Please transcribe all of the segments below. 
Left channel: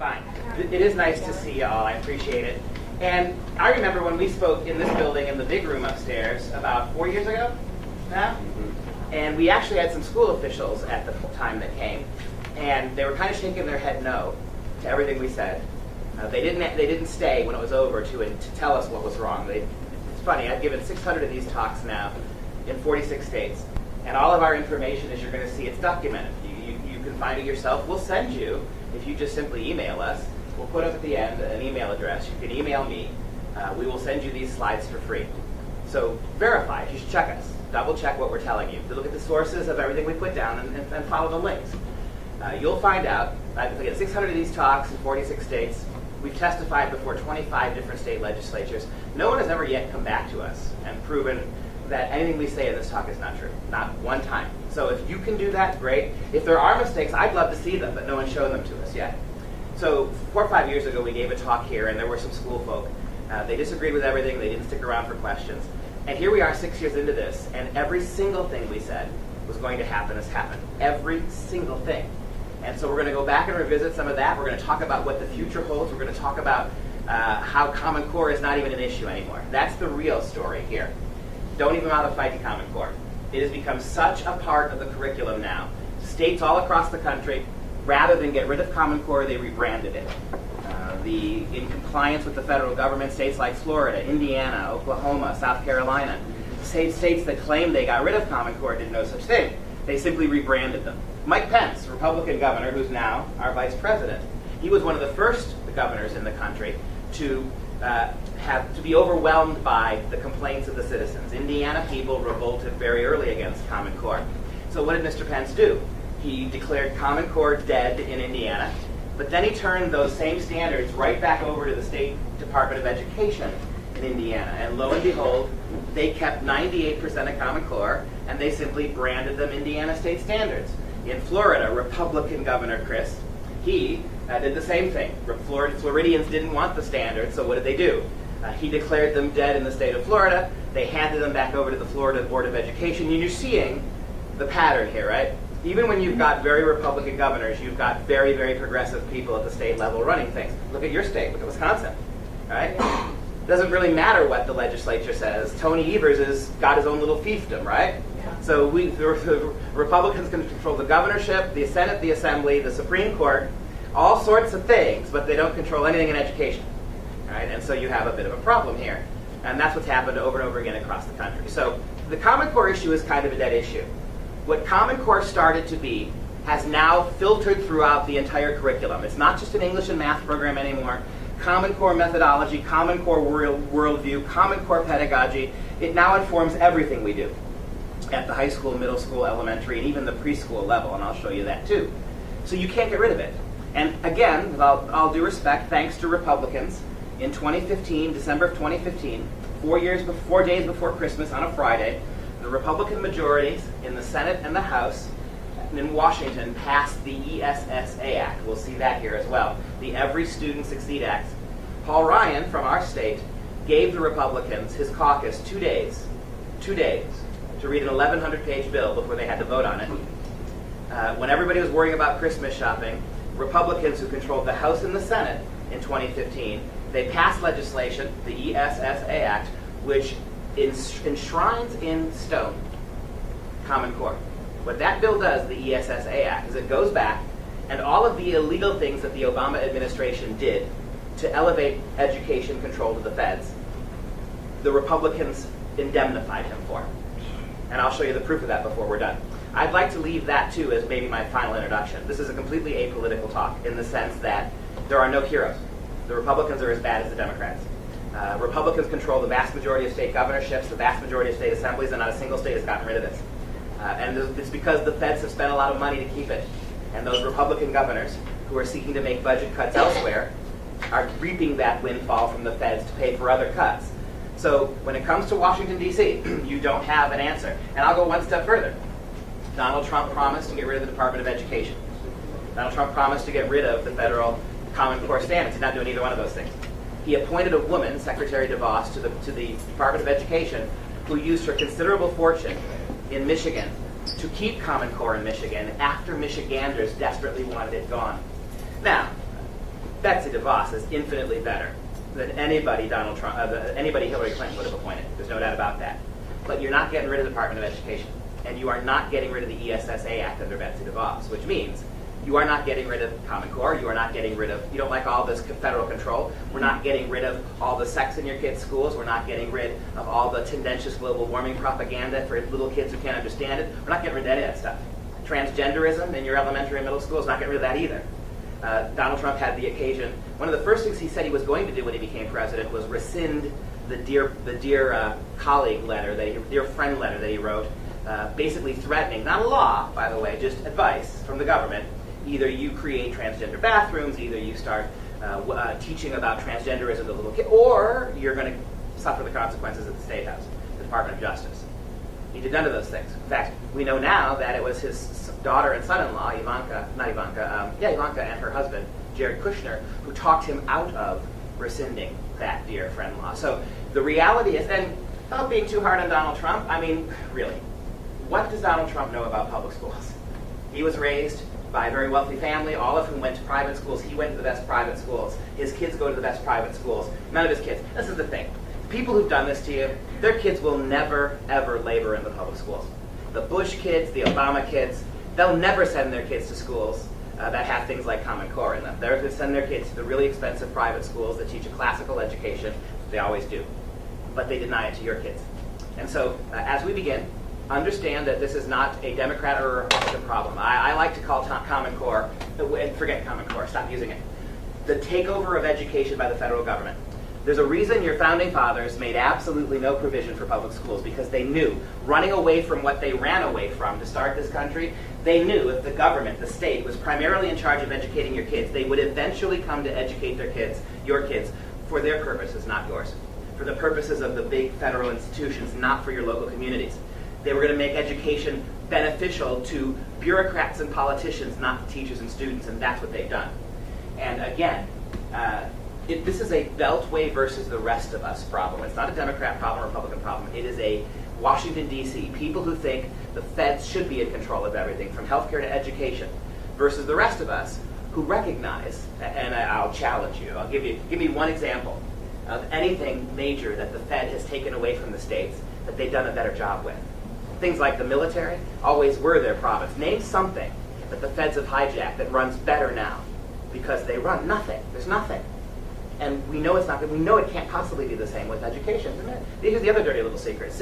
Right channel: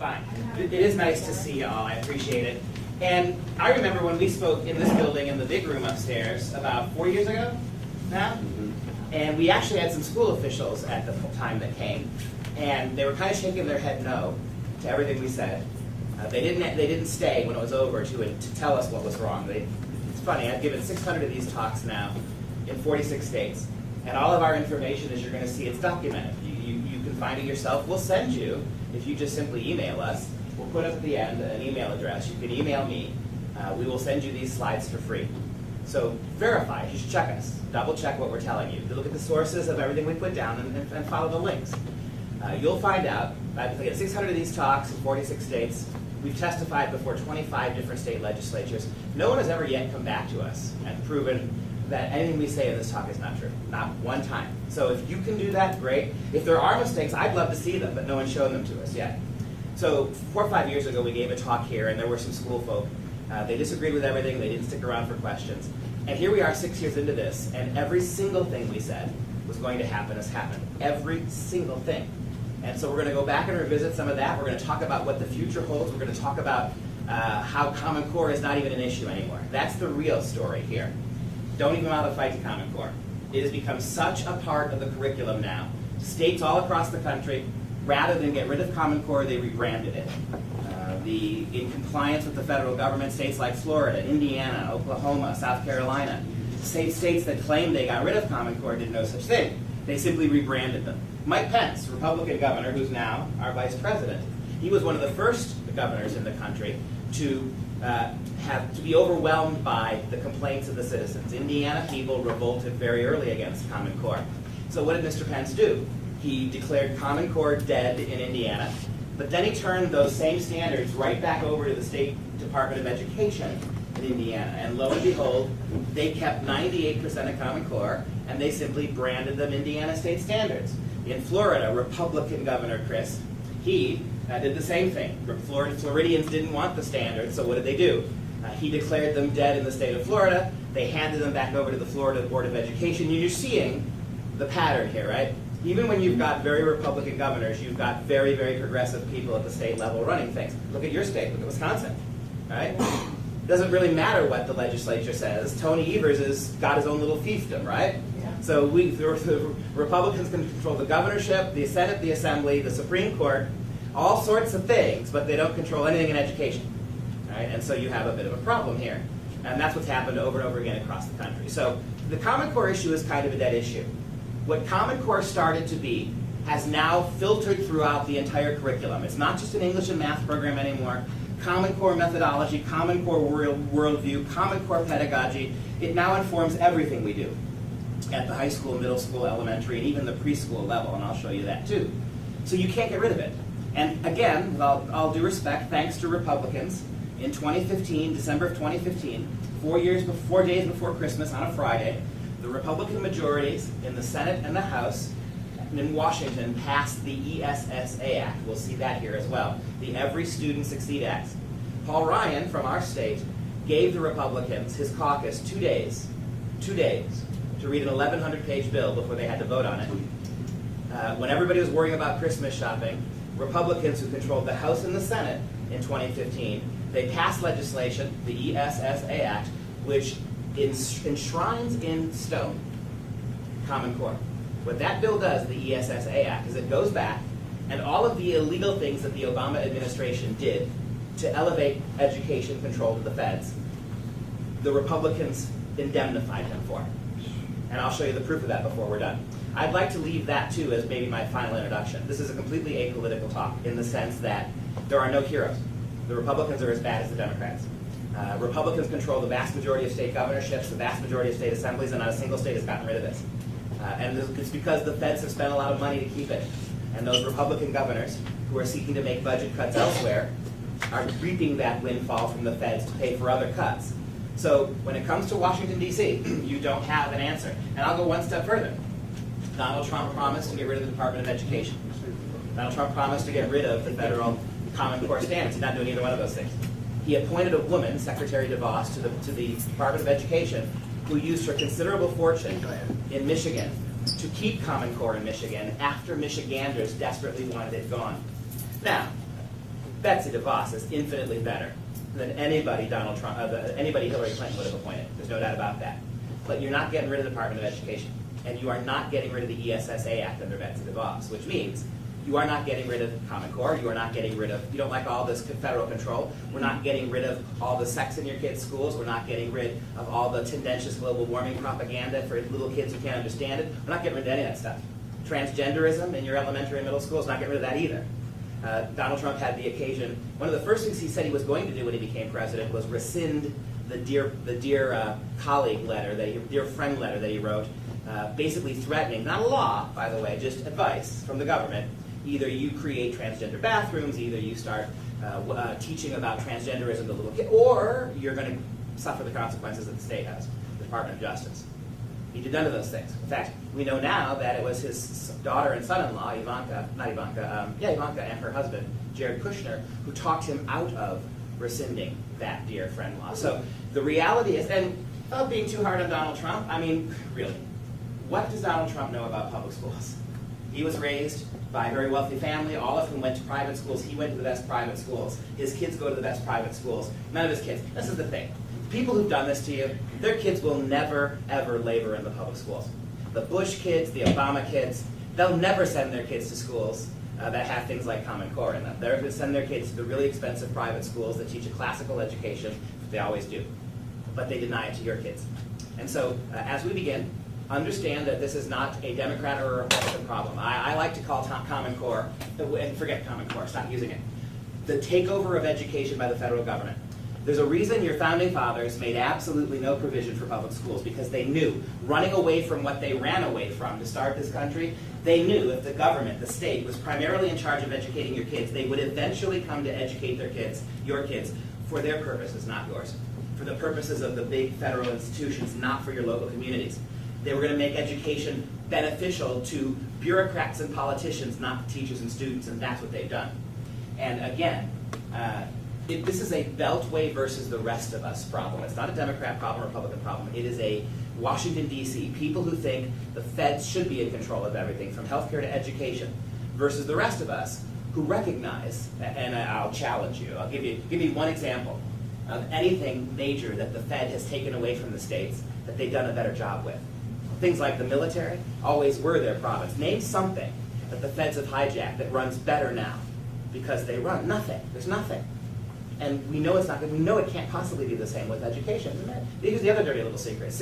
fine. It is nice to see y'all. I appreciate it. And I remember when we spoke in this building in the big room upstairs about 4 years ago now. And we actually had some school officials at the time that came. And they were kind of shaking their head no to everything we said. They didn't stay when it was over to tell us what was wrong. It's funny, I've given 600 of these talks now in 46 states. And all of our information, as you're going to see, it's documented. You can find it yourself. We'll send you, if you just simply email us, we'll put up at the end an email address. You can email me. We will send you these slides for free. So verify, you should check us. Double check what we're telling you. To look at the sources of everything we put down and follow the links. You'll find out, I've got 600 of these talks in 46 states. We've testified before 25 different state legislatures. No one has ever yet come back to us and proven that anything we say in this talk is not true. Not one time. So if you can do that, great. If there are mistakes, I'd love to see them, but no one's shown them to us yet. So 4 or 5 years ago, we gave a talk here, and there were some school folk. They disagreed with everything. They didn't stick around for questions. And here we are 6 years into this, and every single thing we said was going to happen has happened. Every single thing. And so we're going to go back and revisit some of that. We're going to talk about what the future holds. We're going to talk about how Common Core is not even an issue anymore. That's the real story here. Don't even bother to fight the Common Core. It has become such a part of the curriculum now. States all across the country, rather than get rid of Common Core, they rebranded it. In compliance with the federal government, states like Florida, Indiana, Oklahoma, South Carolina, states that claimed they got rid of Common Core did no such thing. They simply rebranded them. Mike Pence, Republican governor, who's now our vice president, he was one of the first governors in the country to be overwhelmed by the complaints of the citizens. Indiana people revolted very early against Common Core. So what did Mr. Pence do? He declared Common Core dead in Indiana, but then he turned those same standards right back over to the State Department of Education in Indiana. And lo and behold, they kept 98% of Common Core, and they simply branded them Indiana State Standards. In Florida, Republican Governor Chris, he did the same thing. Floridians didn't want the standards, so what did they do? He declared them dead in the state of Florida. They handed them back over to the Florida Board of Education. And you're seeing the pattern here, right? Even when you've got very Republican governors, you've got very, very progressive people at the state level running things. Look at your state. Look at Wisconsin, right? It doesn't really matter what the legislature says. Tony Evers has got his own little fiefdom, right? So the Republicans can control the governorship, the Senate, the Assembly, the Supreme Court, all sorts of things, but they don't control anything in education. Right? And so you have a bit of a problem here. And that's what's happened over and over again across the country. So the Common Core issue is kind of a dead issue. What Common Core started to be has now filtered throughout the entire curriculum. It's not just an English and math program anymore. Common Core methodology, Common Core worldview, Common Core pedagogy, it now informs everything we do at the high school, middle school, elementary, and even the preschool level, and I'll show you that too. So you can't get rid of it. And again, with all due respect, thanks to Republicans, in 2015, December of 2015, 4 days before Christmas on a Friday, the Republican majorities in the Senate and the House in Washington passed the ESSA Act. We'll see that here as well, the Every Student Succeed Act. Paul Ryan from our state gave the Republicans, his caucus, 2 days to read an 1,100-page bill before they had to vote on it. When everybody was worrying about Christmas shopping, Republicans who controlled the House and the Senate in 2015, they passed legislation, the ESSA Act, which enshrines in stone Common Core. What that bill does, the ESSA Act, is it goes back and all of the illegal things that the Obama administration did to elevate education control to the feds, the Republicans indemnified him for. And I'll show you the proof of that before we're done. I'd like to leave that, too, as maybe my final introduction. This is a completely apolitical talk in the sense that there are no heroes. The Republicans are as bad as the Democrats. Republicans control the vast majority of state governorships, the vast majority of state assemblies, and not a single state has gotten rid of this. And it's because the feds have spent a lot of money to keep it. And those Republican governors who are seeking to make budget cuts elsewhere are reaping that windfall from the feds to pay for other cuts. So when it comes to Washington, D.C., you don't have an answer. And I'll go one step further. Donald Trump promised to get rid of the Department of Education. Donald Trump promised to get rid of the federal Common Core standards. He's not doing either one of those things. He appointed a woman, Secretary DeVos, to the Department of Education, who used her considerable fortune in Michigan to keep Common Core in Michigan after Michiganders desperately wanted it gone. Now, Betsy DeVos is infinitely better than anybody anybody Hillary Clinton would have appointed. There's no doubt about that. But you're not getting rid of the Department of Education. And you are not getting rid of the ESSA Act under Betsy DeVos, which means you are not getting rid of Common Core. You are not getting rid of, you don't like all this federal control. We're not getting rid of all the sex in your kids' schools. We're not getting rid of all the tendentious global warming propaganda for little kids who can't understand it. We're not getting rid of any of that stuff. Transgenderism in your elementary and middle schools, not getting rid of that either. Donald Trump had the occasion, one of the first things he said he was going to do when he became president was rescind the dear colleague letter, dear friend letter that he wrote, basically threatening, not a law, by the way, just advice from the government. Either you create transgender bathrooms, either you start teaching about transgenderism to little kids, or you're going to suffer the consequences at the State House, the Department of Justice. He did none of those things. In fact, we know now that it was his daughter and son-in-law, Ivanka and her husband, Jared Kushner, who talked him out of rescinding that dear friend law. So the reality is, and without being too hard on Donald Trump, I mean, really, what does Donald Trump know about public schools? He was raised by a very wealthy family, all of whom went to private schools. He went to the best private schools. His kids go to the best private schools. None of his kids. This is the thing. People who've done this to you, their kids will never, ever labor in the public schools. The Bush kids, the Obama kids, they'll never send their kids to schools that have things like Common Core in them. They're going to send their kids to the really expensive private schools that teach a classical education. They always do. But they deny it to your kids. And so, as we begin, understand that this is not a Democrat or a Republican problem. I like to call Common Core, and forget Common Core, stop using it, the takeover of education by the federal government. There's a reason your founding fathers made absolutely no provision for public schools, because they knew, running away from what they ran away from to start this country, they knew if the government, the state, was primarily in charge of educating your kids, they would eventually come to educate their kids, your kids, for their purposes, not yours. For the purposes of the big federal institutions, not for your local communities. They were going to make education beneficial to bureaucrats and politicians, not to teachers and students, and that's what they've done. And again, this is a Beltway versus the rest of us problem. It's not a Democrat problem or Republican problem. It is a Washington, D.C., people who think the feds should be in control of everything, from healthcare to education, versus the rest of us who recognize, and I'll challenge you, give me one example of anything major that the Fed has taken away from the states that they've done a better job with. Things like the military always were their province. Name something that the feds have hijacked that runs better now, because they run nothing. There's nothing. And we know it's not good. We know it can't possibly be the same with education. Here's the other dirty little secret.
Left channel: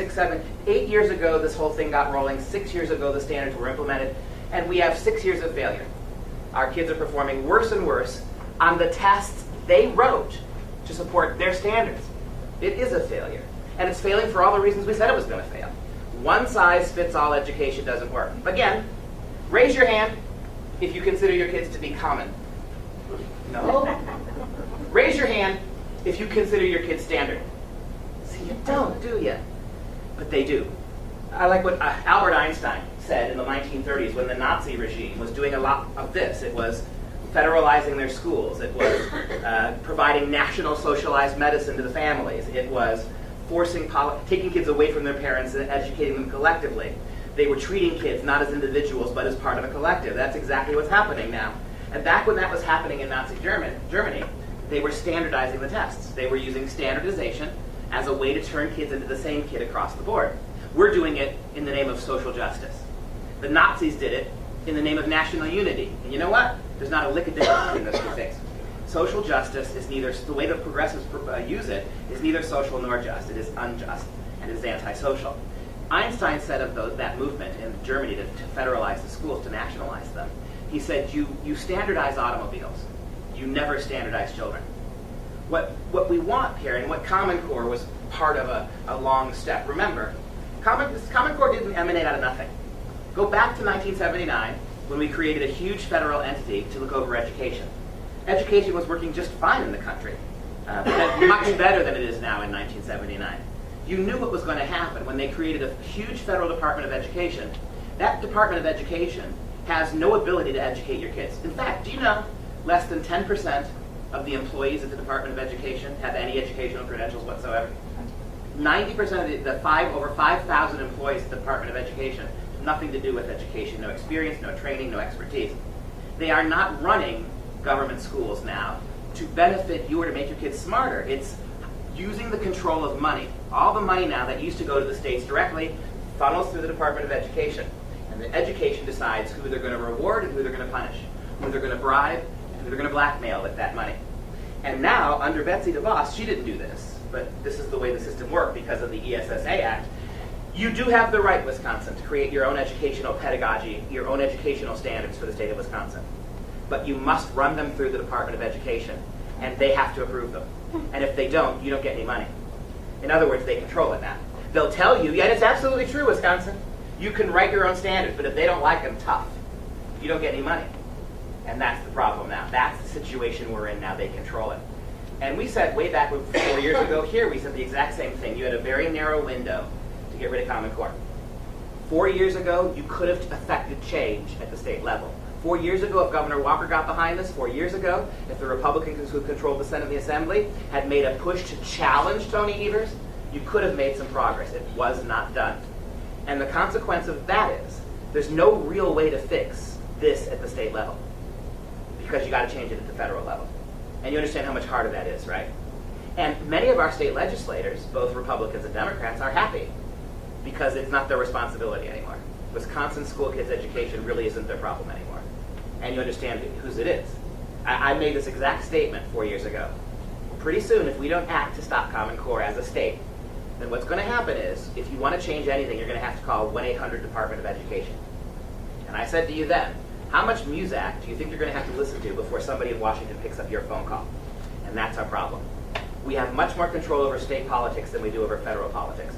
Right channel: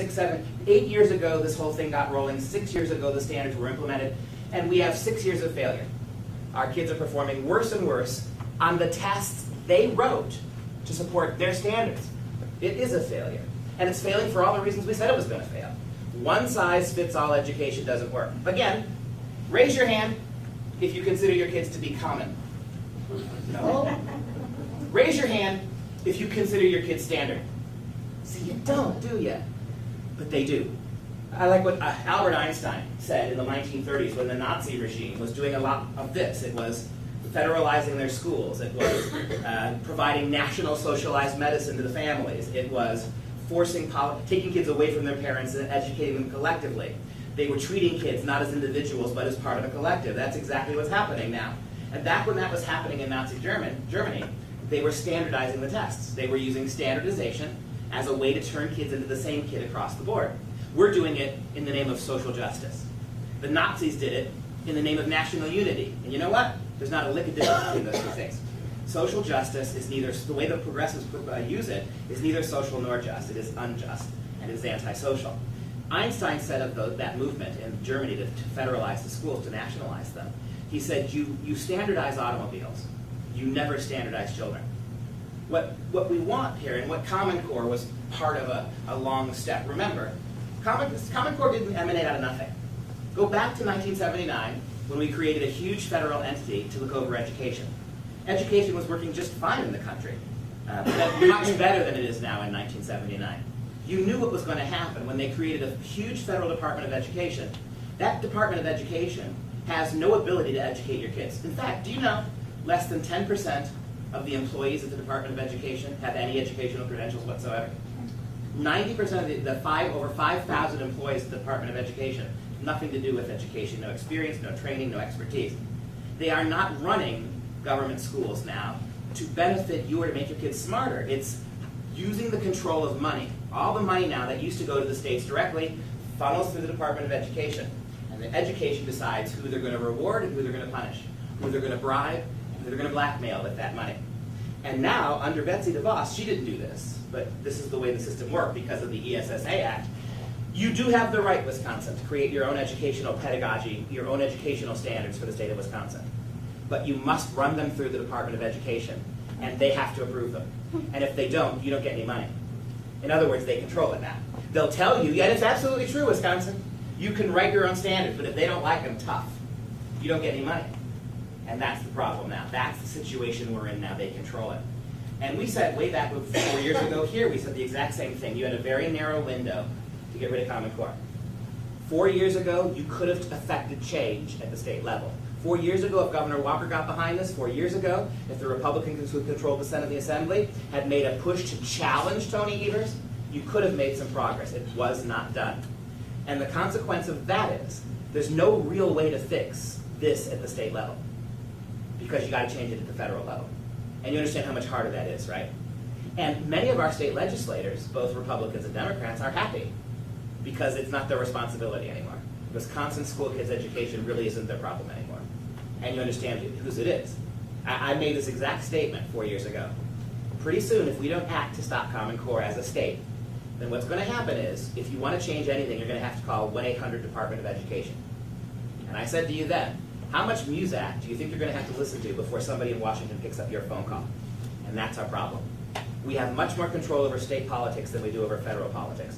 8 years ago, this whole thing got rolling. 6 years ago, the standards were implemented. And we have 6 years of failure. Our kids are performing worse and worse on the tests they wrote to support their standards. It is a failure. And it's failing for all the reasons we said it was going to fail. One-size-fits-all education doesn't work. Again, raise your hand if you consider your kids to be common. No? Raise your hand if you consider your kids standard. See, you don't, do you? But they do. I like what Albert Einstein said in the 1930s when the Nazi regime was doing a lot of this. It was federalizing their schools. It was providing national socialized medicine to the families. It was taking kids away from their parents and educating them collectively. They were treating kids not as individuals but as part of a collective. That's exactly what's happening now. And back when that was happening in Nazi Germany, they were standardizing the tests. They were using standardization as a way to turn kids into the same kid across the board. We're doing it in the name of social justice. The Nazis did it in the name of national unity. And you know what? There's not a lick of difference between those two things. Social justice is neither, the way the progressives use it, is neither social nor just. It is unjust, and it is antisocial. Einstein said of that movement in Germany to federalize the schools, to nationalize them, he said, you standardize automobiles. You never standardize children. What we want here, and what Common Core was part of a long step. Remember, Common Core didn't emanate out of nothing. Go back to 1979, when we created a huge federal entity to look over education. Education was working just fine in the country, much better than it is now in 1979. You knew what was going to happen when they created a huge federal Department of Education. That Department of Education has no ability to educate your kids. In fact, do you know less than 10% of the employees at the Department of Education have any educational credentials whatsoever? 90% of over 5,000 employees at the Department of Education, nothing to do with education, no experience, no training, no expertise. They are not running government schools now to benefit you or to make your kids smarter. It's using the control of money. All the money now that used to go to the states directly funnels through the Department of Education. And the education decides who they're going to reward and who they're going to punish, who they're going to bribe, and who they're going to blackmail with that money. And now, under Betsy DeVos, she didn't do this, but this is the way the system worked because of the ESSA Act. You do have the right, Wisconsin, to create your own educational pedagogy, your own educational standards for the state of Wisconsin. But you must run them through the Department of Education, and they have to approve them. And if they don't, you don't get any money. In other words, they control it now. They'll tell you, yeah, it's absolutely true, Wisconsin. You can write your own standards, but if they don't like them, tough. You don't get any money. And that's the problem now. That's the situation we're in now. They control it. And we said way back 4 years ago here, we said the exact same thing. You had a very narrow window to get rid of Common Core. 4 years ago, you could have affected change at the state level. 4 years ago, if Governor Walker got behind this, 4 years ago, if the Republicans who controlled the Senate and the Assembly had made a push to challenge Tony Evers, you could have made some progress. It was not done. And the consequence of that is there's no real way to fix this at the state level because you got to change it at the federal level. And you understand how much harder that is, right? And many of our state legislators, both Republicans and Democrats, are happy because it's not their responsibility anymore. Wisconsin school kids' education really isn't their problem anymore. And you understand whose it is. I made this exact statement 4 years ago. Pretty soon, if we don't act to stop Common Core as a state, then what's going to happen is, if you want to change anything, you're going to have to call 1-800 Department of Education. And I said to you then, how much Muzak do you think you're going to have to listen to before somebody in Washington picks up your phone call? And that's our problem. We have much more control over state politics than we do over federal politics.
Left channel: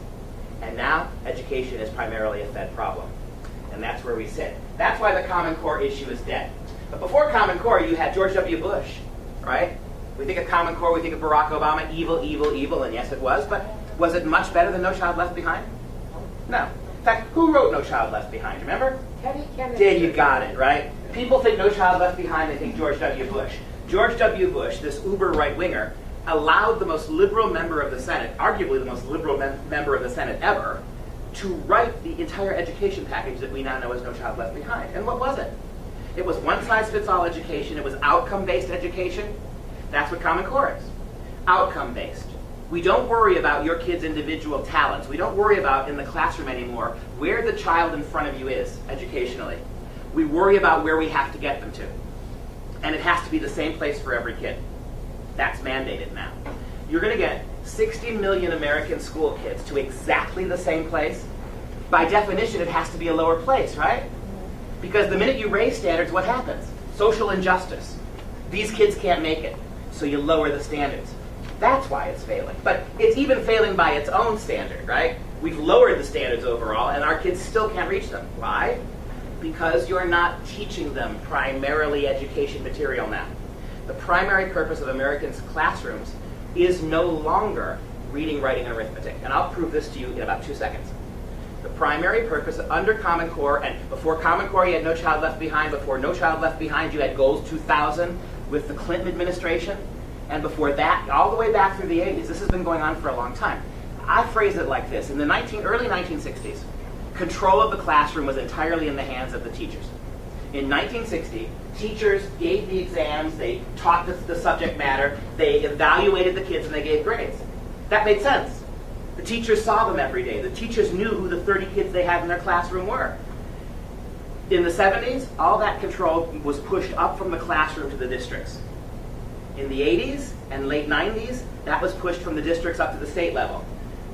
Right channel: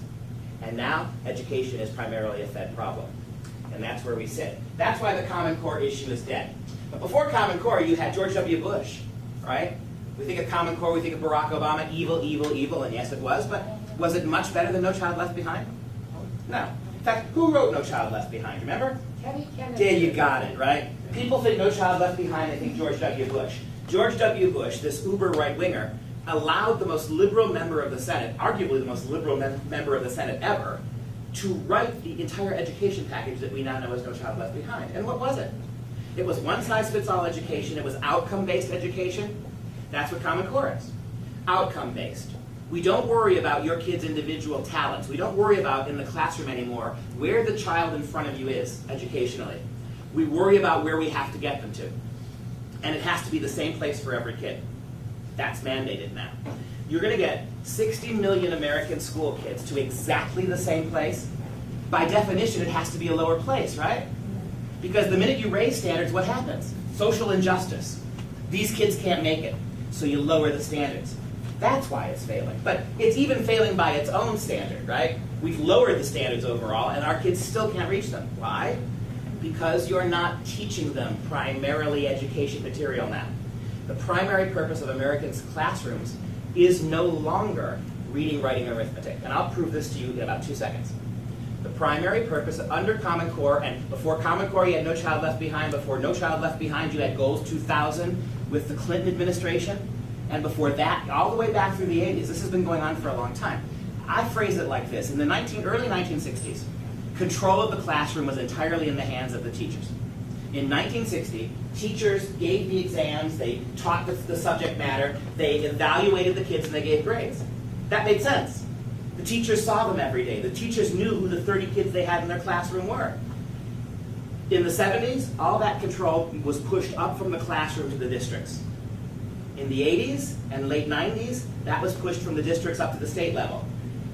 And now, education is primarily a Fed problem. And that's where we sit. That's why the Common Core issue is dead. But before Common Core, you had George W. Bush, right? We think of Common Core, we think of Barack Obama, evil, evil, evil, and yes, it was, but was it much better than No Child Left Behind? No. In fact, who wrote No Child Left Behind? Remember? Yeah, you got it, right? People think No Child Left Behind, they think George W. Bush. George W. Bush, this uber right-winger, allowed the most liberal member of the Senate, arguably the most liberal member of the Senate ever, to write the entire education package that we now know as No Child Left Behind. And what was it? It was one-size-fits-all education. It was outcome-based education. That's what Common Core is. Outcome-based. We don't worry about your kid's individual talents. We don't worry about, in the classroom anymore, where the child in front of you is educationally. We worry about where we have to get them to. And it has to be the same place for every kid. That's mandated now. You're going to get 60 million American school kids to exactly the same place. By definition, it has to be a lower place, right? Because the minute you raise standards, what happens? Social injustice. These kids can't make it, so you lower the standards. That's why it's failing. But it's even failing by its own standard, right? We've lowered the standards overall, and our kids still can't reach them. Why? Because you're not teaching them primarily education material now. The primary purpose of Americans' classrooms is no longer reading, writing, and arithmetic. And I'll prove this to you in about 2 seconds. The primary purpose under Common Core, and before Common Core you had No Child Left Behind, before No Child Left Behind you had Goals 2000 with the Clinton administration, and before that, all the way back through the 80s. This has been going on for a long time. I phrase it like this. In the early 1960s, control of the classroom was entirely in the hands of the teachers. In 1960, teachers gave the exams, they taught the subject matter, they evaluated the kids, and they gave grades. That made sense. The teachers saw them every day. The teachers knew who the 30 kids they had in their classroom were. In the 70s, all that control was pushed up from the classroom to the districts. In the 80s and late 90s, that was pushed from the districts up to the state level.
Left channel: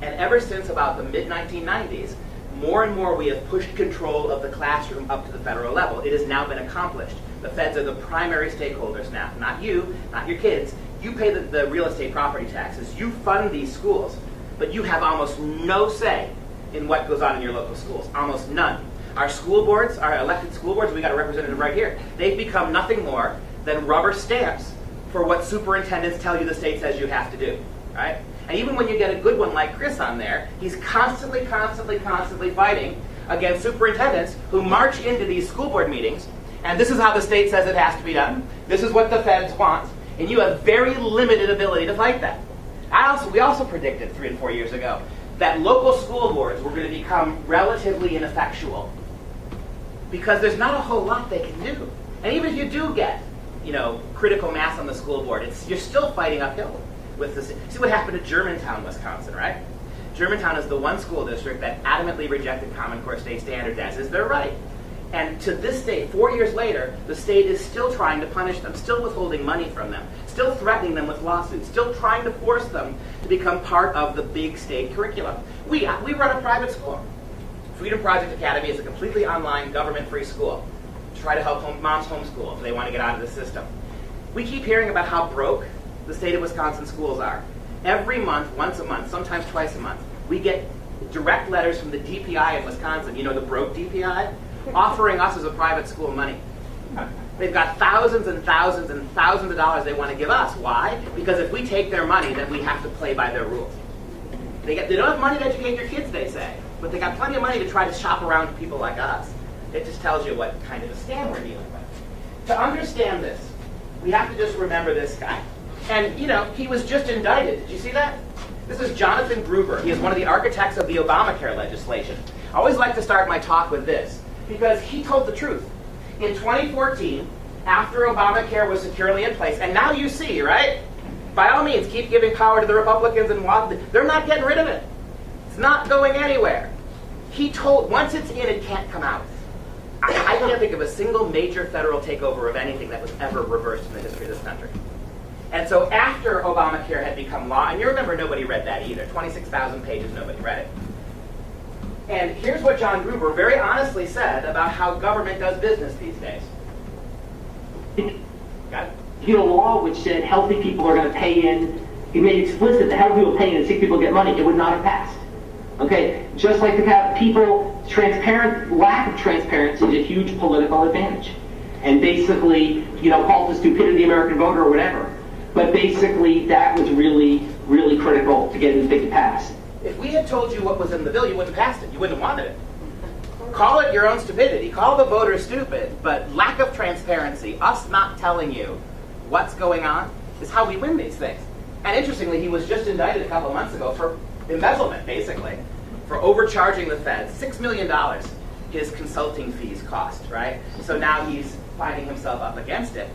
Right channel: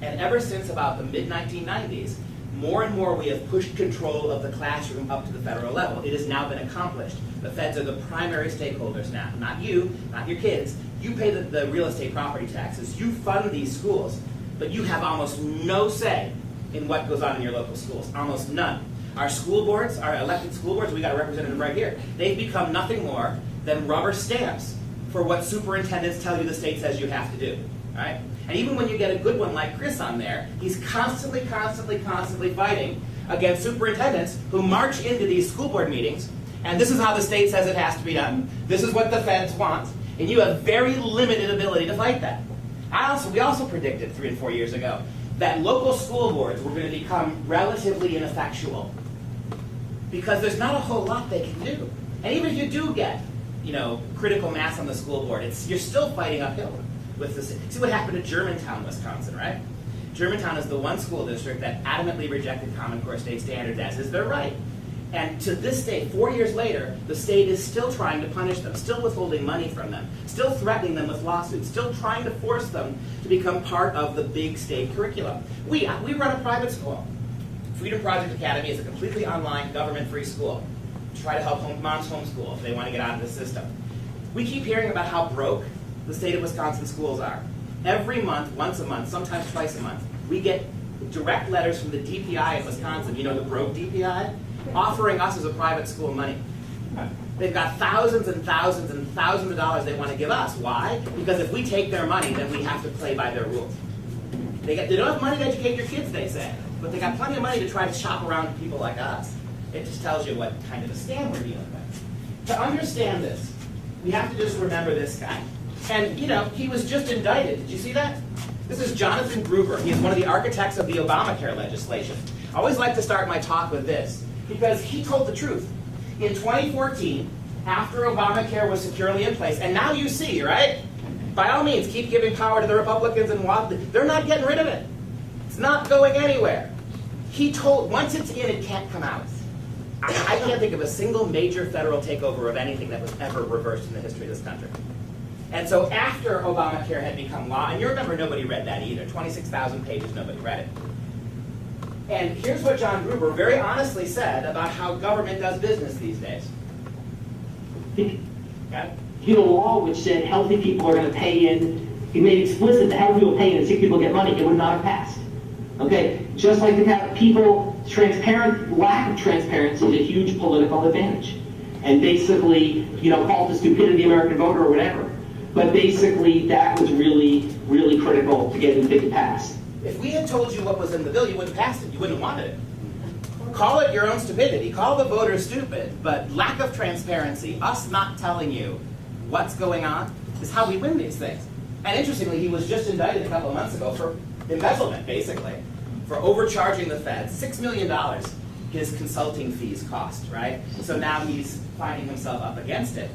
And ever since about the mid-1990s, more and more we have pushed control of the classroom up to the federal level. It has now been accomplished. The feds are the primary stakeholders now. Not you, not your kids. You pay the real estate property taxes. You fund these schools. But you have almost no say in what goes on in your local schools. Almost none. Our school boards, our elected school boards, we got a representative right here. They've become nothing more than rubber stamps for what superintendents tell you the state says you have to do. Right? And even when you get a good one like Chris on there, he's constantly fighting against superintendents who march into these school board meetings, and this is how the state says it has to be done. This is what the feds want. And you have very limited ability to fight that. We also predicted 3 and 4 years ago that local school boards were going to become relatively ineffectual because there's not a whole lot they can do. And even if you do get, critical mass on the school board. You're still fighting uphill with this. See what happened to Germantown, Wisconsin, right? Germantown is the one school district that adamantly rejected Common Core state standards, as is their right. And to this day, 4 years later, the state is still trying to punish them, still withholding money from them, still threatening them with lawsuits, still trying to force them to become part of the big state curriculum. We run a private school. Freedom Project Academy is a completely online, government-free school to try to help moms homeschool if they want to get out of the system. We keep hearing about how broke the state of Wisconsin schools are. Every month, once a month, sometimes twice a month, we get direct letters from the DPI in Wisconsin, the broke DPI, offering us as a private school money. They've got thousands and thousands and thousands of dollars they want to give us. Why? Because if we take their money, then we have to play by their rules. They don't have money to educate your kids, they say, but they got plenty of money to try to shop around to people like us. It just tells you what kind of a scam we're dealing with. To understand this, we have to just remember this guy. And, he was just indicted. Did you see that? This is Jonathan Gruber. He is one of the architects of the Obamacare legislation. I always like to start my talk with this, because he told the truth. In 2014, after Obamacare was securely in place, and now you see, right? By all means, keep giving power to the Republicans, and they're not getting rid of it. It's not going anywhere. He told, once it's in, it can't come out. I can't think of a single major federal takeover of anything that was ever reversed in the history of this country. And so after Obamacare had become law, and you remember nobody read that either, 26,000 pages, nobody read it. And here's what John Gruber very honestly said about how government does business these days. Got it? If you had a law which said healthy people are going to pay in, it made explicit that healthy people pay in and sick people get money, it would not have passed. Okay? Just like the lack of transparency is a huge political advantage. And basically, call it the stupidity of the American voter or whatever. But basically, that was really, really critical to getting the thing passed. If we had told you what was in the bill, you wouldn't have passed it. You wouldn't have wanted it. Call it your own stupidity. Call the voters stupid. But lack of transparency, us not telling you what's going on, is how we win these things. And interestingly, he was just indicted a couple months ago for embezzlement, basically, for overcharging the Fed. $6 million his consulting fees cost, right? So now he's finding himself up against it.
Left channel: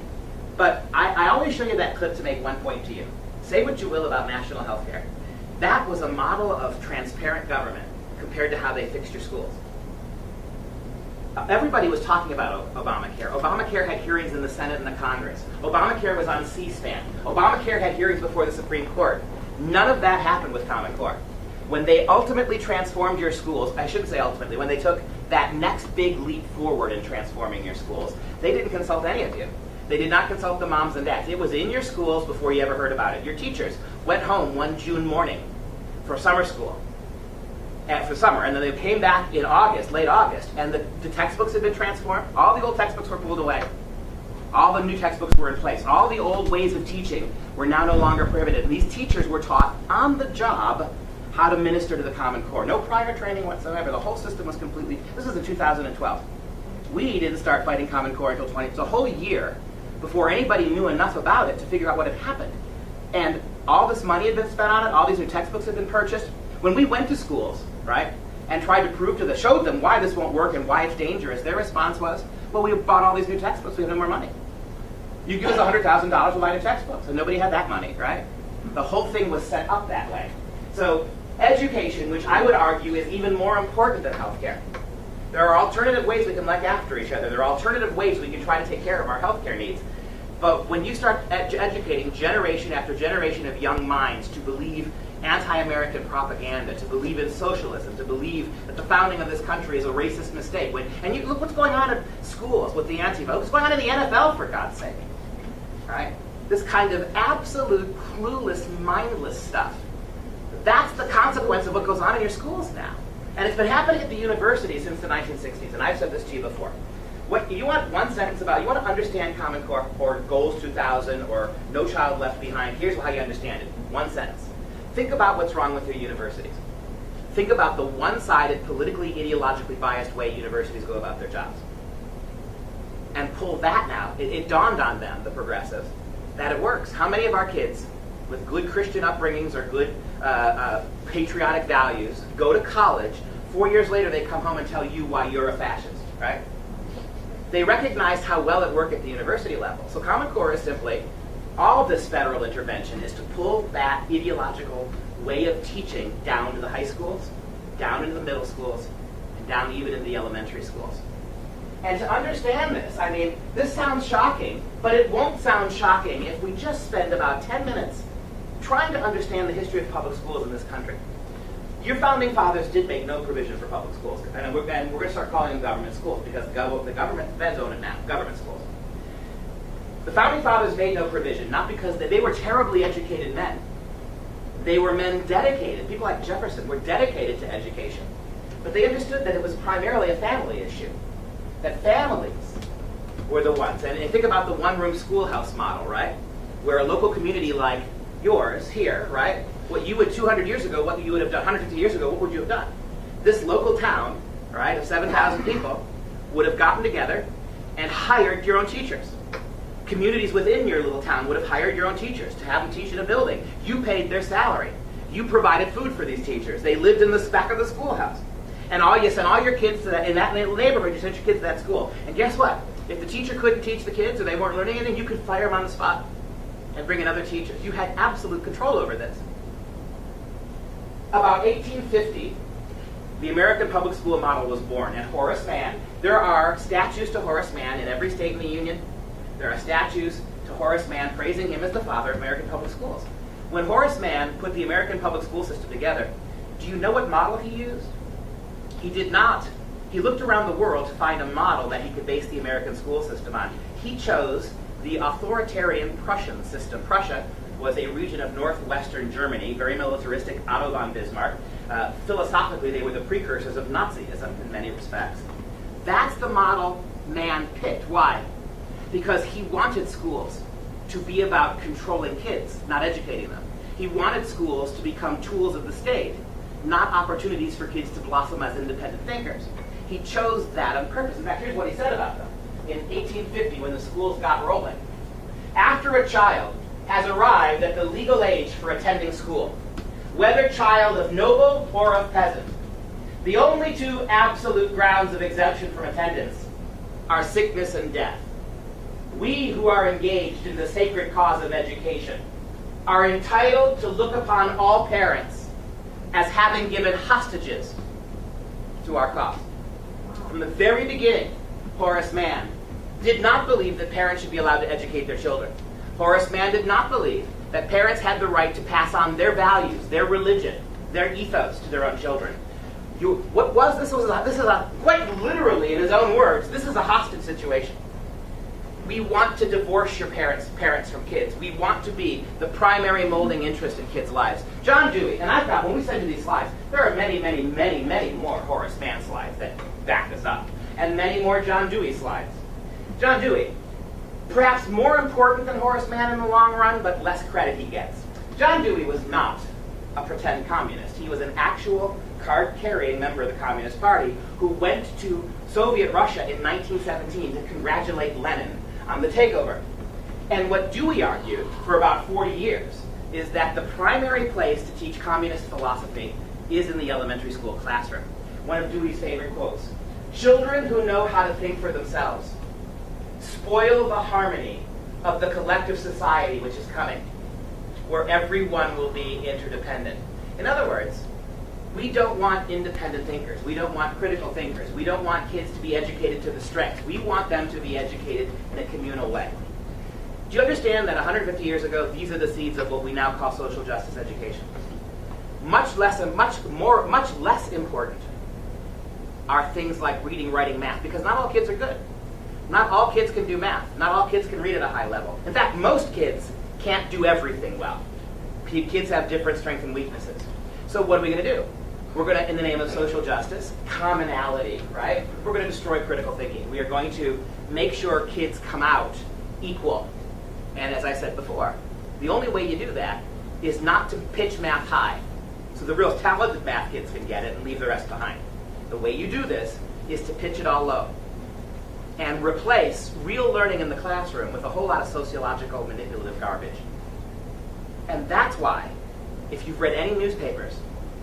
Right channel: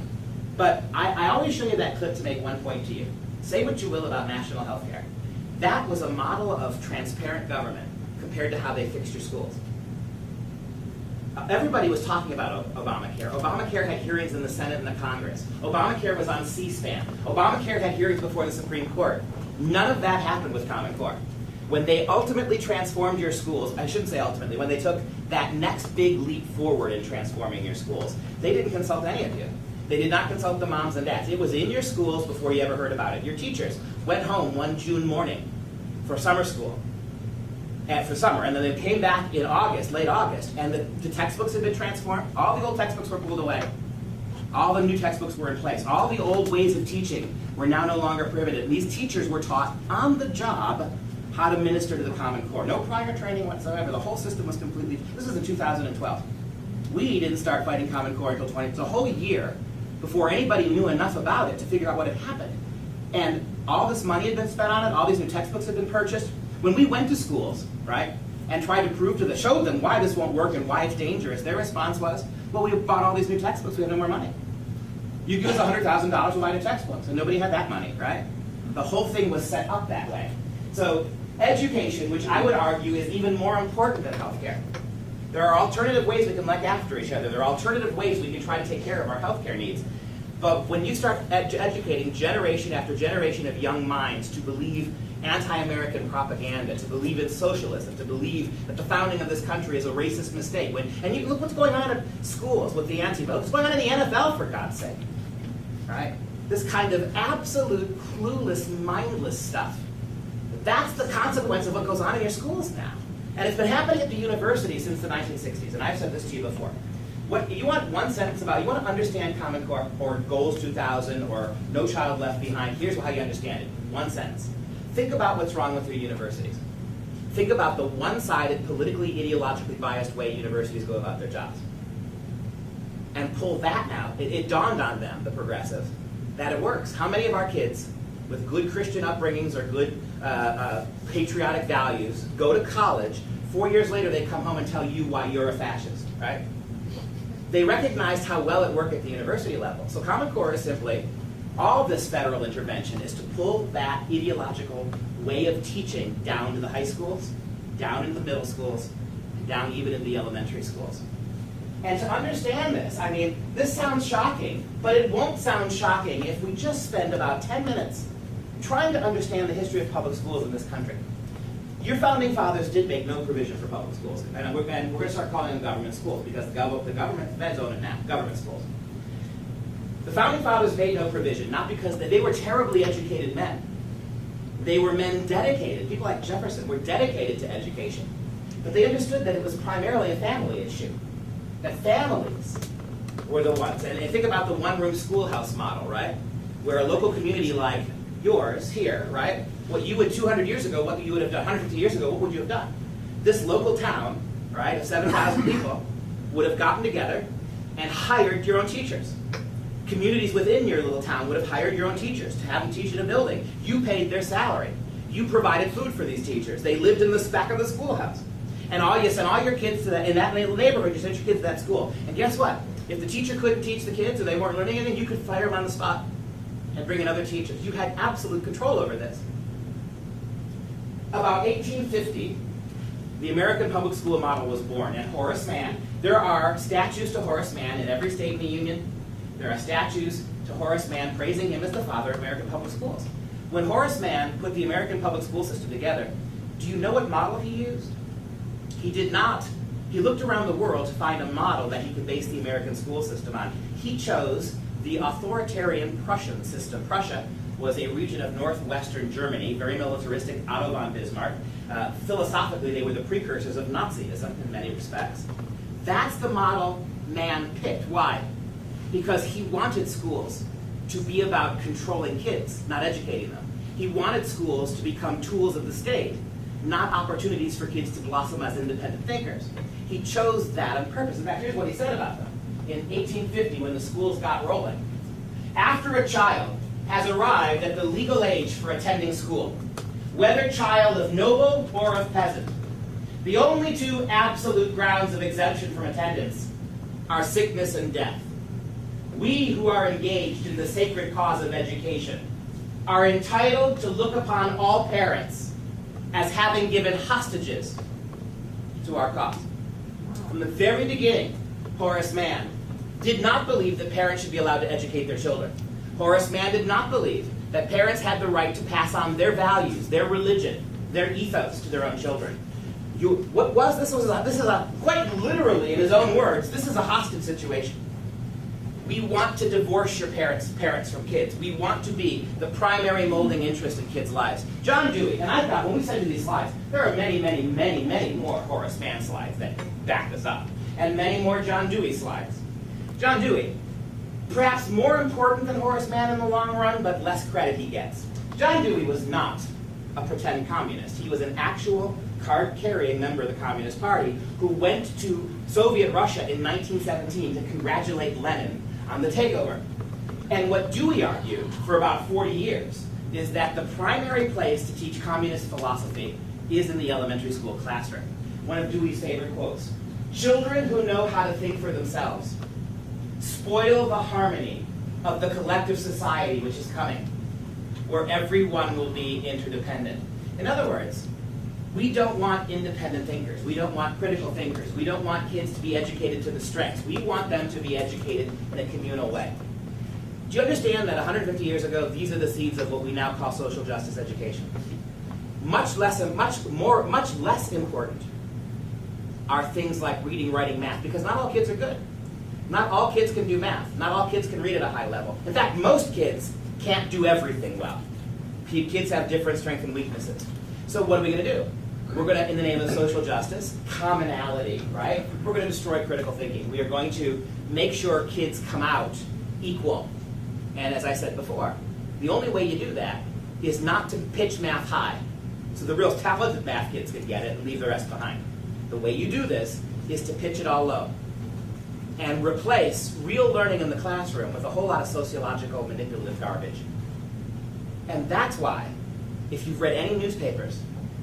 But I always show you that clip to make one point to you. Say what you will about national health care. That was a model of transparent government compared to how they fixed your schools. Everybody was talking about Obamacare. Obamacare had hearings in the Senate and the Congress. Obamacare was on C-SPAN. Obamacare had hearings before the Supreme Court. None of that happened with Common Core. When they ultimately transformed your schools, I shouldn't say ultimately, when they took that next big leap forward in transforming your schools, they didn't consult any of you. They did not consult the moms and dads. It was in your schools before you ever heard about it. Your teachers went home one June morning for summer school, for summer, and then they came back in August, late August, and the textbooks had been transformed. All the old textbooks were pulled away. All the new textbooks were in place. All the old ways of teaching were now no longer prohibited. And these teachers were taught on the job how to minister to the Common Core. No prior training whatsoever. The whole system was completely, this was in 2012. We didn't start fighting Common Core until it's a whole year before anybody knew enough about it to figure out what had happened. And all this money had been spent on it, all these new textbooks had been purchased. When we went to schools, right, and tried to showed them why this won't work and why it's dangerous, their response was, well, we bought all these new textbooks, we have no more money. You give us $100,000, we'll buy the textbooks. And nobody had that money, right? The whole thing was set up that way. So education, which I would argue is even more important than healthcare. There are alternative ways we can look after each other. There are alternative ways we can try to take care of our healthcare needs. But when you start educating generation after generation of young minds to believe anti-American propaganda, to believe in socialism, to believe that the founding of this country is a racist mistake, and you look what's going on in schools with the Antifa, what's going on in the NFL, for God's sake, right? This kind of absolute clueless, mindless stuff. That's the consequence of what goes on in your schools now. And it's been happening at the university since the 1960s, and I've said this to you before. What you want one sentence about, you want to understand Common Core or Goals 2000 or No Child Left Behind, here's how you understand it. One sentence. Think about what's wrong with your universities. Think about the one-sided, politically, ideologically biased way universities go about their jobs. And pull that now. It dawned on them, the progressives, that it works. How many of our kids with good Christian upbringings or good patriotic values go to college, 4 years later they come home and tell you why you're a fascist, right? They recognized how well it worked at the university level. So Common Core is simply, all this federal intervention is to pull that ideological way of teaching down to the high schools, down into the middle schools, and down even into the elementary schools. And to understand this, I mean, this sounds shocking, but it won't sound shocking if we just spend about 10 minutes trying to understand the history of public schools in this country. Your founding fathers did make no provision for public schools, and we're going to start calling them government schools because the government, the feds own it now, government schools. The founding fathers made no provision, not because they were terribly educated men. They were men dedicated. People like Jefferson were dedicated to education. But they understood that it was primarily a family issue, that families were the ones. And you think about the one-room schoolhouse model, right? Where a local community like yours here, right? What you would 200 years ago, what you would have done 150 years ago, what would you have done? This local town, right, of 7,000 people would have gotten together and hired your own teachers. Communities within your little town would have hired your own teachers to have them teach in a building. You paid their salary. You provided food for these teachers. They lived in the back of the schoolhouse. And you sent all your kids to that, in that neighborhood, you sent your kids to that school. And guess what? If the teacher couldn't teach the kids or they weren't learning anything, you could fire them on the spot and bring in other teachers. You had absolute control over this. About 1850, the American public school model was born. And Horace Mann, there are statues to Horace Mann in every state in the Union. There are statues to Horace Mann praising him as the father of American public schools. When Horace Mann put the American public school system together, do you know what model he used? He did not. He looked around the world to find a model that he could base the American school system on. He chose the authoritarian Prussian system. Prussia was a region of northwestern Germany, very militaristic, Otto von Bismarck. Philosophically, they were the precursors of Nazism in many respects. That's the model Mann picked. Why? Because he wanted schools to be about controlling kids, not educating them. He wanted schools to become tools of the state, not opportunities for kids to blossom as independent thinkers. He chose that on purpose. In fact, here's what he said about them. In 1850, when the schools got rolling, after a child has arrived at the legal age for attending school, whether child of noble or of peasant, the only two absolute grounds of exemption from attendance are sickness and death. We who are engaged in the sacred cause of education are entitled to look upon all parents as having given hostages to our cause. From the very beginning, Horace Mann did not believe that parents should be allowed to educate their children. Horace Mann did not believe that parents had the right to pass on their values, their religion, their ethos to their own children. This is quite literally, in his own words, this is a hostage situation. We want to divorce your parents from kids. We want to be the primary molding interest in kids' lives. John Dewey, and I've got, when we send you these slides, there are many, many, many, many more Horace Mann slides that back this up, and many more John Dewey slides. John Dewey, perhaps more important than Horace Mann in the long run, but less credit he gets. John Dewey was not a pretend communist. He was an actual card-carrying member of the Communist Party who went to Soviet Russia in 1917 to congratulate Lenin on the takeover. And what Dewey argued for about 40 years is that the primary place to teach communist philosophy is in the elementary school classroom. One of Dewey's favorite quotes: "Children who know how to think for themselves spoil the harmony of the collective society which is coming, where everyone will be interdependent." In other words, we don't want independent thinkers. We don't want critical thinkers. We don't want kids to be educated to the strengths. We want them to be educated in a communal way. Do you understand that 150 years ago, these are the seeds of what we now call social justice education? Much less important are things like reading, writing, math, because not all kids are good. Not all kids can do math. Not all kids can read at a high level. In fact, most kids can't do everything well. Kids have different strengths and weaknesses. So what are we going to do? We're going to, in the name of social justice, commonality, right? We're going to destroy critical thinking. We are going to make sure kids come out equal. And as I said before, the only way you do that is not to pitch math high, so the real talented math kids can get it and leave the rest behind. The way you do this is to pitch it all low and replace real learning in the classroom with a whole lot of sociological manipulative garbage. And that's why, if you've read any newspapers,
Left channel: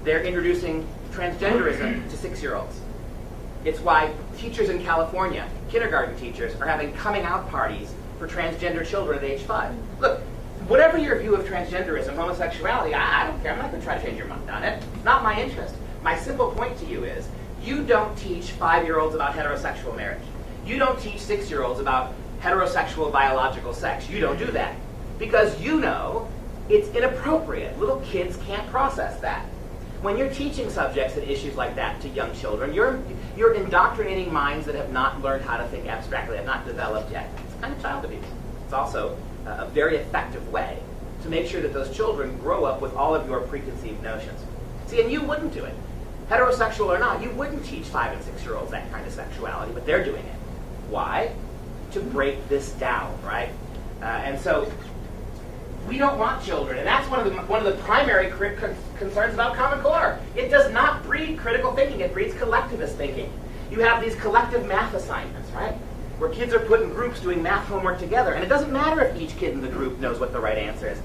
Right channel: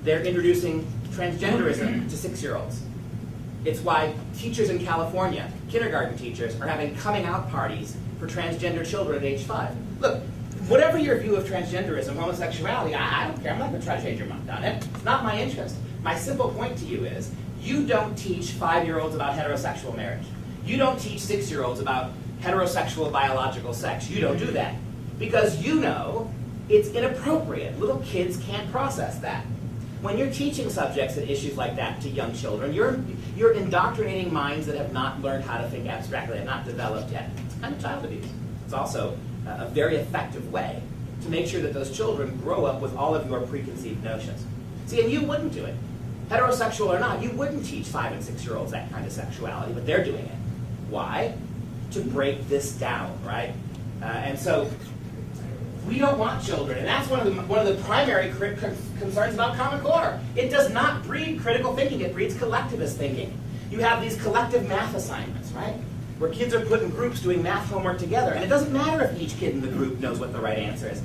they're introducing transgenderism to 6-year-olds. It's why teachers in California, kindergarten teachers, are having coming out parties for transgender children at age 5. Look, whatever your view of transgenderism, homosexuality, I don't care. I'm not going to try to change your mind on it. It's not my interest. My simple point to you is, you don't teach 5-year-olds about heterosexual marriage. You don't teach 6-year-olds about heterosexual biological sex. You don't do that. Because you know it's inappropriate. Little kids can't process that. When you're teaching subjects and issues like that to young children, you're indoctrinating minds that have not learned how to think abstractly, have not developed yet. It's kind of child abuse. It's also a very effective way to make sure that those children grow up with all of your preconceived notions. See, and you wouldn't do it. Heterosexual or not, you wouldn't teach 5- and 6-year-olds that kind of sexuality, but they're doing it. Why? To break this down, right? And so we don't want children, and that's one of the primary concerns about Common Core. It does not breed critical thinking, it breeds collectivist thinking. You have these collective math assignments, right? Where kids are put in groups doing math homework together, and it doesn't matter if each kid in the group knows what the right answer is.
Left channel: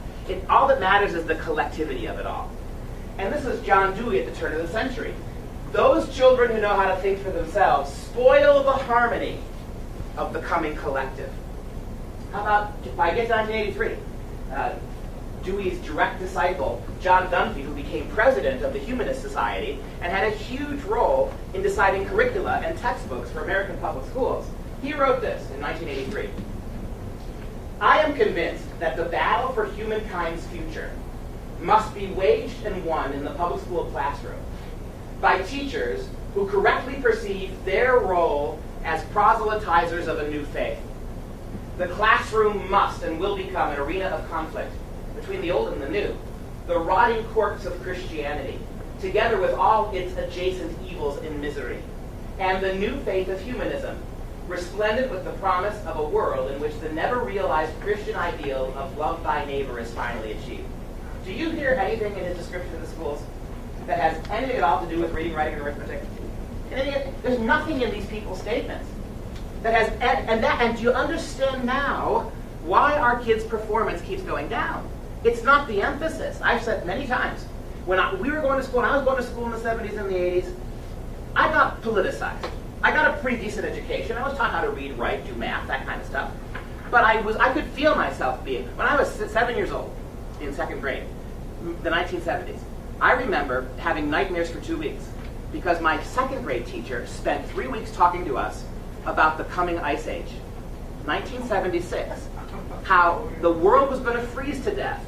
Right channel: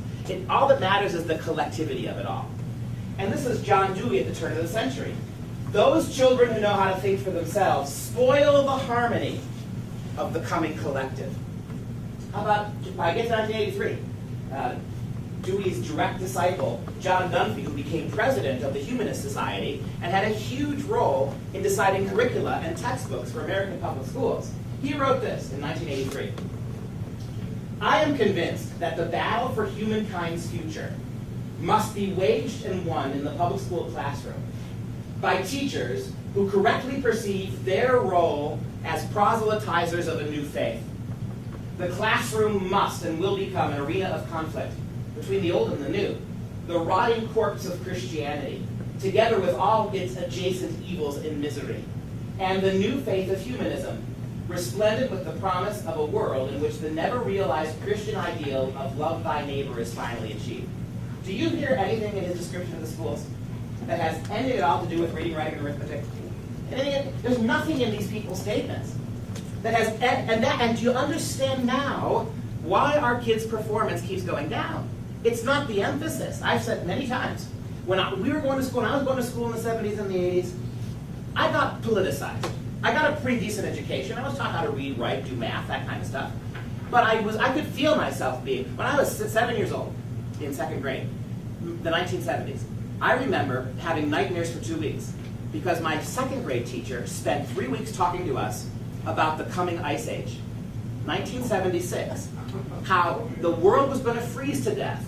All that matters is the collectivity of it all. And this is John Dewey at the turn of the century. Those children who know how to think for themselves spoil the harmony of the coming collective. How about, by 1983, Dewey's direct disciple, John Dunphy, who became president of the Humanist Society and had a huge role in deciding curricula and textbooks for American public schools. He wrote this in 1983. I am convinced that the battle for humankind's future must be waged and won in the public school classroom by teachers who correctly perceive their role as proselytizers of a new faith. The classroom must and will become an arena of conflict between the old and the new, the rotting corpse of Christianity, together with all its adjacent evils and misery, and the new faith of humanism, resplendent with the promise of a world in which the never-realized Christian ideal of love thy neighbor is finally achieved. Do you hear anything in his description of the schools that has anything at all to do with reading, writing, and arithmetic? There's nothing in these people's statements that has, and do you understand now why our kids' performance keeps going down? It's not the emphasis. I've said many times, when we were going to school, when I was going to school in the 70s and the 80s, I got politicized. I got a pretty decent education. I was taught how to read, write, do math, that kind of stuff. But I could feel myself being, when I was 7 years old, in 2nd grade, the 1970s, I remember having nightmares for 2 weeks because my 2nd grade teacher spent 3 weeks talking to us about the coming ice age. 1976, how the world was going to freeze to death.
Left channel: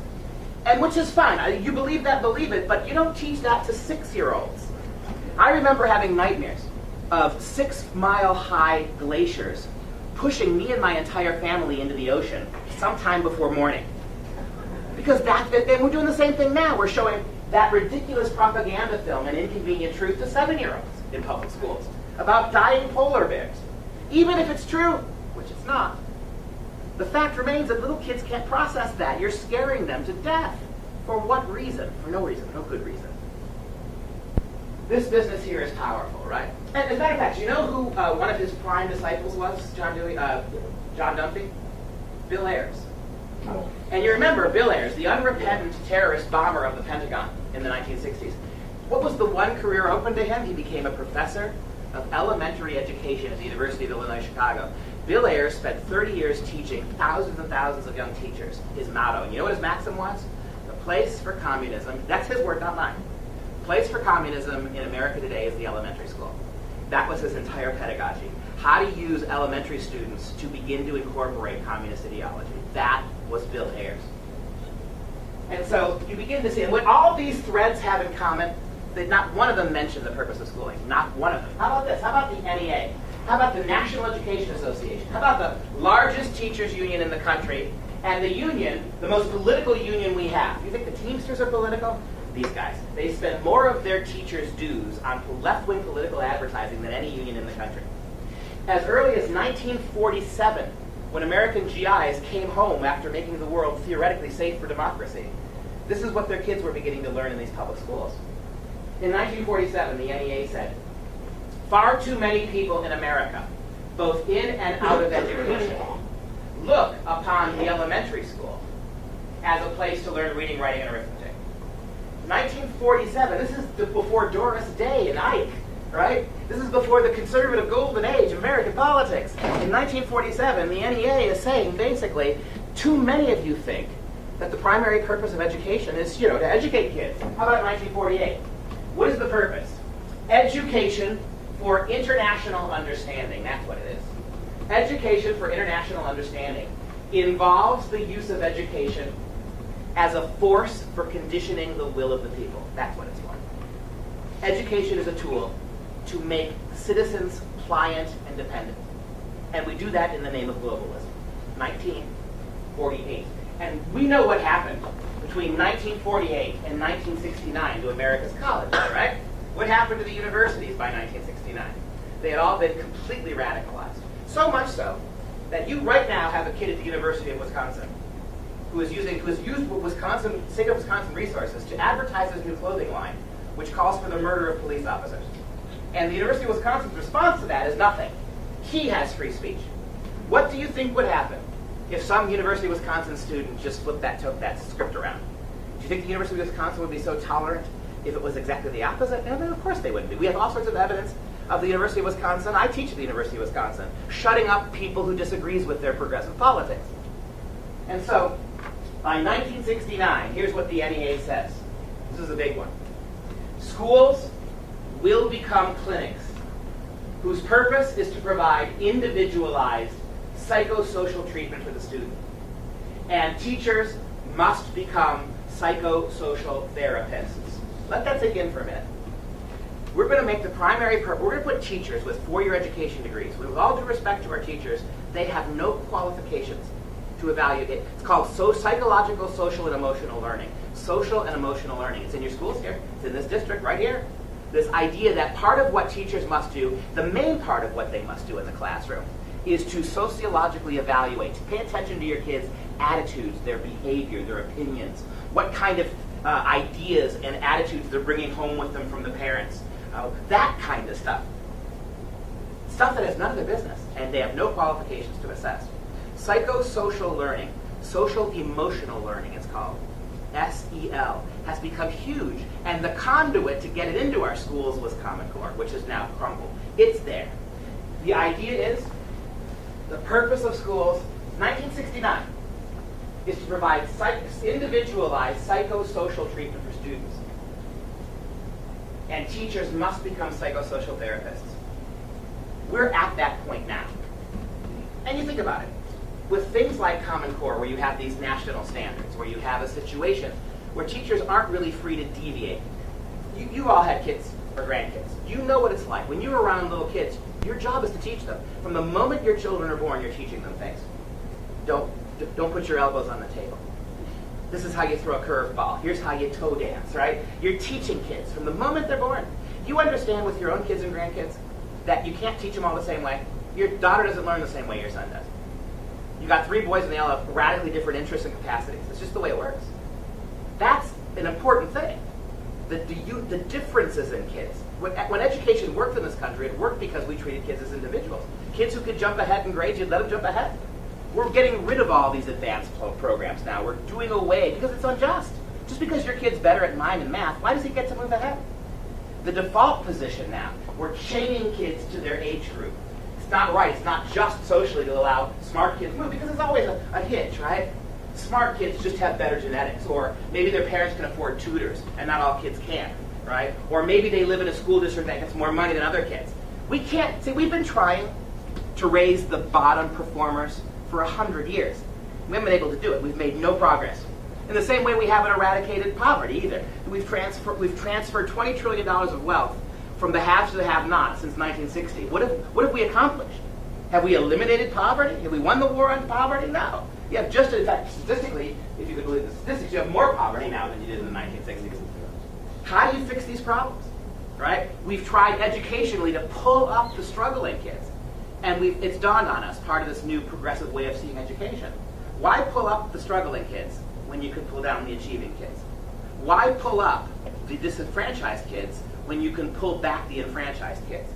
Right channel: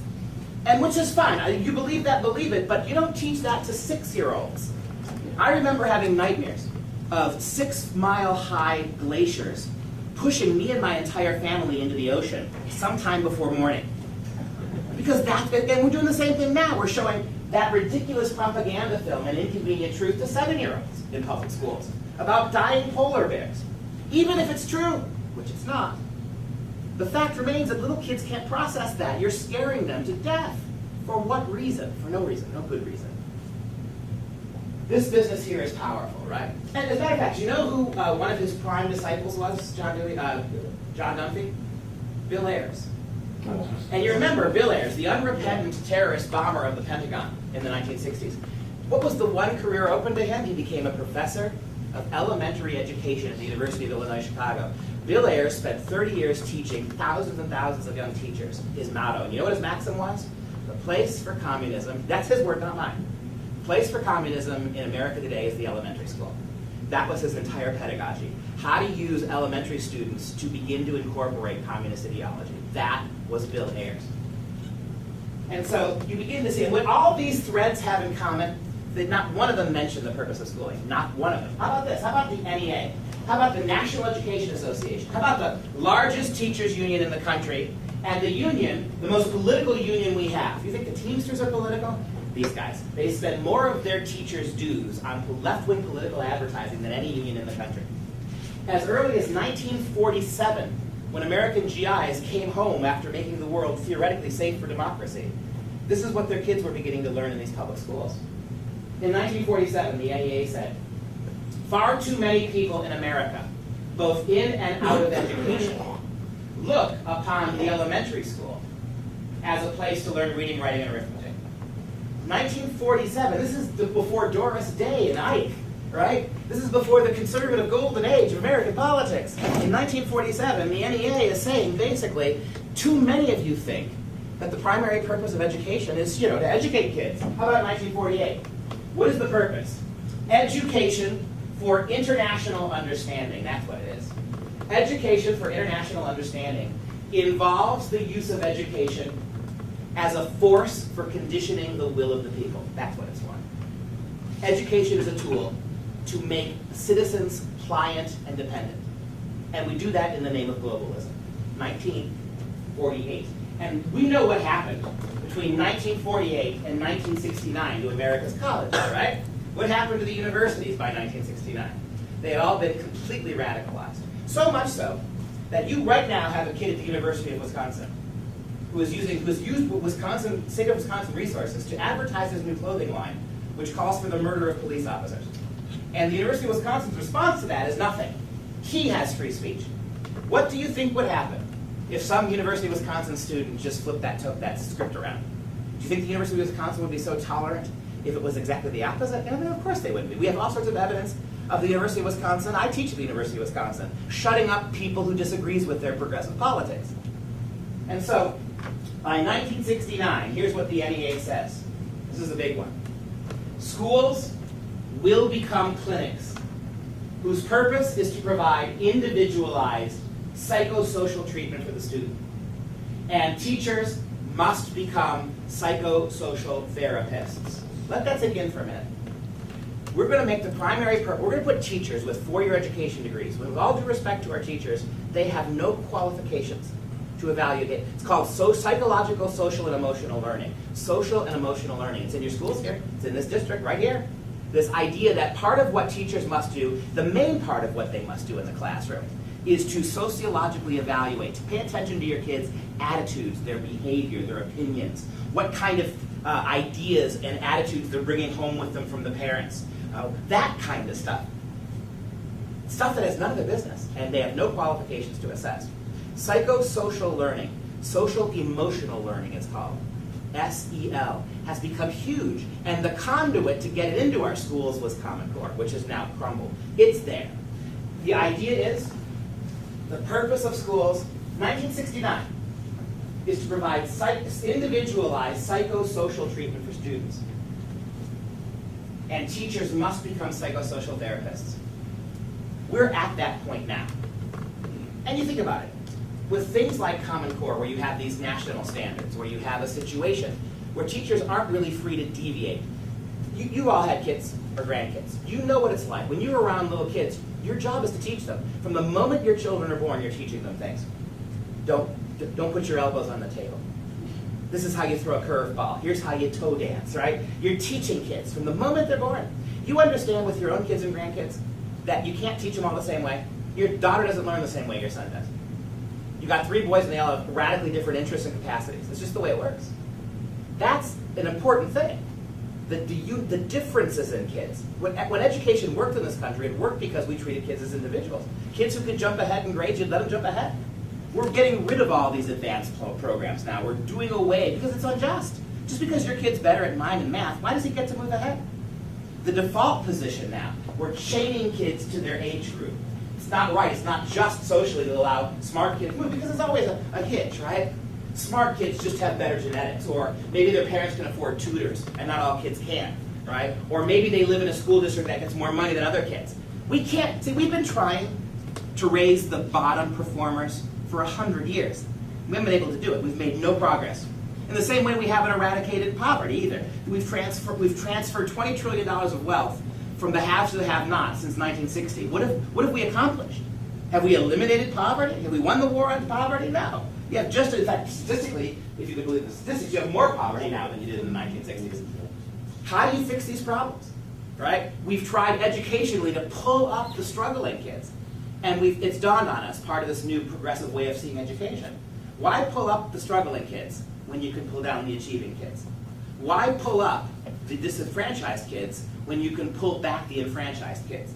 And which is fine. You believe that, believe it, but you don't teach that to 6-year-olds. I remember having nightmares of 6-mile-high glaciers pushing me and my entire family into the ocean sometime before morning. Because and we're doing the same thing now. We're showing that ridiculous propaganda film, An Inconvenient Truth, to 7-year-olds in public schools about dying polar bears. Even if it's true, which it's not. The fact remains that little kids can't process that. You're scaring them to death. For what reason? For no reason, no good reason. This business here is powerful, right? And as a matter of fact, you know who one of his prime disciples was, John Dunphy? Bill Ayers. And you remember Bill Ayers, the unrepentant terrorist bomber of the Pentagon in the 1960s. What was the one career open to him? He became a professor of elementary education at the University of Illinois, Chicago. Bill Ayers spent 30 years teaching thousands and thousands of young teachers. His motto, and you know what his maxim was? The place for communism, that's his word, not mine. The place for communism in America today is the elementary school. That was his entire pedagogy. How to use elementary students to begin to incorporate communist ideology. That was Bill Ayers. And so you begin to see, and what all these threads have in common, that not one of them mentioned the purpose of schooling. Not one of them. How about this? How about the NEA? How about the National Education Association? How about the largest teachers union in the country and the union, the most political union we have? You think the Teamsters are political? These guys. They spend more of their teachers' dues on left-wing political advertising than any union in the country. As early as 1947, when American GIs came home after making the world theoretically safe for democracy, this is what their kids were beginning to learn in these public schools. In 1947, the NEA said, far too many people in America, both in and out of education, look upon the elementary school as a place to learn reading, writing, and arithmetic. 1947, this is before Doris Day and Ike right? This is before the conservative golden age of American politics. In 1947, the NEA is saying, basically, too many of you think that the primary purpose of education is, to educate kids. How about 1948? What is the purpose? Education for international understanding. That's what it is. Education for international understanding involves the use of education as a force for conditioning the will of the people. That's what it's for. Education is a tool to make citizens pliant and dependent. And we do that in the name of globalism. 1948. And we know what happened between 1948 and 1969 to America's colleges, right? What happened to the universities by 1969? They had all been completely radicalized. So much so that you right now have a kid at the University of Wisconsin who has used state of Wisconsin resources to advertise his new clothing line, which calls for the murder of police officers. And the University of Wisconsin's response to that is nothing. He has free speech. What do you think would happen if some University of Wisconsin student just took that script around? Do you think the University of Wisconsin would be so tolerant if it was exactly the opposite? No, of course they wouldn't be. We have all sorts of evidence of the University of Wisconsin. I teach at the University of Wisconsin, shutting up people who disagrees with their progressive politics. And so, by 1969, here's what the NEA says. This is a big one. Schools will become clinics whose purpose is to provide individualized psychosocial treatment for the student. And teachers must become psychosocial therapists. Let that sink in for a minute. We're going to make the primary purpose, we're going to put teachers with four-year education degrees. With all due respect to our teachers, they have no qualifications to evaluate it. It's called psychological, social, and emotional learning. Social and emotional learning. It's in your schools here. It's in this district right here. This idea that part of what teachers must do, the main part of what they must do in the classroom, is to sociologically evaluate, to pay attention to your kids' attitudes, their behavior, their opinions, what kind of ideas and attitudes they're bringing home with them from the parents, that kind of stuff. Stuff that has none of their business, and they have no qualifications to assess. Psychosocial learning, social emotional learning it's called, SEL, has become huge, and the conduit to get it into our schools was Common Core, which is now crumbled. It's there. The idea is, the purpose of schools, 1969, is to provide individualized psychosocial treatment for students. And teachers must become psychosocial therapists. We're at that point now. And you think about it. With things like Common Core, where you have these national standards, where you have a situation where teachers aren't really free to deviate. You all had kids or grandkids. You know what it's like. When you're around little kids, your job is to teach them. From the moment your children are born, you're teaching them things. Don't put your elbows on the table. This is how you throw a curveball. Here's how you toe dance, right? You're teaching kids from the moment they're born. You understand with your own kids and grandkids that you can't teach them all the same way. Your daughter doesn't learn the same way your son does. You got three boys and they all have radically different interests and capacities. It's just the way it works. That's an important thing. The differences in kids. When education worked in this country, it worked because we treated kids as individuals. Kids who could jump ahead in grades, you'd let them jump ahead. We're getting rid of all these advanced programs now. We're doing away because it's unjust. Just because your kid's better at mind and math, why does he get to move ahead? The default position now, we're chaining kids to their age group. It's not right. It's not just socially to allow smart kids to move because there's always a hitch, right? Smart kids just have better genetics, or maybe their parents can afford tutors and not all kids can, right? Or maybe they live in a school district that gets more money than other kids. We can't, see, we've been trying to raise the bottom performers for 100 years. We haven't been able to do it. We've made no progress. In the same way we haven't eradicated poverty either. We've transferred $20 trillion of wealth from the haves to the have-nots since 1960. What have we accomplished? Have we eliminated poverty? Have we won the war on poverty? No. You have just, in fact, statistically, if you could believe the statistics, you have more poverty now than you did in the 1960s. How do you fix these problems? Right? We've tried educationally to pull up the struggling kids. And it's dawned on us, part of this new progressive way of seeing education. Why pull up the struggling kids when you can pull down the achieving kids? Why pull up the disenfranchised kids when you can pull back the enfranchised kids?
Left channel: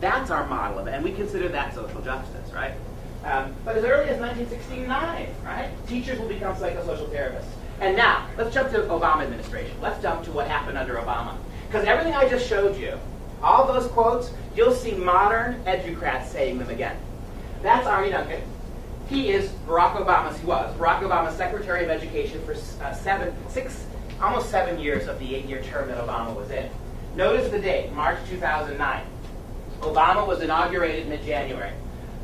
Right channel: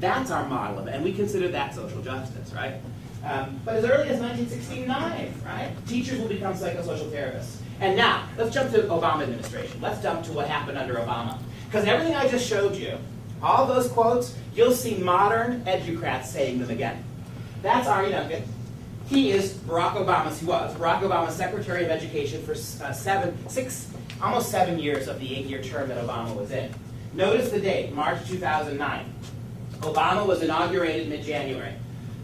That's our model of it, and we consider that social justice, right? But as early as 1969, right, teachers will become psychosocial therapists. And now, let's jump to the Obama administration. Let's jump to what happened under Obama. Because everything I just showed you All those quotes, you'll see modern educrats saying them again. That's Arne Duncan. He is Barack Obama's Secretary of Education for almost 7 years of the 8-year term that Obama was in. Notice the date, March 2009. Obama was inaugurated mid-January.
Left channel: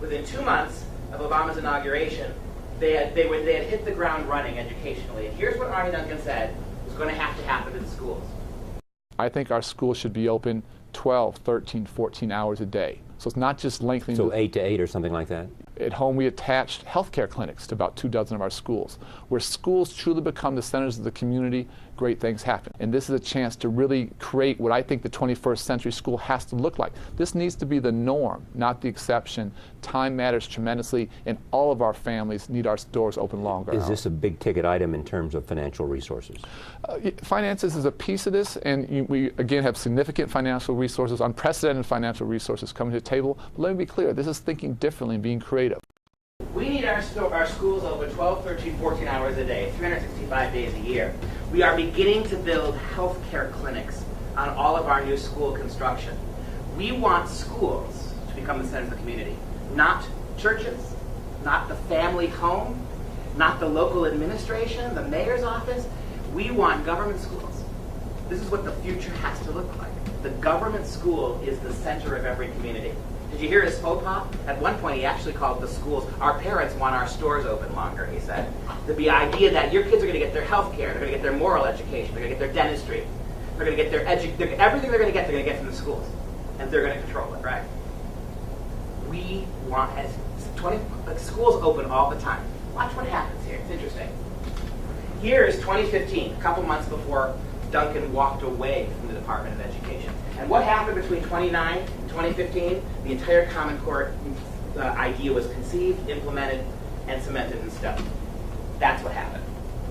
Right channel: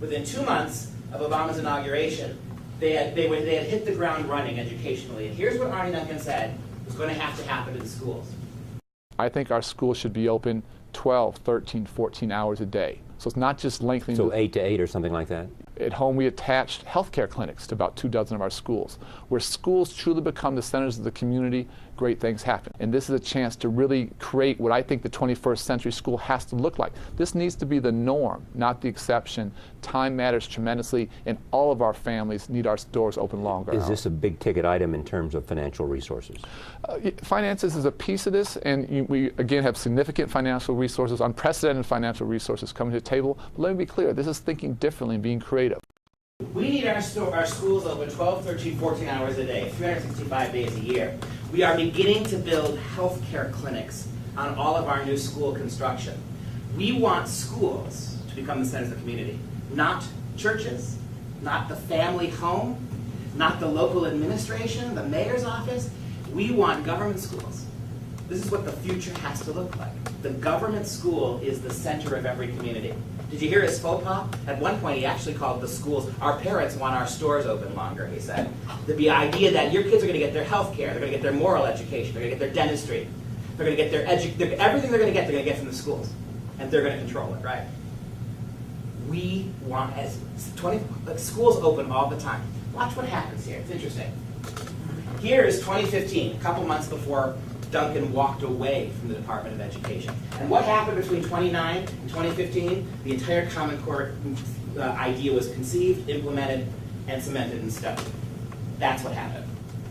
Within 2 months of Obama's inauguration, they had hit the ground running educationally. And here's what Arne Duncan said was going to have to happen to the schools. I think our schools should be open 12, 13, 14 hours a day. So it's not just lengthening. So 8 to 8 or something like that? At home, we attached healthcare clinics to about 24 of our schools. Where schools truly become the centers of the community, great things happen. And this is a chance to really create what I think the 21st century school has to look like. This needs to be the norm, not the exception. Time matters tremendously, and all of our families need our doors open longer. Is this a big ticket item in terms of financial resources? Finances is a piece of this, and we again have significant financial resources, unprecedented financial resources coming to the table. But let me be clear, this is thinking differently and being creative. We need our schools open 12, 13, 14 hours a day, 365 days a year. We are beginning to build healthcare clinics on all of our new school construction. We want schools to become the centers of the community, not churches, not the family home, not the local administration, the mayor's office. We want government schools. This is what the future has to look like. The government school is the center of every community. Did you hear his faux pas? At one point, he actually called the schools, our parents want our stores open longer, he said. The idea that your kids are going to get their health care, they're going to get their moral education, they're going to get their dentistry, they're going to get their everything they're going to get from the schools. And they're going to control it, right? We want, schools open all the time. Watch what happens here. It's interesting. Here is 2015, a couple months before Duncan walked away from the Department of Education. And what happened between 2009 and 2015? The entire Common Core idea was conceived, implemented, and cemented in stone. That's what happened.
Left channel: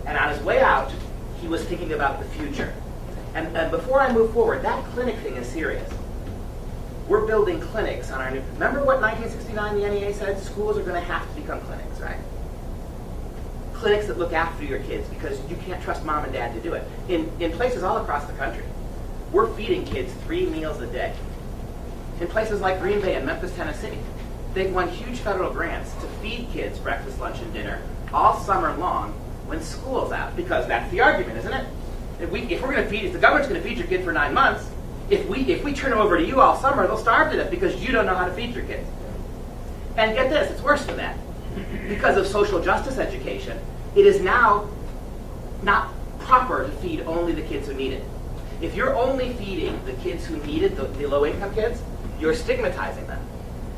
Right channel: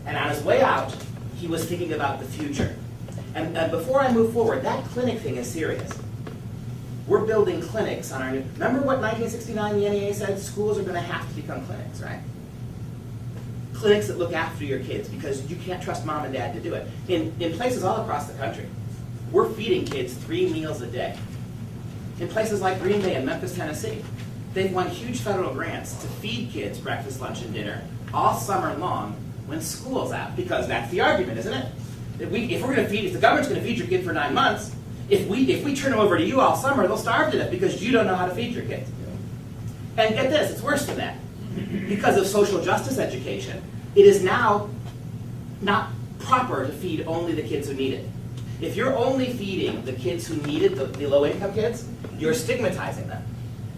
And on his way out, he was thinking about the future. And before I move forward, that clinic thing is serious. We're building clinics on our new... Remember what 1969 the NEA said? Schools are going to have to become clinics, right? Clinics that look after your kids, because you can't trust mom and dad to do it. In places all across the country, we're feeding kids 3 meals a day. In places like Green Bay and Memphis, Tennessee, they've won huge federal grants to feed kids breakfast, lunch, and dinner all summer long when school's out, because that's the argument, isn't it? If we're going to feed, if the government's going to feed your kid for 9 months, if we turn them over to you all summer, they'll starve to death because you don't know how to feed your kids. And get this, it's worse than that. Because of social justice education, it is now not proper to feed only the kids who need it. If you're only feeding the kids who need it, the low-income kids, you're stigmatizing them.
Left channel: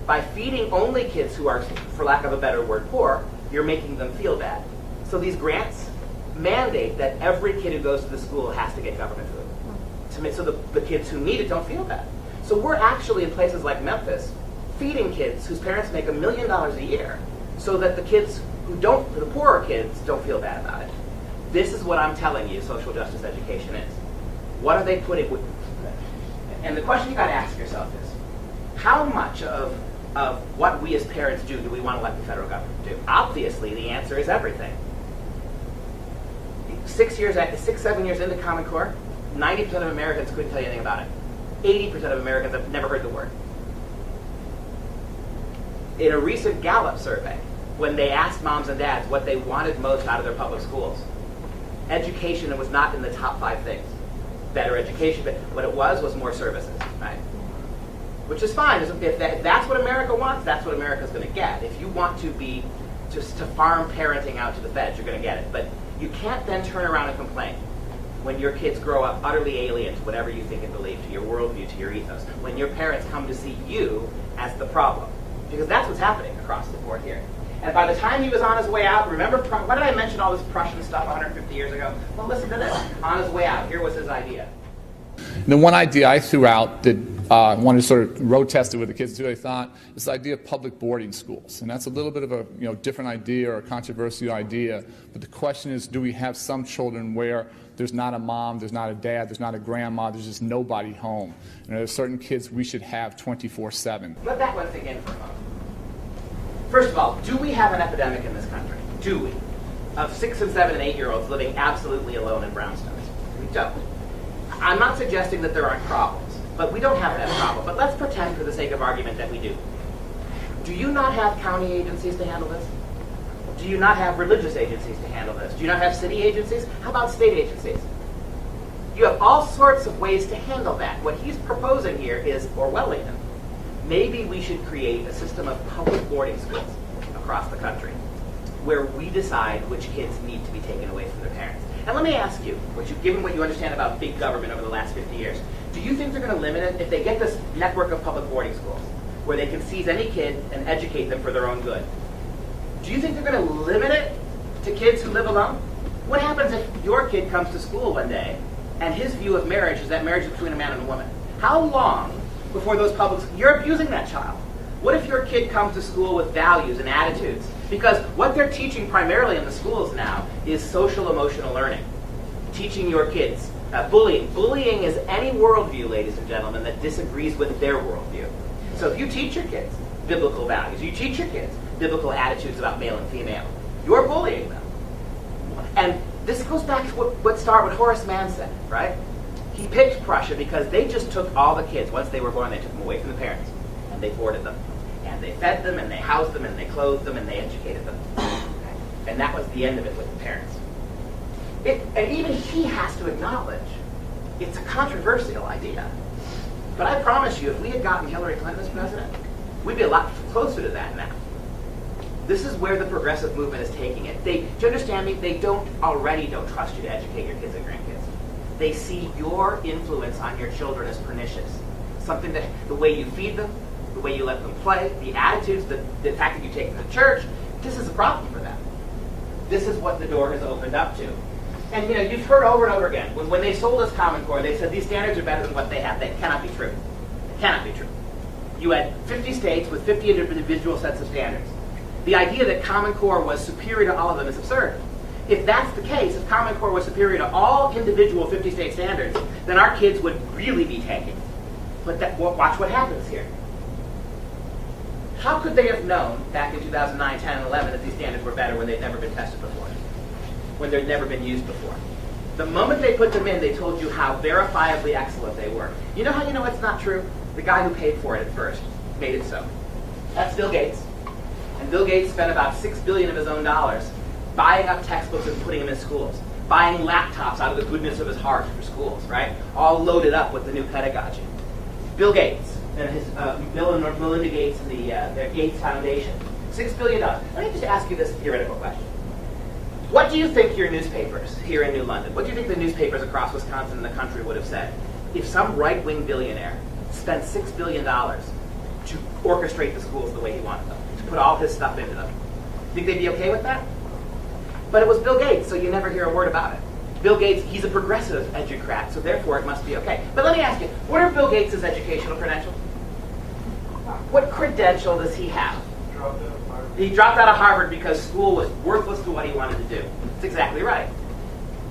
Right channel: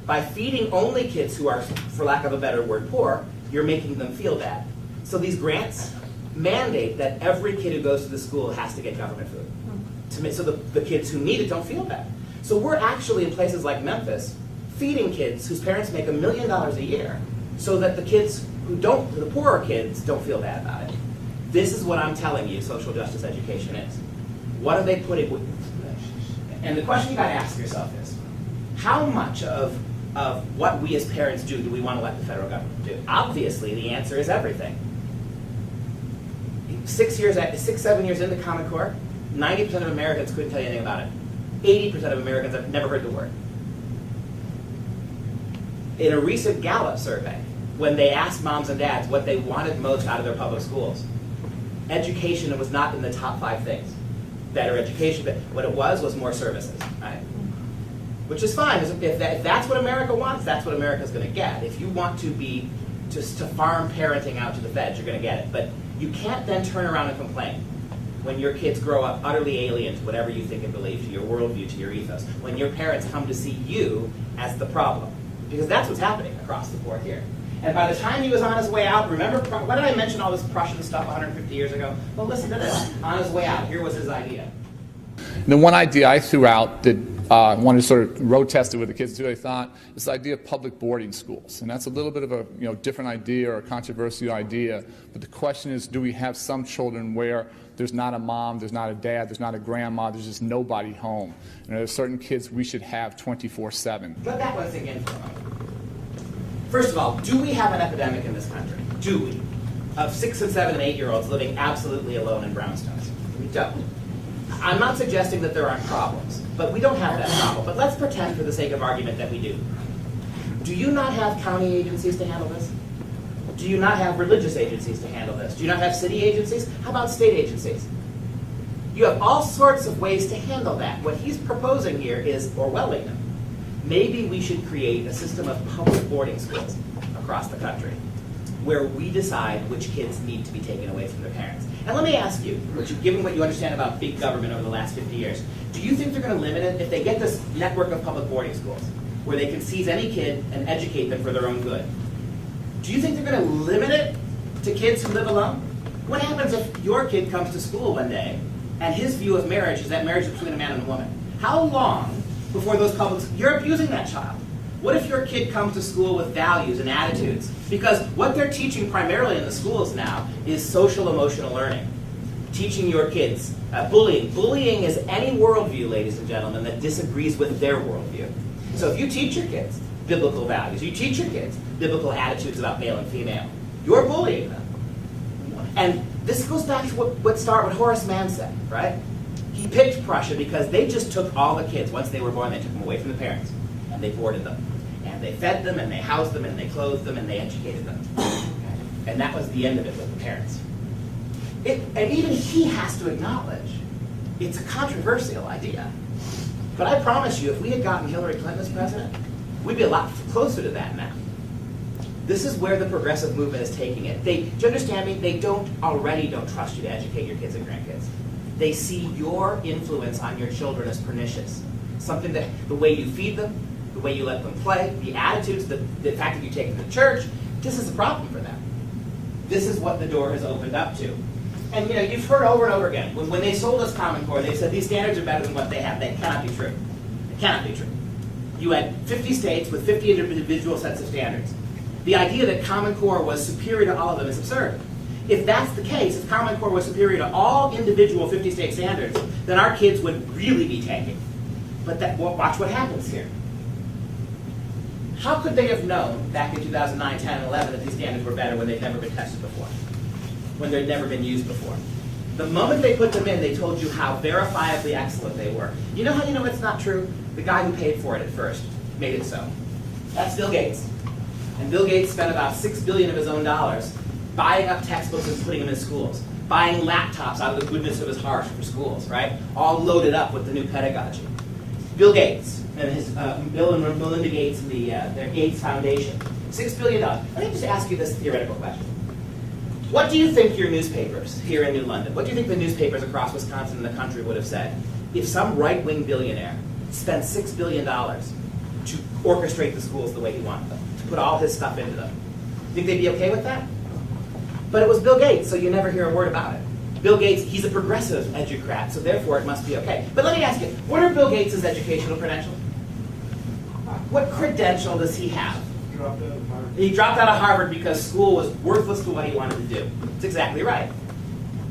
By feeding only kids who are, for lack of a better word, poor, you're making them feel bad. So these grants mandate that every kid who goes to the school has to get government food, so the kids who need it don't feel bad. So we're actually in places like Memphis feeding kids whose parents make $1 million a year, so that the kids who don't, the poorer kids, don't feel bad about it. This is what I'm telling you social justice education is. What are they putting with? And the question you got to ask yourself is, how much of what we as parents do we want to let the federal government do? Obviously, the answer is everything. 6, 7 years into Common Core, 90% of Americans couldn't tell you anything about it. 80% of Americans have never heard the word. In a recent Gallup survey, when they asked moms and dads what they wanted most out of their public schools, education was not in the top 5 things. Better education, but what it was more services, right? Which is fine. If that's what America wants, that's what America's going to get. If you want to be just to farm parenting out to the feds, you're going to get it. But you can't then turn around and complain when your kids grow up utterly alien to whatever you think and believe, to your worldview, to your ethos. When your parents come to see you as the problem. Because that's what's happening across the board here. And by the time he was on his way out, remember, why did I mention all this Prussian stuff 150 years ago? Well, listen to this. On his way out, here was his idea. The one idea I threw out that I wanted to sort of road test it with the kids too, I thought, is the idea of public boarding schools. And that's a little bit of a different idea or a controversial idea. But the question is, do we have some children where there's not a mom, there's not a dad, there's not a grandma, there's just nobody home? And there's certain kids we should have 24/7. Let that one sink in for a moment. First of all, do we have an epidemic in this country? Do we? Of 6 and 7 and 8-year-olds living absolutely alone in brownstones? We don't. I'm not suggesting that there aren't problems. But we don't have that problem. But let's pretend for the sake of argument that we do. Do you not have county agencies to handle this? Do you not have religious agencies to handle this? Do you not have city agencies? How about state agencies? You have all sorts of ways to handle that. What he's proposing here is Orwellian. Maybe we should create a system of public boarding schools across the country where we decide which kids need to be taken away from their parents. And let me ask you, given what you understand about big government over the last 50 years, do you think they're going to limit it if they get this network of public boarding schools where they can seize any kid and educate them for their own good? Do you think they're going to limit it to kids who live alone? What happens if your kid comes to school one day and his view of marriage is that marriage is between a man and a woman? How long before those you're abusing that child? What if your kid comes to school with values and attitudes? Because what they're teaching primarily in the schools now is social emotional learning. Teaching your kids bullying. Bullying is any worldview, ladies and gentlemen, that disagrees with their worldview. So if you teach your kids biblical values, you teach your kids biblical attitudes about male and female, you're bullying them. And this goes back to what Horace Mann said, right? He picked Prussia because they just took all the kids. Once they were born, they took them away from the parents. And they boarded them. And they fed them, and they housed them, and they clothed them, and they educated them. Okay? And that was the end of it with the parents. And even he has to acknowledge it's a controversial idea. But I promise you, if we had gotten Hillary Clinton as president, we'd be a lot closer to that now. This is where the progressive movement is taking it. Do you understand me? They don't trust you to educate your kids and grandkids. They see your influence on your children as pernicious. Something that the way you feed them, the way you let them play, the attitudes, the fact that you take them to church, this is a problem for them. This is what the door has opened up to. And you've heard over and over again, when they sold us Common Core, they said these standards are better than what they have. That cannot be true. It cannot be true. You had 50 states with 50 individual sets of standards. The idea that Common Core was superior to all of them is absurd. If that's the case, if Common Core was superior to all individual 50-state standards, then our kids would really be tanking. But watch what happens here. How could they have known back in 2009, 10, and 11 that these standards were better when they'd never been tested before? When they'd never been used before? The moment they put them in, they told you how verifiably excellent they were. You know how you know it's not true? The guy who paid for it at first made it so. That's Bill Gates. And Bill Gates spent about $6 billion of his own dollars buying up textbooks and putting them in schools, buying laptops out of the goodness of his heart for schools, right? All loaded up with the new pedagogy. Bill Gates and his Bill and Melinda Gates and their Gates Foundation, $6 billion. Let me just ask you this theoretical question. What do you think your newspapers here in New London, what do you think the newspapers across Wisconsin and the country would have said if some right-wing billionaire spent $6 billion to orchestrate the schools the way he wanted them, to put all his stuff into them? Think they'd be okay with that? But it was Bill Gates, so you never hear a word about it. Bill Gates, he's a progressive educrat, so therefore it must be okay. But let me ask you, what are Bill Gates' educational credentials? What credential does he have? He dropped out of Harvard because school was worthless to what he wanted to do. That's exactly right.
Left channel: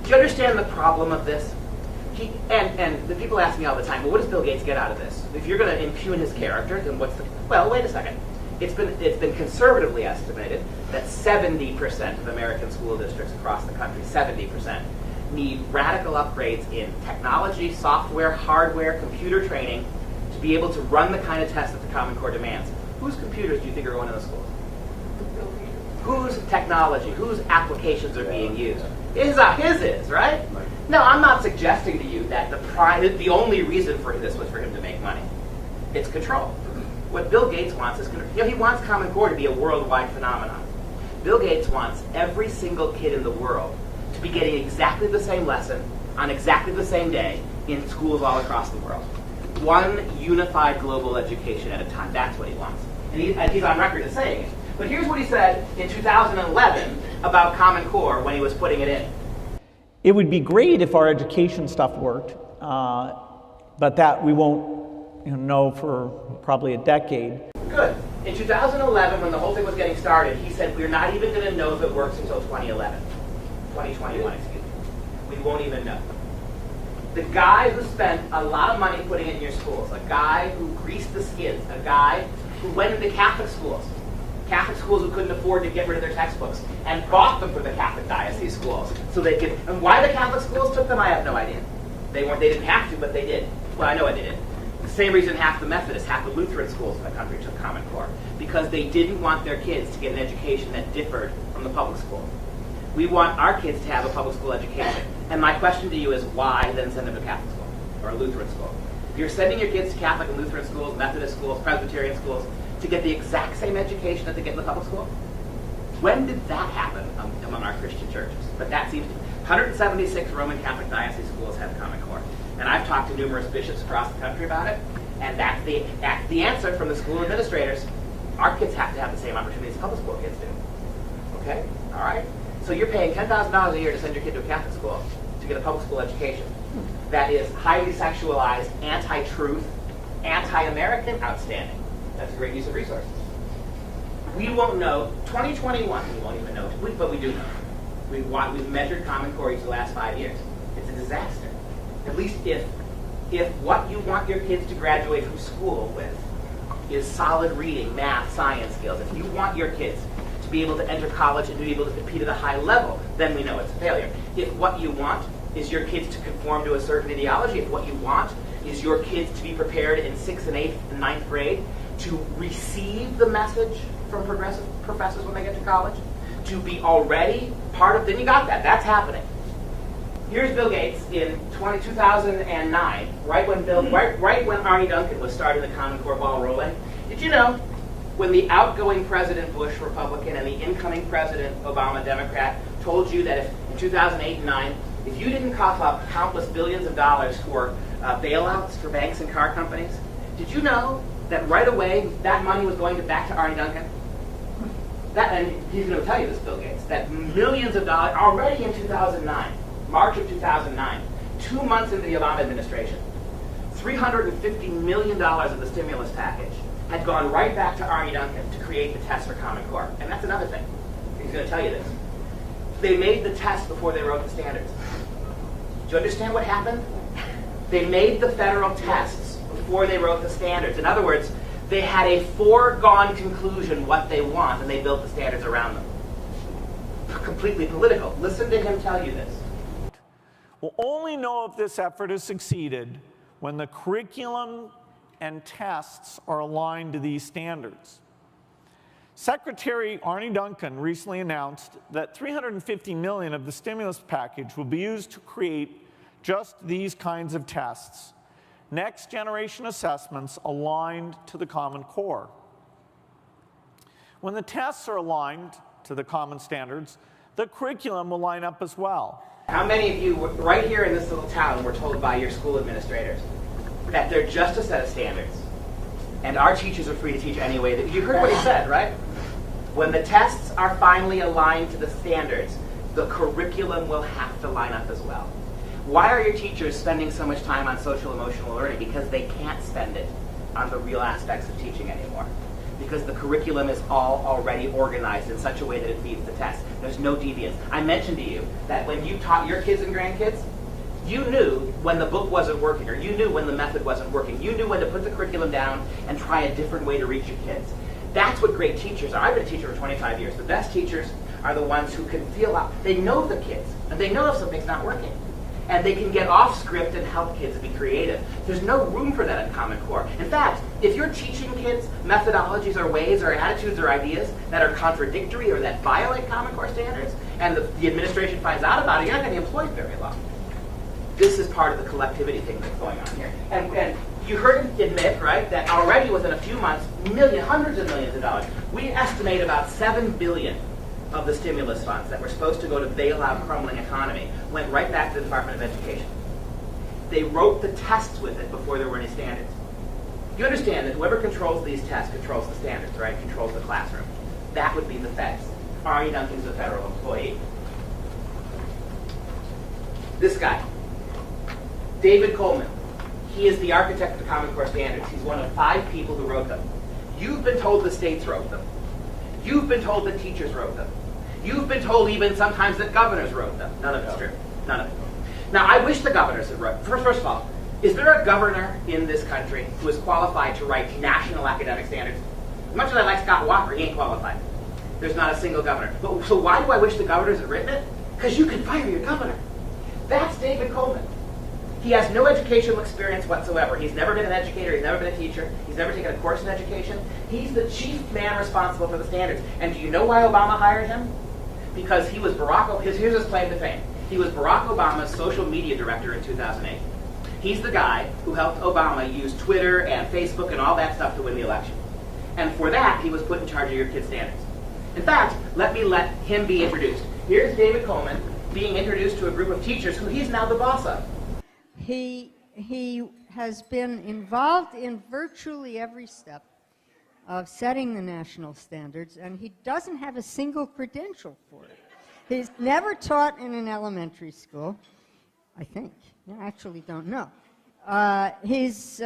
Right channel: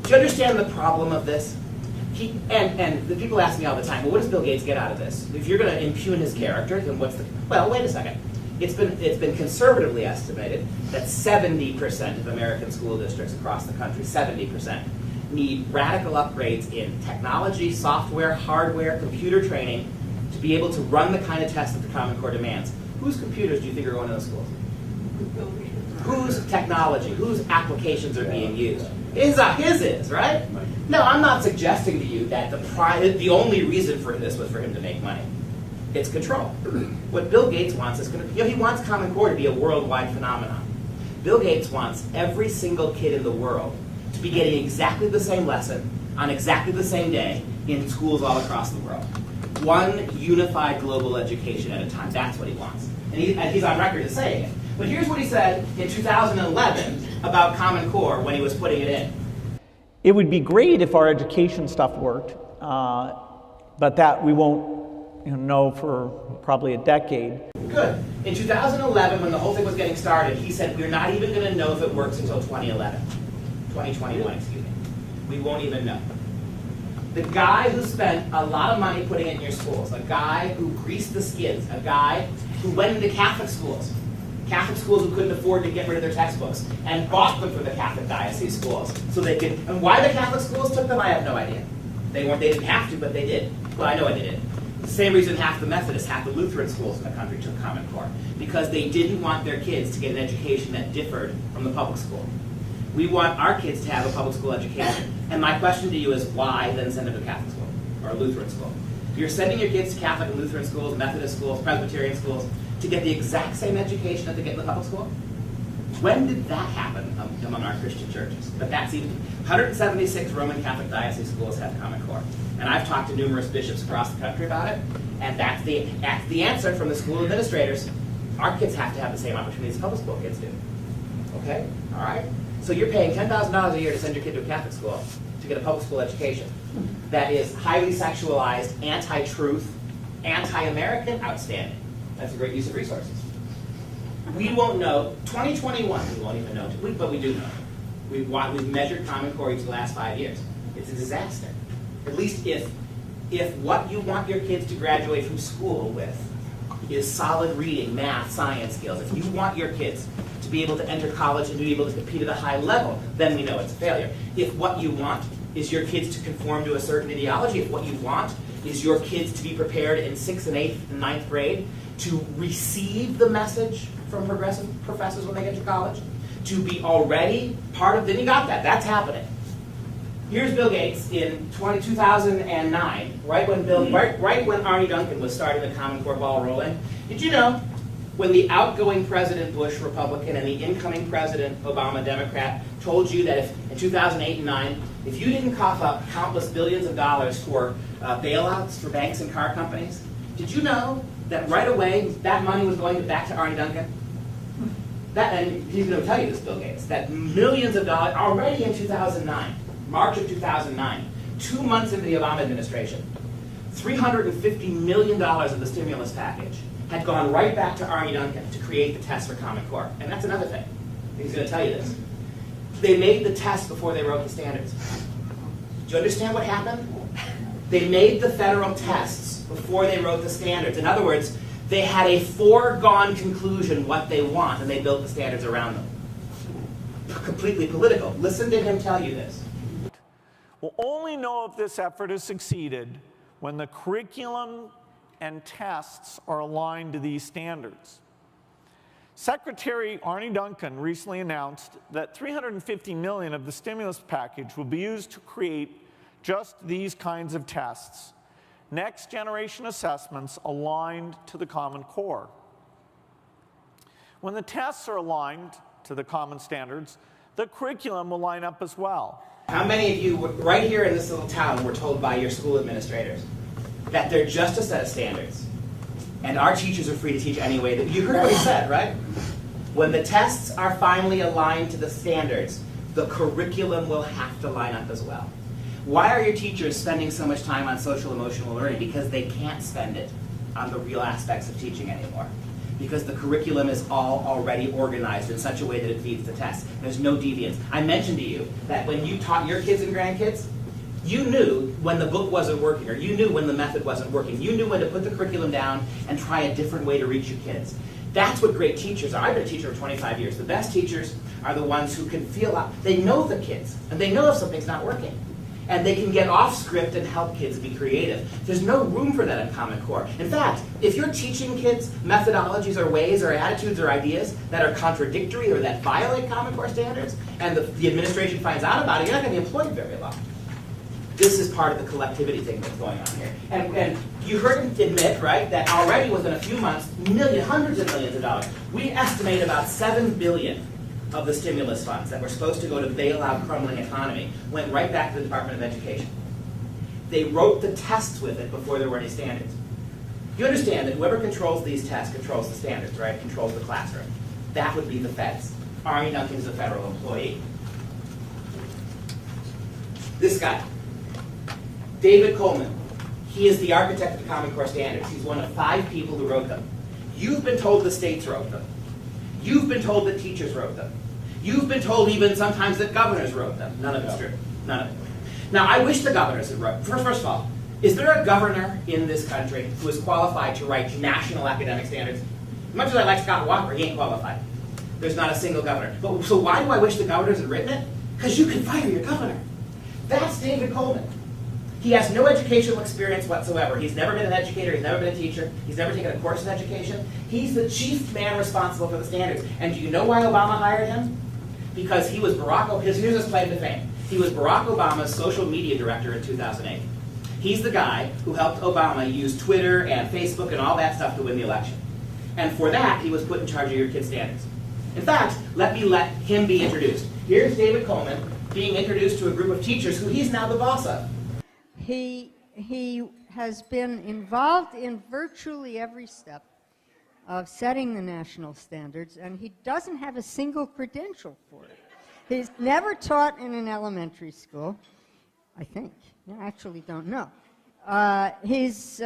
Do you understand the problem of this? And the people ask me all the time, well, what does Bill Gates get out of this? If you're going to impugn his character, then what's the... Well, wait a second. It's been conservatively estimated that 70% of American school districts across the country, 70%, need radical upgrades in technology, software, hardware, computer training to be able to run the kind of tests that the Common Core demands. Whose computers do you think are going to the schools? Whose technology, whose applications are being used? His is, right? No, I'm not suggesting to you that the only reason for this was for him to make money. It's control. What Bill Gates wants is control. He wants Common Core to be a worldwide phenomenon. Bill Gates wants every single kid in the world to be getting exactly the same lesson on exactly the same day in schools all across the world. One unified global education at a time. That's what he wants. And he's on record as saying it. But here's what he said in 2011 about Common Core when he was putting it in. It would be great if our education stuff worked, but that we won't know for probably a decade. Good. In 2011, when the whole thing was getting started, he said, we're not even going to know if it works until 2021, excuse me. We won't even know. The guy who spent a lot of money putting it in your schools, a guy who greased the skids, a guy who went into Catholic schools who couldn't afford to get rid of their textbooks, and bought them for the Catholic diocese schools so they could. And why the Catholic schools took them, I have no idea. They didn't have to, but they did. Well, I know I did it. The same reason half the Methodists, half the Lutheran schools in the country took Common Core, because they didn't want their kids to get an education that differed from the public school. We want our kids to have a public school education. And my question to you is, why then send them to Catholic school or a Lutheran school? You're sending your kids to Catholic and Lutheran schools, Methodist schools, Presbyterian schools, to get the exact same education that they get in the public school? When did that happen among our Christian churches? But that's even 176 Roman Catholic diocese schools have Common Core. And I've talked to numerous bishops across the country about it, and that's the answer from the school administrators. Our kids have to have the same opportunities public school kids do. Okay? All right? So you're paying $10,000 a year to send your kid to a Catholic school to get a public school education that is highly sexualized, anti-truth, anti-American, outstanding. That's a great use of resources. We won't know, 2021, we won't even know, but we do know. We've measured Common Core each of the last 5 years. It's a disaster. At least if what you want your kids to graduate from school with is solid reading, math, science skills, if you want your kids to be able to enter college and to be able to compete at a high level, then we know it's a failure. If what you want is your kids to conform to a certain ideology, if what you want is your kids to be prepared in 6th and 8th and 9th grade to receive the message from progressive professors when they get to college, to be already part of, then you got that. That's happening. Here's Bill Gates in 2009, right when Arnie Duncan was starting the Common Core ball rolling. Did you know when the outgoing President Bush, Republican, and the incoming President Obama, Democrat, told you that if in 2008 and 9, if you didn't cough up countless billions of dollars for bailouts for banks and car companies, did you know that right away that money was going back to Arnie Duncan? And he's going to tell you this, Bill Gates, that millions of dollars already in 2009, March of 2009, 2 months into the Obama administration, $350 million of the stimulus package had gone right back to Arnie Duncan to create the test for Common Core. And that's another thing. He's going to tell you this. They made the test before they wrote the standards. Do you understand what happened? They made the federal tests before they wrote the standards. In other words, they had a foregone conclusion what they want, and they built the standards around them. Completely political. Listen to him tell you this. We'll only know if this effort has succeeded when the curriculum and tests are aligned to these standards. Secretary Arnie Duncan recently announced that $350 million of the stimulus package will be used to create just these kinds of tests, next generation assessments aligned to the Common Core. When the tests are aligned to the common standards, the curriculum will line up as well. How many of you right here in this little town were told by your school administrators that they're just a set of standards and our teachers are free to teach any way that you heard what he said, right? When the tests are finally aligned to the standards, the curriculum will have to line up as well. Why are your teachers spending so much time on social emotional learning? Because they can't spend it on the real aspects of teaching anymore. Because the curriculum is all already organized in such a way that it feeds the test. There's no deviance. I mentioned to you that when you taught your kids and grandkids, you knew when the book wasn't working, or you knew when the method wasn't working. You knew when to put the curriculum down and try a different way to reach your kids. That's what great teachers are. I've been a teacher for 25 years. The best teachers are the ones who can feel out. They know the kids, and they know if something's not working. And they can get off script and help kids be creative. There's no room for that in Common Core. In fact, if you're teaching kids methodologies or ways or attitudes or ideas that are contradictory or that violate Common Core standards, and the administration finds out about it, you're not going to be employed very long. This is part of the collectivity thing that's going on here. And you heard him admit, right, that already within a few months, hundreds of millions of dollars, we estimate about $7 billion of the stimulus funds that were supposed to go to bail out crumbling economy went right back to the Department of Education. They wrote the tests with it before there were any standards. You understand that whoever controls these tests controls the standards, right? Controls the classroom. That would be the feds. Arnie Duncan's a federal employee. This guy, David Coleman, he is the architect of the Common Core standards. He's one of 5 people who wrote them. You've been told the states wrote them. You've been told that teachers wrote them. You've been told even sometimes that governors wrote them. None of it's true. None of it. Now, I wish the governors had wrote. First of all, is there a governor in this country who is qualified to write national academic standards? As much as I like Scott Walker, he ain't qualified. There's not a single governor. So why do I wish the governors had written it? Because you can fire your governor. That's David Coleman. He has no educational experience whatsoever. He's never been an educator. He's never been a teacher. He's never taken a course in education. He's the chief man responsible for the standards. And do you know why Obama hired him? Because he was Barack Obama. Here's his claim to fame. He was Barack Obama's social media director in 2008. He's the guy who helped Obama use Twitter and Facebook and all that stuff to win the election. And for that, he was put in charge of your kids' standards. In fact, let him be introduced. Here's David Coleman being introduced to a group of teachers who he's now the boss of. He has been involved in virtually every step of setting the national standards, and he doesn't have a single credential for it. He's never taught in an elementary school, I think. I actually don't know. He's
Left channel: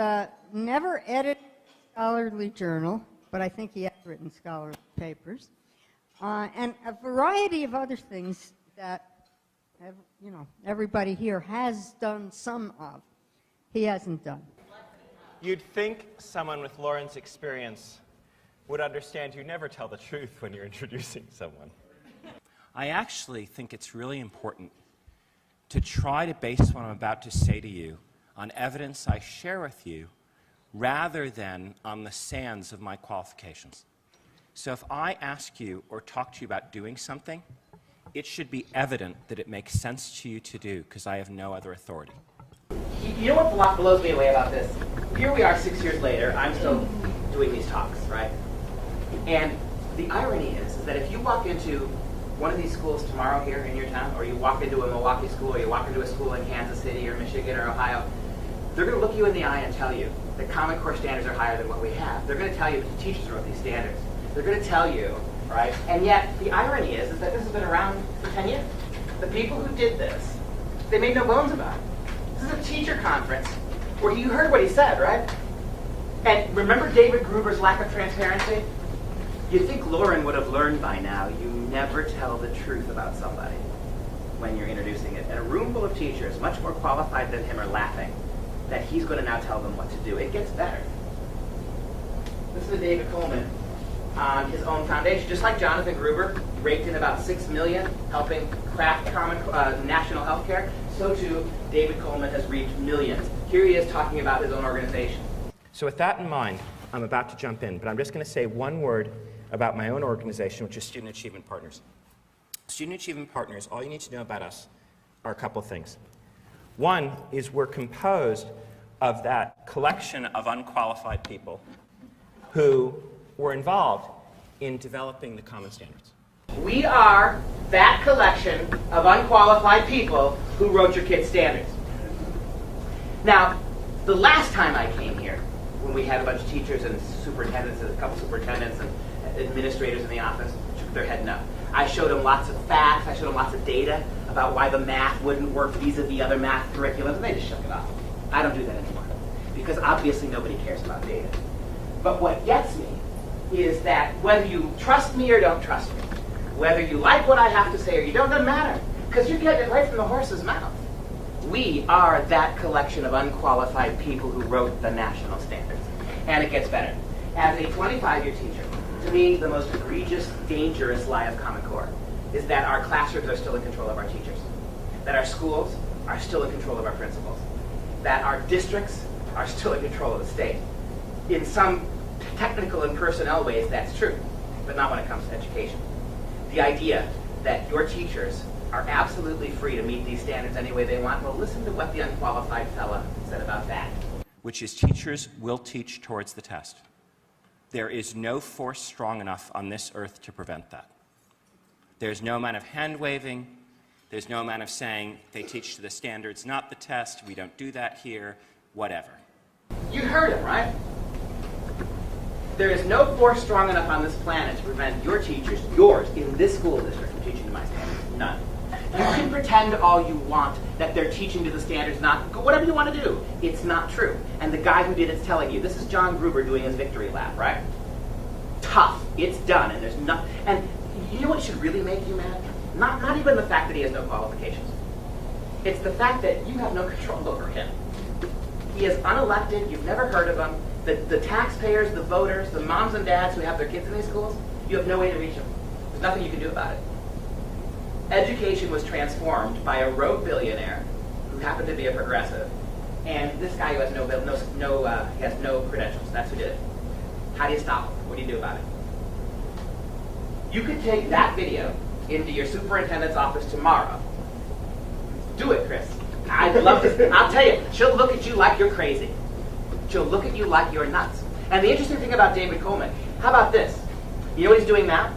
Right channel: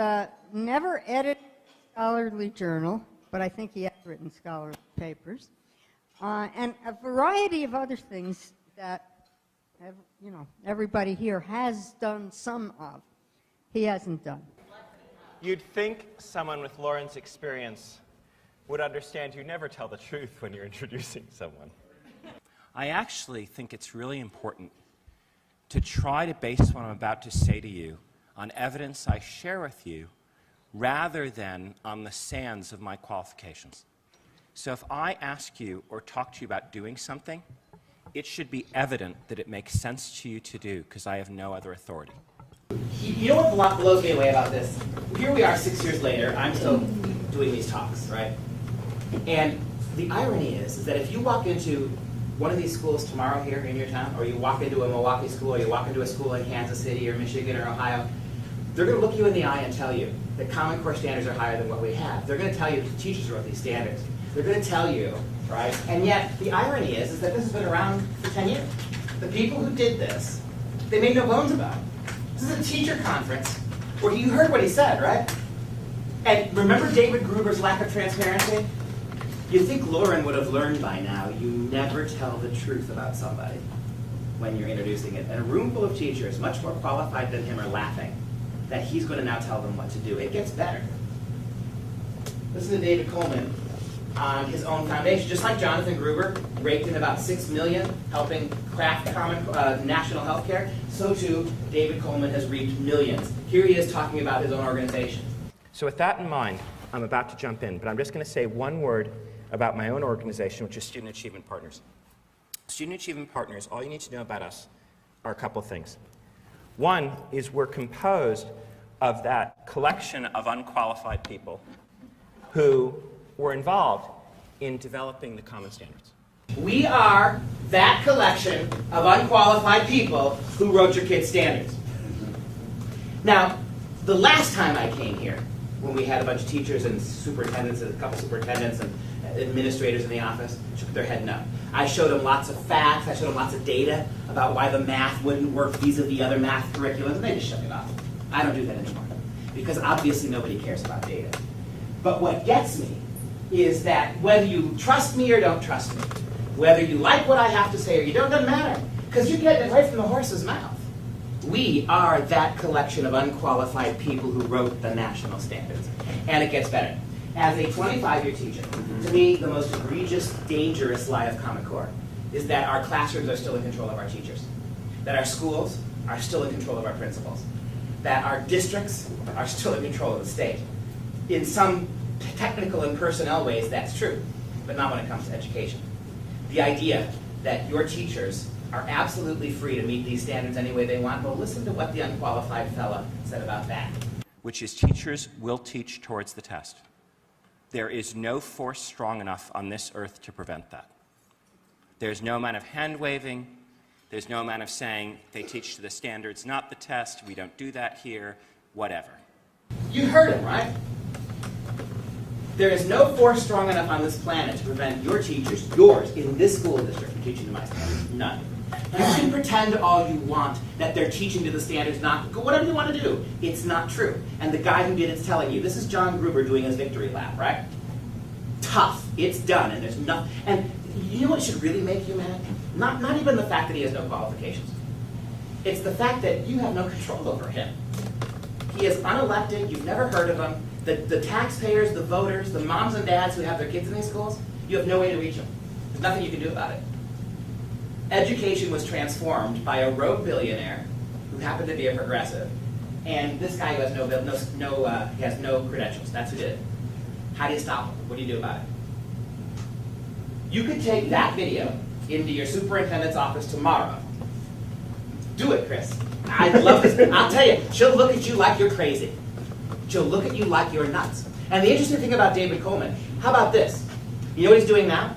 never edited a scholarly journal, but I think he has written scholarly papers, and a variety of other things that everybody here has done some of. He hasn't done. You'd think someone with Lauren's experience would understand you never tell the truth when you're introducing someone. I actually think it's really important to try to base what I'm about to say to you on evidence I share with you rather than on the sands of my qualifications. So if I ask you or talk to you about doing something, it should be evident that it makes sense to you to do, because I have no other authority. You know what blows me away about this? Here we are 6 years later, I'm still doing these talks, right? And the irony is that if you walk into one of these schools tomorrow here in your town, or you walk into a Milwaukee school, or you walk into a school in Kansas City or Michigan or Ohio, they're going to look you in the eye and tell you that Common Core standards are higher than what we have. They're going to tell you that the teachers wrote these standards. They're going to tell you, right? And yet, the irony is that this has been around for 10 years. The people who did this, they made no bones about it. This is a teacher conference where you heard what he said, right? And remember David Gruber's lack of transparency? You'd think Lauren would have learned by now, you never tell the truth about somebody when you're introducing it. And a room full of teachers, much more qualified than him, are laughing that he's going to now tell them what to do. It gets better. Listen to David Coleman on his own foundation. Just like Jonathan Gruber raked in about $6 million helping craft national health care, so too David Coleman has reaped millions. Here he is talking about his own organization. So with that in mind, I'm about to jump in, but I'm just going to say one word about my own organization, which is Student Achievement Partners. Student Achievement Partners, all you need to know about us are a couple of things. One is we're composed of that collection of unqualified people who were involved in developing the common standards. We are that collection of unqualified people who wrote your kids' standards. Now, the last time I came here, when we had a bunch of teachers and superintendents and a couple superintendents and administrators in the office, shook their head no. I showed them lots of facts, I showed them lots of data about why the math wouldn't work vis-a-vis other math curriculums, and they just shook it off. I don't do that anymore, because obviously nobody cares about data. But what gets me is that whether you trust me or don't trust me, whether you like what I have to say or you don't, doesn't matter, because you're getting it right from the horse's mouth. We are that collection of unqualified people who wrote the national standards. And it gets better. As a 25-year teacher, to me, the most egregious, dangerous lie of Common Core is that our classrooms are still in control of our teachers, that our schools are still in control of our principals, that our districts are still in control of the state. In some technical and personnel ways, that's true, but not when it comes to education. The idea that your teachers are absolutely free to meet these standards any way they want, well, listen to what the unqualified fellow said about that. Which is teachers will teach towards the test. There is no force strong enough on this earth to prevent that. There's no amount of hand-waving. There's no amount of saying they teach to the standards, not the test. We don't do that here, whatever. You heard him, right? There is no force strong enough on this planet to prevent your teachers, yours, in this school district, from teaching to my standards. None. You can pretend all you want that they're teaching to the standards, not whatever you want to do. It's not true. And the guy who did it's telling you. This is John Gruber doing his victory lap, right? Tough. It's done, and there's nothing. And you know what should really make you mad? Not even the fact that he has no qualifications. It's the fact that you have no control over him. He is unelected. You've never heard of him. The taxpayers, the voters, the moms and dads who have their kids in these schools, you have no way to reach them. There's nothing you can do about it. Education was transformed by a rogue billionaire who happened to be a progressive and this guy who has has no credentials. That's who did it. How do you stop him? What do you do about it? You could take that video into your superintendent's office tomorrow. Do it, Chris. I'd love this. I'll tell you, she'll look at you like you're crazy. She'll look at you like you're nuts. And the interesting thing about David Coleman, how about this? You know what he's doing now?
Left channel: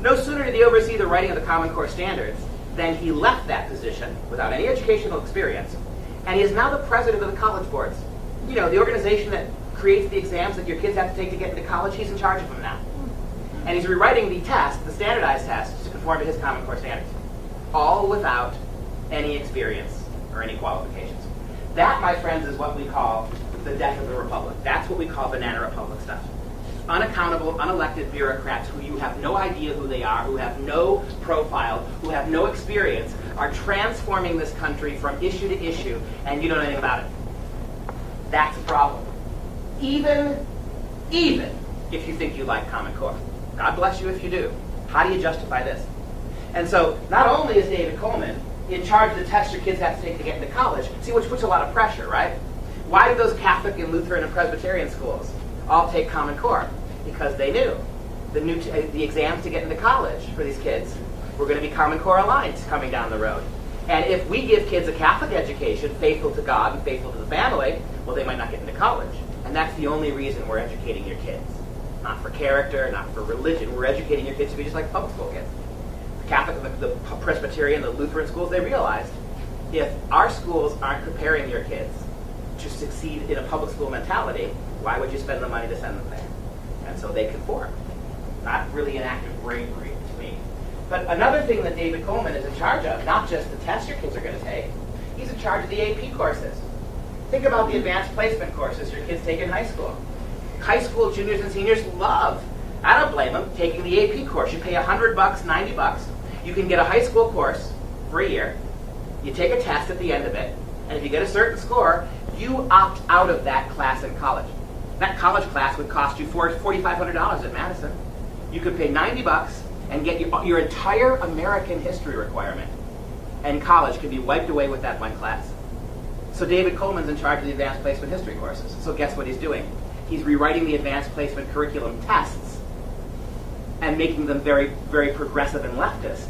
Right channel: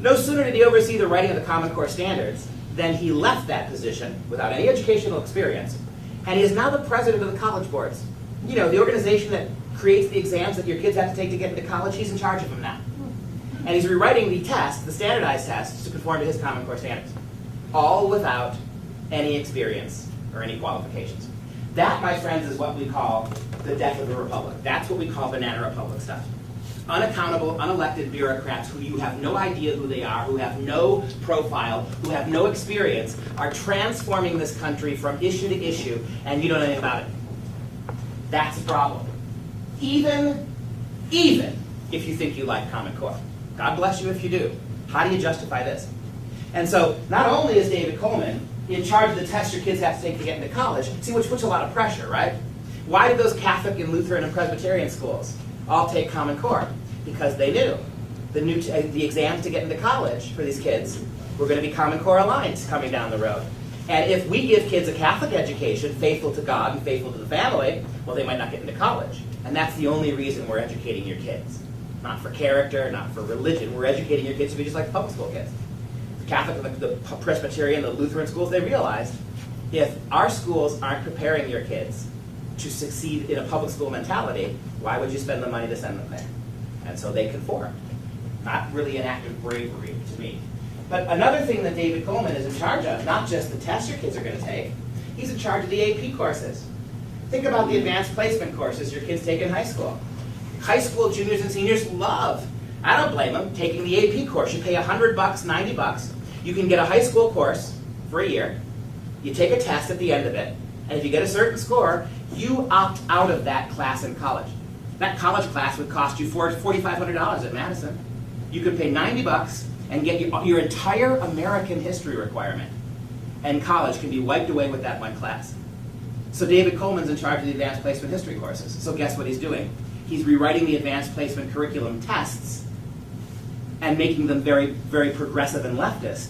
No sooner did he oversee the writing of the Common Core standards than he left that position without any educational experience, and he is now the president of the college boards. You know, the organization that creates the exams that your kids have to take to get into college, he's in charge of them now. And he's rewriting the test, the standardized tests, to conform to his Common Core standards, all without any experience or any qualifications. That, my friends, is what we call the death of the republic. That's what we call banana republic stuff. Unaccountable, unelected bureaucrats who you have no idea who they are, who have no profile, who have no experience, are transforming this country from issue to issue, and you don't know anything about it. That's the problem. Even if you think you like Common Core. God bless you if you do. How do you justify this? And so, not only is David Coleman in charge of the tests your kids have to take to get into college, see, which puts a lot of pressure, right? Why did those Catholic and Lutheran and Presbyterian schools all take Common Core? Because they knew the exams to get into college for these kids were going to be Common Core aligned coming down the road. And if we give kids a Catholic education, faithful to God and faithful to the family, well, they might not get into college. And that's the only reason we're educating your kids. Not for character, not for religion. We're educating your kids to be just like public school kids. The Catholic and the Presbyterian, the Lutheran schools, they realized if our schools aren't preparing your kids to succeed in a public school mentality, why would you spend the money to send them there? And so they conform. Not really an act of bravery to me. But another thing that David Coleman is in charge of, not just the tests your kids are going to take, he's in charge of the AP courses. Think about the advanced placement courses your kids take in high school. High school juniors and seniors love, I don't blame them, taking the AP course. You pay $100, $90. You can get a high school course for a year. You take a test at the end of it, and if you get a certain score, you opt out of that class in college. That college class would cost you $4,500 at Madison. You could pay $90 and get your entire American history requirement. And college can be wiped away with that one class. So David Coleman's in charge of the advanced placement history courses. So guess what he's doing? He's rewriting the advanced placement curriculum tests and making them very, very progressive and leftist,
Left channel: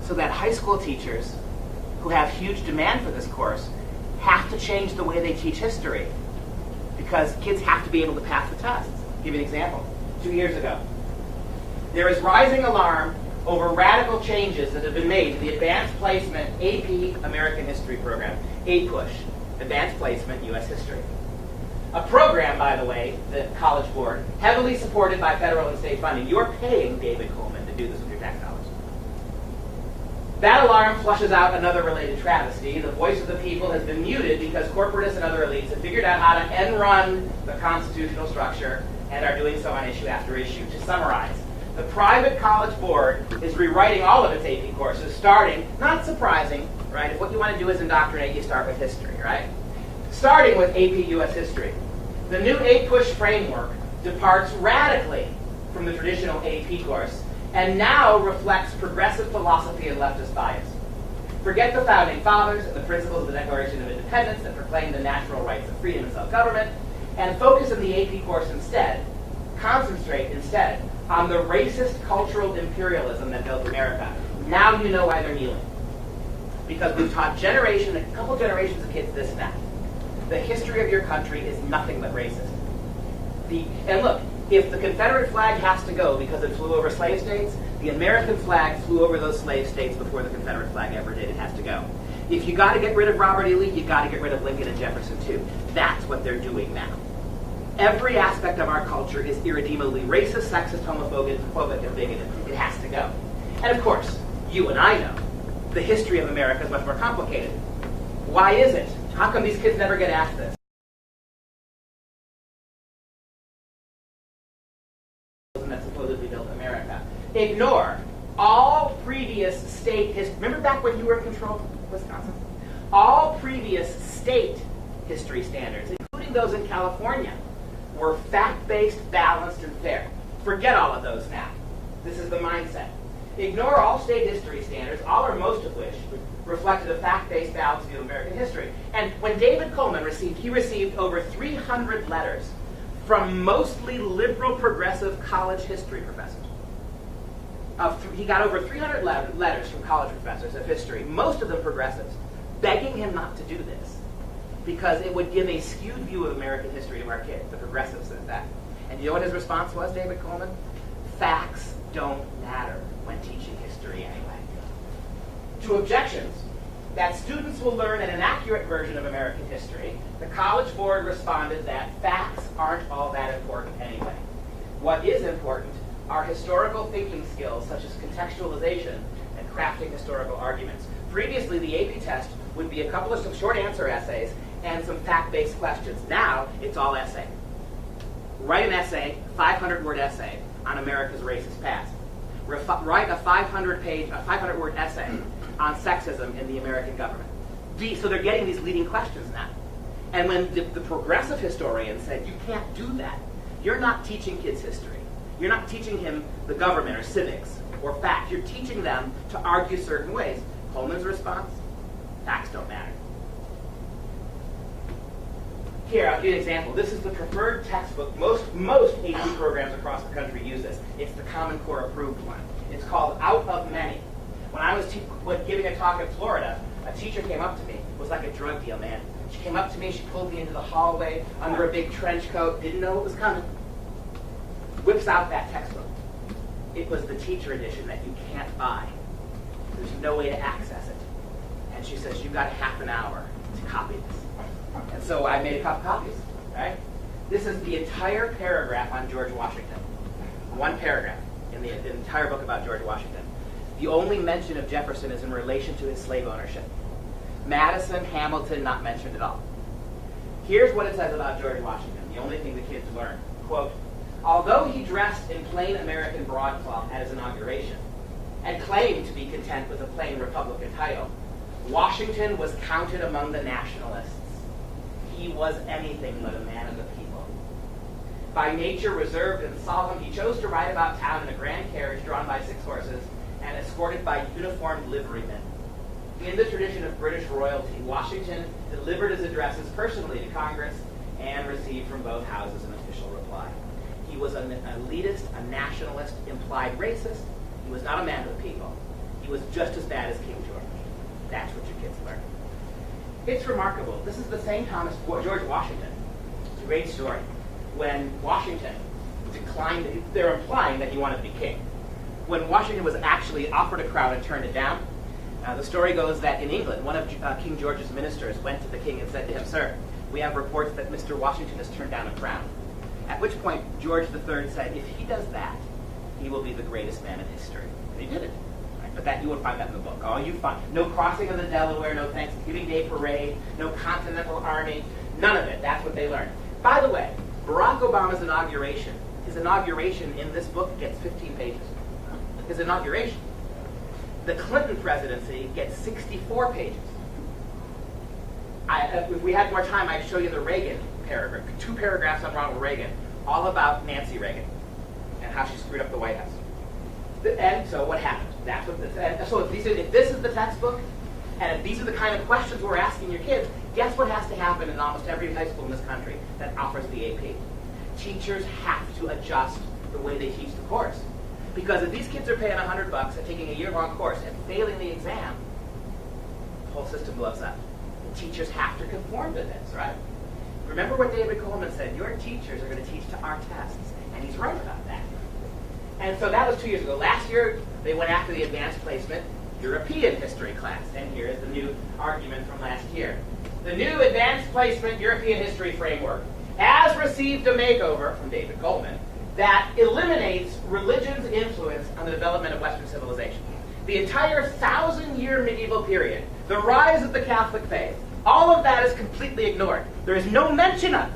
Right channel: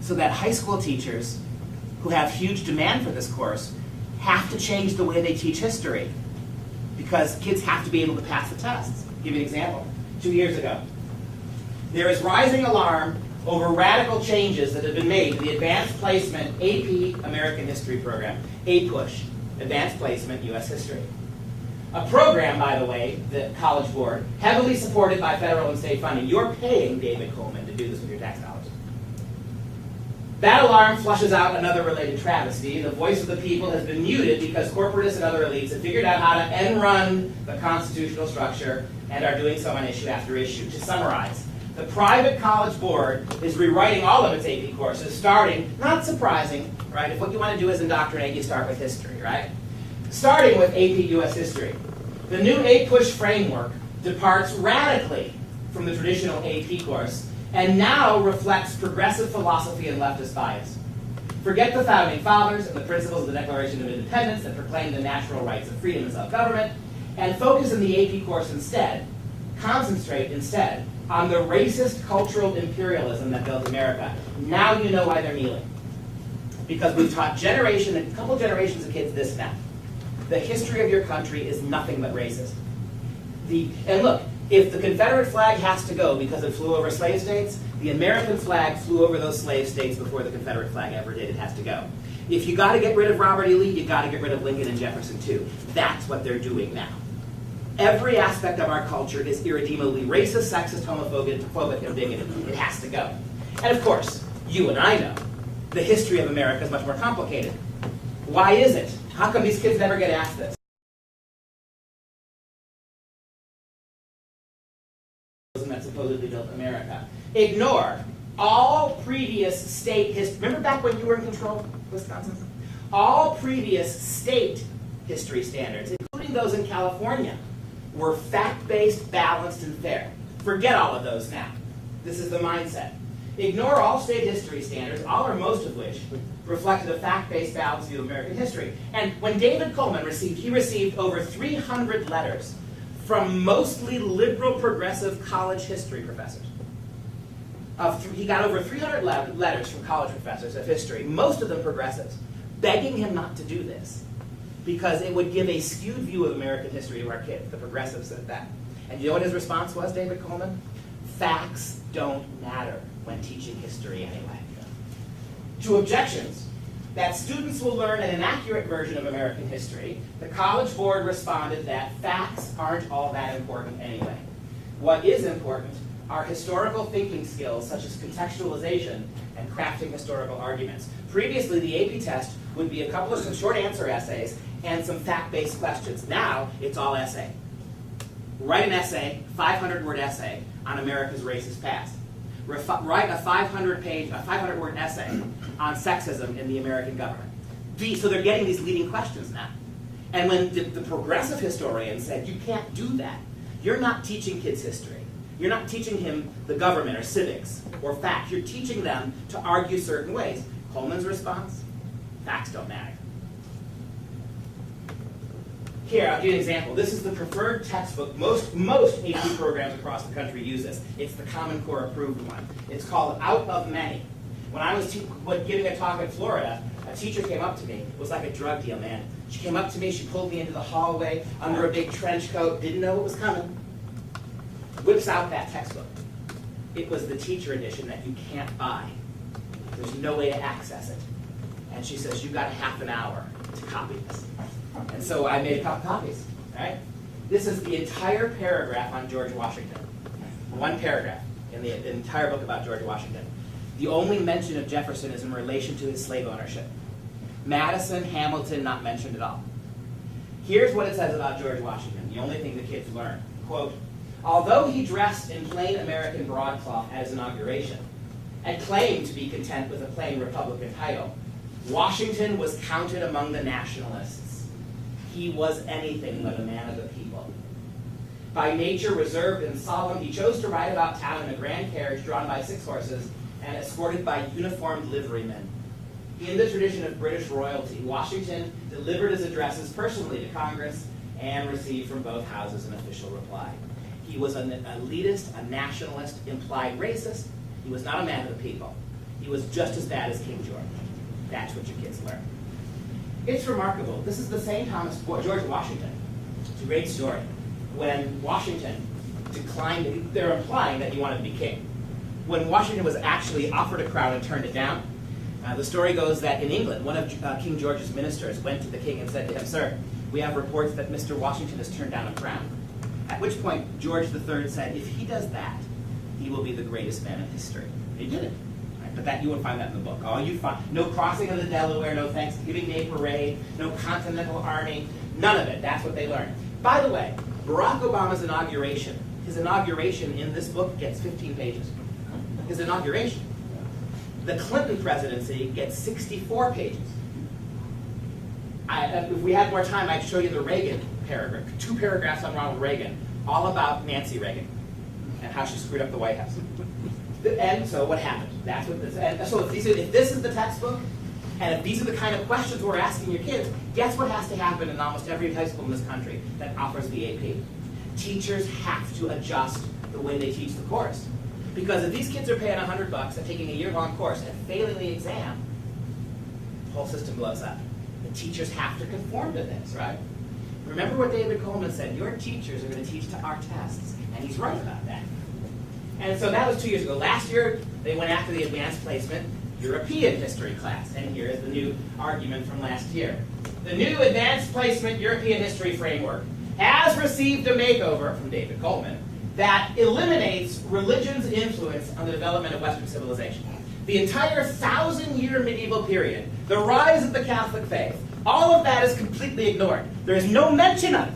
so that high school teachers who have huge demand for this course have to change the way they teach history, because kids have to be able to pass the tests. I'll give you an example. 2 years ago, there is rising alarm over radical changes that have been made to the Advanced Placement AP American History program, APUSH, Advanced Placement U.S. History. A program, by the way, the College Board, heavily supported by federal and state funding. You're paying David Coleman to do this with your tax dollars. That alarm flushes out another related travesty. The voice of the people has been muted because corporatists and other elites have figured out how to end-run the constitutional structure and are doing so on issue after issue. To summarize, the private College Board is rewriting all of its AP courses, starting, not surprising, right? If what you want to do is indoctrinate, you start with history, right? Starting with AP U.S. History. The new APUSH framework departs radically from the traditional AP course and now reflects progressive philosophy and leftist bias. Forget the Founding Fathers and the principles of the Declaration of Independence that proclaim the natural rights of freedom and self-government, and focus on the AP course instead. Concentrate instead on the racist cultural imperialism that built America. Now you know why they're kneeling. Because we've taught a couple generations of kids this now. The history of your country is nothing but racist. And look, if the Confederate flag has to go because it flew over slave states, the American flag flew over those slave states before the Confederate flag ever did. It has to go. If you got to get rid of Robert E. Lee, you got to get rid of Lincoln and Jefferson too. That's what they're doing now. Every aspect of our culture is irredeemably racist, sexist, homophobic, and bigoted. It has to go. And of course, you and I know the history of America is much more complicated. Why is it? How come these kids never get asked this? That supposedly built America. Ignore all previous state history. Remember back when you were in control of Wisconsin? All previous state history standards, including those in California, were fact-based, balanced, and fair. Forget all of those now. This is the mindset. ignore all state history standards, all or most of which reflected a fact-based balanced view of American history. And when David Coleman received over 300 letters from mostly liberal progressive college history professors. He got over 300 letters from college professors of history, most of them progressives, begging him not to do this because it would give a skewed view of American history to our kids. The progressives said that. And you know what his response was, David Coleman? Facts don't matter when teaching history anyway. To objections that students will learn an inaccurate version of American history, the College Board responded that facts aren't all that important anyway. What is important are historical thinking skills such as contextualization and crafting historical arguments. Previously, the AP test would be a couple of some short answer essays and some fact-based questions. Now, it's all essay. Write an essay, 500-word essay, on America's racist past. Write a 500-word essay on sexism in the American government. So they're getting these leading questions now. And when the progressive historian said, you can't do that, you're not teaching kids history. You're not teaching him the government or civics or fact. You're teaching them to argue certain ways. Coleman's response, facts don't matter. Here, I'll give you an example. This is the preferred textbook. Most AP programs across the country use this. It's the Common Core approved one. It's called Out of Many. When I was giving a talk in Florida, a teacher came up to me. It was like a drug deal, man. She came up to me, she pulled me into the hallway under a big trench coat, didn't know what was coming. Whips out that textbook. It was the teacher edition that you can't buy. There's no way to access it. And she says, you've got half an hour to copy this. And so I made a couple copies, right? This is the entire paragraph on George Washington. One paragraph in the entire book about George Washington. The only mention of Jefferson is in relation to his slave ownership. Madison, Hamilton, not mentioned at all. Here's what it says about George Washington, the only thing the kids learn. Quote, although he dressed in plain American broadcloth at his inauguration, and claimed to be content with a plain Republican title, Washington was counted among the nationalists. He was anything but a man of the people. By nature reserved and solemn, he chose to ride about town in a grand carriage drawn by 6 horses and escorted by uniformed liverymen. In the tradition of British royalty, Washington delivered his addresses personally to Congress and received from both houses an official reply. He was an elitist, a nationalist, implied racist. He was not a man of the people. He was just as bad as King George. That's what your kids learn. It's remarkable. This is the same George Washington. It's a great story. When Washington declined, they're implying that he wanted to be king. When Washington was actually offered a crown and turned it down, the story goes that in England, one of King George's ministers went to the king and said to him, sir, we have reports that Mr. Washington has turned down a crown. At which point, George III said, if he does that, he will be the greatest man in history. And he did it. But that you won't find that in the book. Oh, you find no crossing of the Delaware, no Thanksgiving Day parade, no Continental Army, none of it. That's what they learned. By the way, Barack Obama's inauguration, his inauguration in this book gets 15 pages. His inauguration. The Clinton presidency gets 64 pages. If we had more time, I'd show you the Reagan paragraph, 2 paragraphs on Ronald Reagan, all about Nancy Reagan and how she screwed up the White House. And so what happened? That's what this. And so if this is the textbook, and if these are the kind of questions we're asking your kids, guess what has to happen in almost every high school in this country that offers the AP? Teachers have to adjust the way they teach the course. Because if these kids are paying $100 and taking a year-long course and failing the exam, the whole system blows up. The teachers have to conform to this, right? Remember what David Coleman said, your teachers are going to teach to our tests. And he's right about that. And so that was 2 years ago. Last year, they went after the advanced placement European history class. And here's the new argument from last year. The new advanced placement European history framework has received a makeover from David Coleman that eliminates religion's influence on the development of Western civilization. The entire 1,000-year medieval period, the rise of the Catholic faith, all of that is completely ignored. There is no mention of it.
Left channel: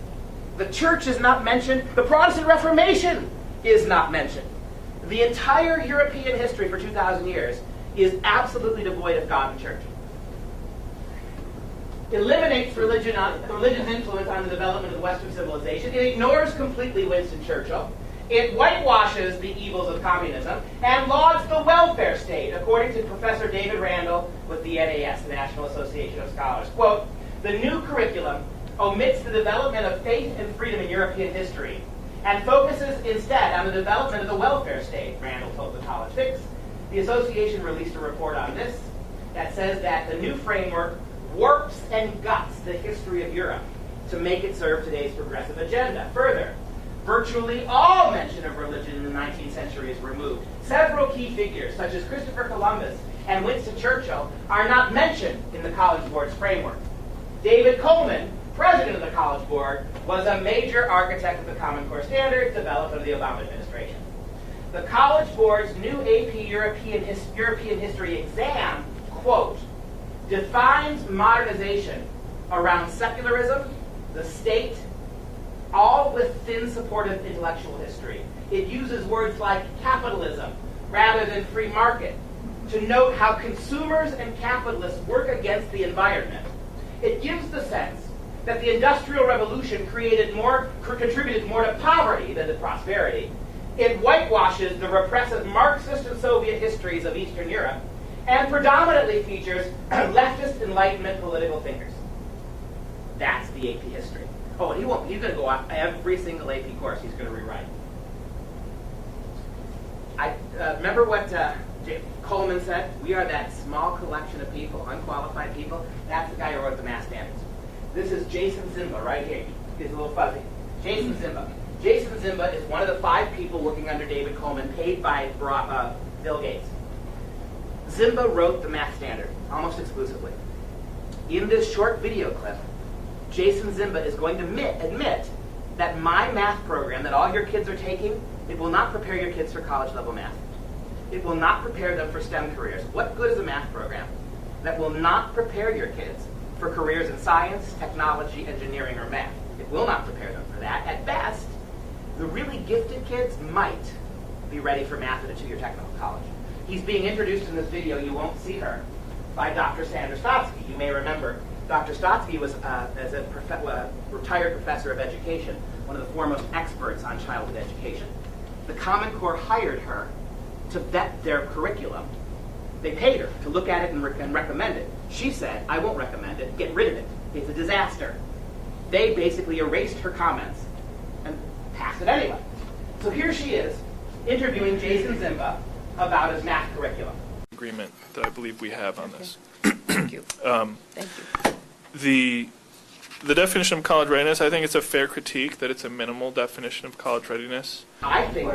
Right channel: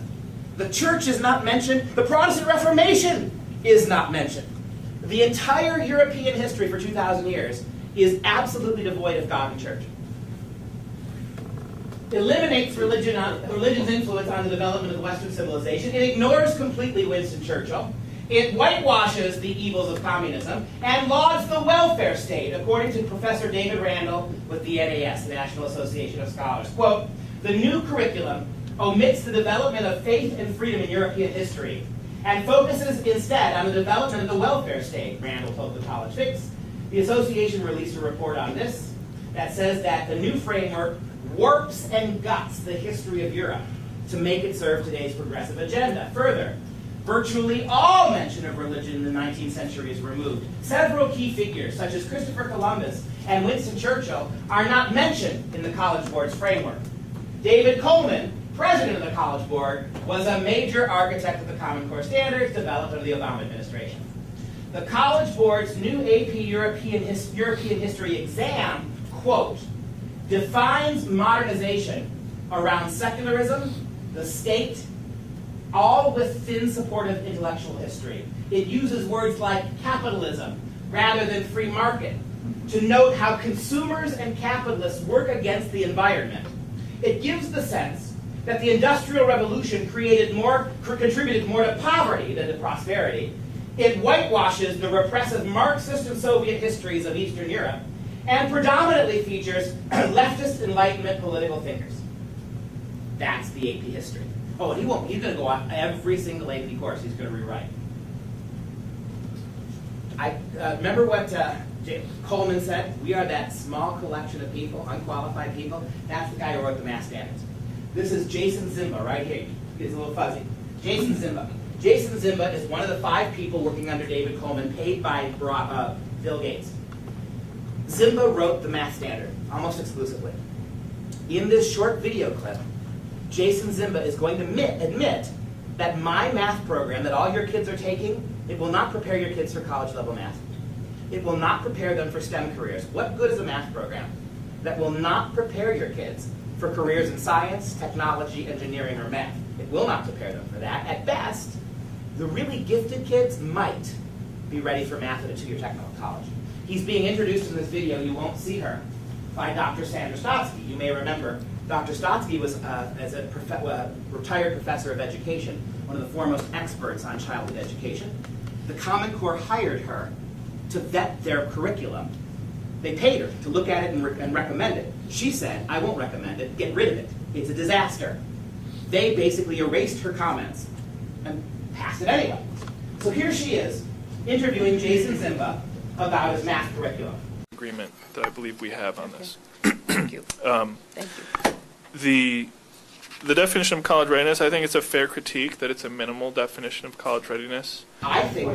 The church is not mentioned. The Protestant Reformation is not mentioned. The entire European history for 2,000 years is absolutely devoid of God and church. Eliminates religion's influence on the development of Western civilization. It ignores completely Winston Churchill. It whitewashes the evils of communism and lauds the welfare state, according to Professor David Randall with the NAS, the National Association of Scholars. Quote, the new curriculum omits the development of faith and freedom in European history and focuses instead on the development of the welfare state, Randall told the College Fix. The association released a report on this that says that the new framework warps and guts the history of Europe to make it serve today's progressive agenda. Further, virtually all mention of religion in the 19th century is removed. Several key figures, such as Christopher Columbus and Winston Churchill, are not mentioned in the College Board's framework. David Coleman, president of the College Board, was a major architect of the Common Core standards developed under the Obama administration. The College Board's new AP European History exam, quote, defines modernization around secularism, the state, all with thin support of intellectual history. It uses words like capitalism rather than free market to note how consumers and capitalists work against the environment. It gives the sense that the Industrial Revolution contributed more to poverty than to prosperity. It whitewashes the repressive Marxist and Soviet histories of Eastern Europe and predominantly features leftist Enlightenment political thinkers. That's the AP history. Oh, and he's going to go on every single AP course he's going to rewrite. I remember what Coleman said? We are that small collection of people, unqualified people. That's the guy who wrote the math standards. This is Jason Zimba right here. It's a little fuzzy. Jason Zimba. Jason Zimba is one of the 5 people working under David Coleman, paid by Bill Gates. Zimba wrote the math standard, almost exclusively. In this short video clip, Jason Zimba is going to admit that my math program that all your kids are taking, it will not prepare your kids for college level math. It will not prepare them for STEM careers. What good is a math program that will not prepare your kids for careers in science, technology, engineering, or math? It will not prepare them for that. At best, the really gifted kids might be ready for math at a 2-year technical college. He's being introduced in this video, you won't see her, by Dr. Sandra Stotsky. You may remember Dr. Stotsky was, as a retired professor of education, one of the foremost experts on childhood education. The Common Core hired her to vet their curriculum. They paid her to look at it and recommend it. She said, I won't recommend it, get rid of it. It's a disaster. They basically erased her comments and passed it anyway. So here she is, interviewing Jason Zimba about his math curriculum. Agreement that I believe we have on this. Thank you. Thank you. The definition of college readiness, I think it's a fair critique that it's a minimal definition of college readiness. I think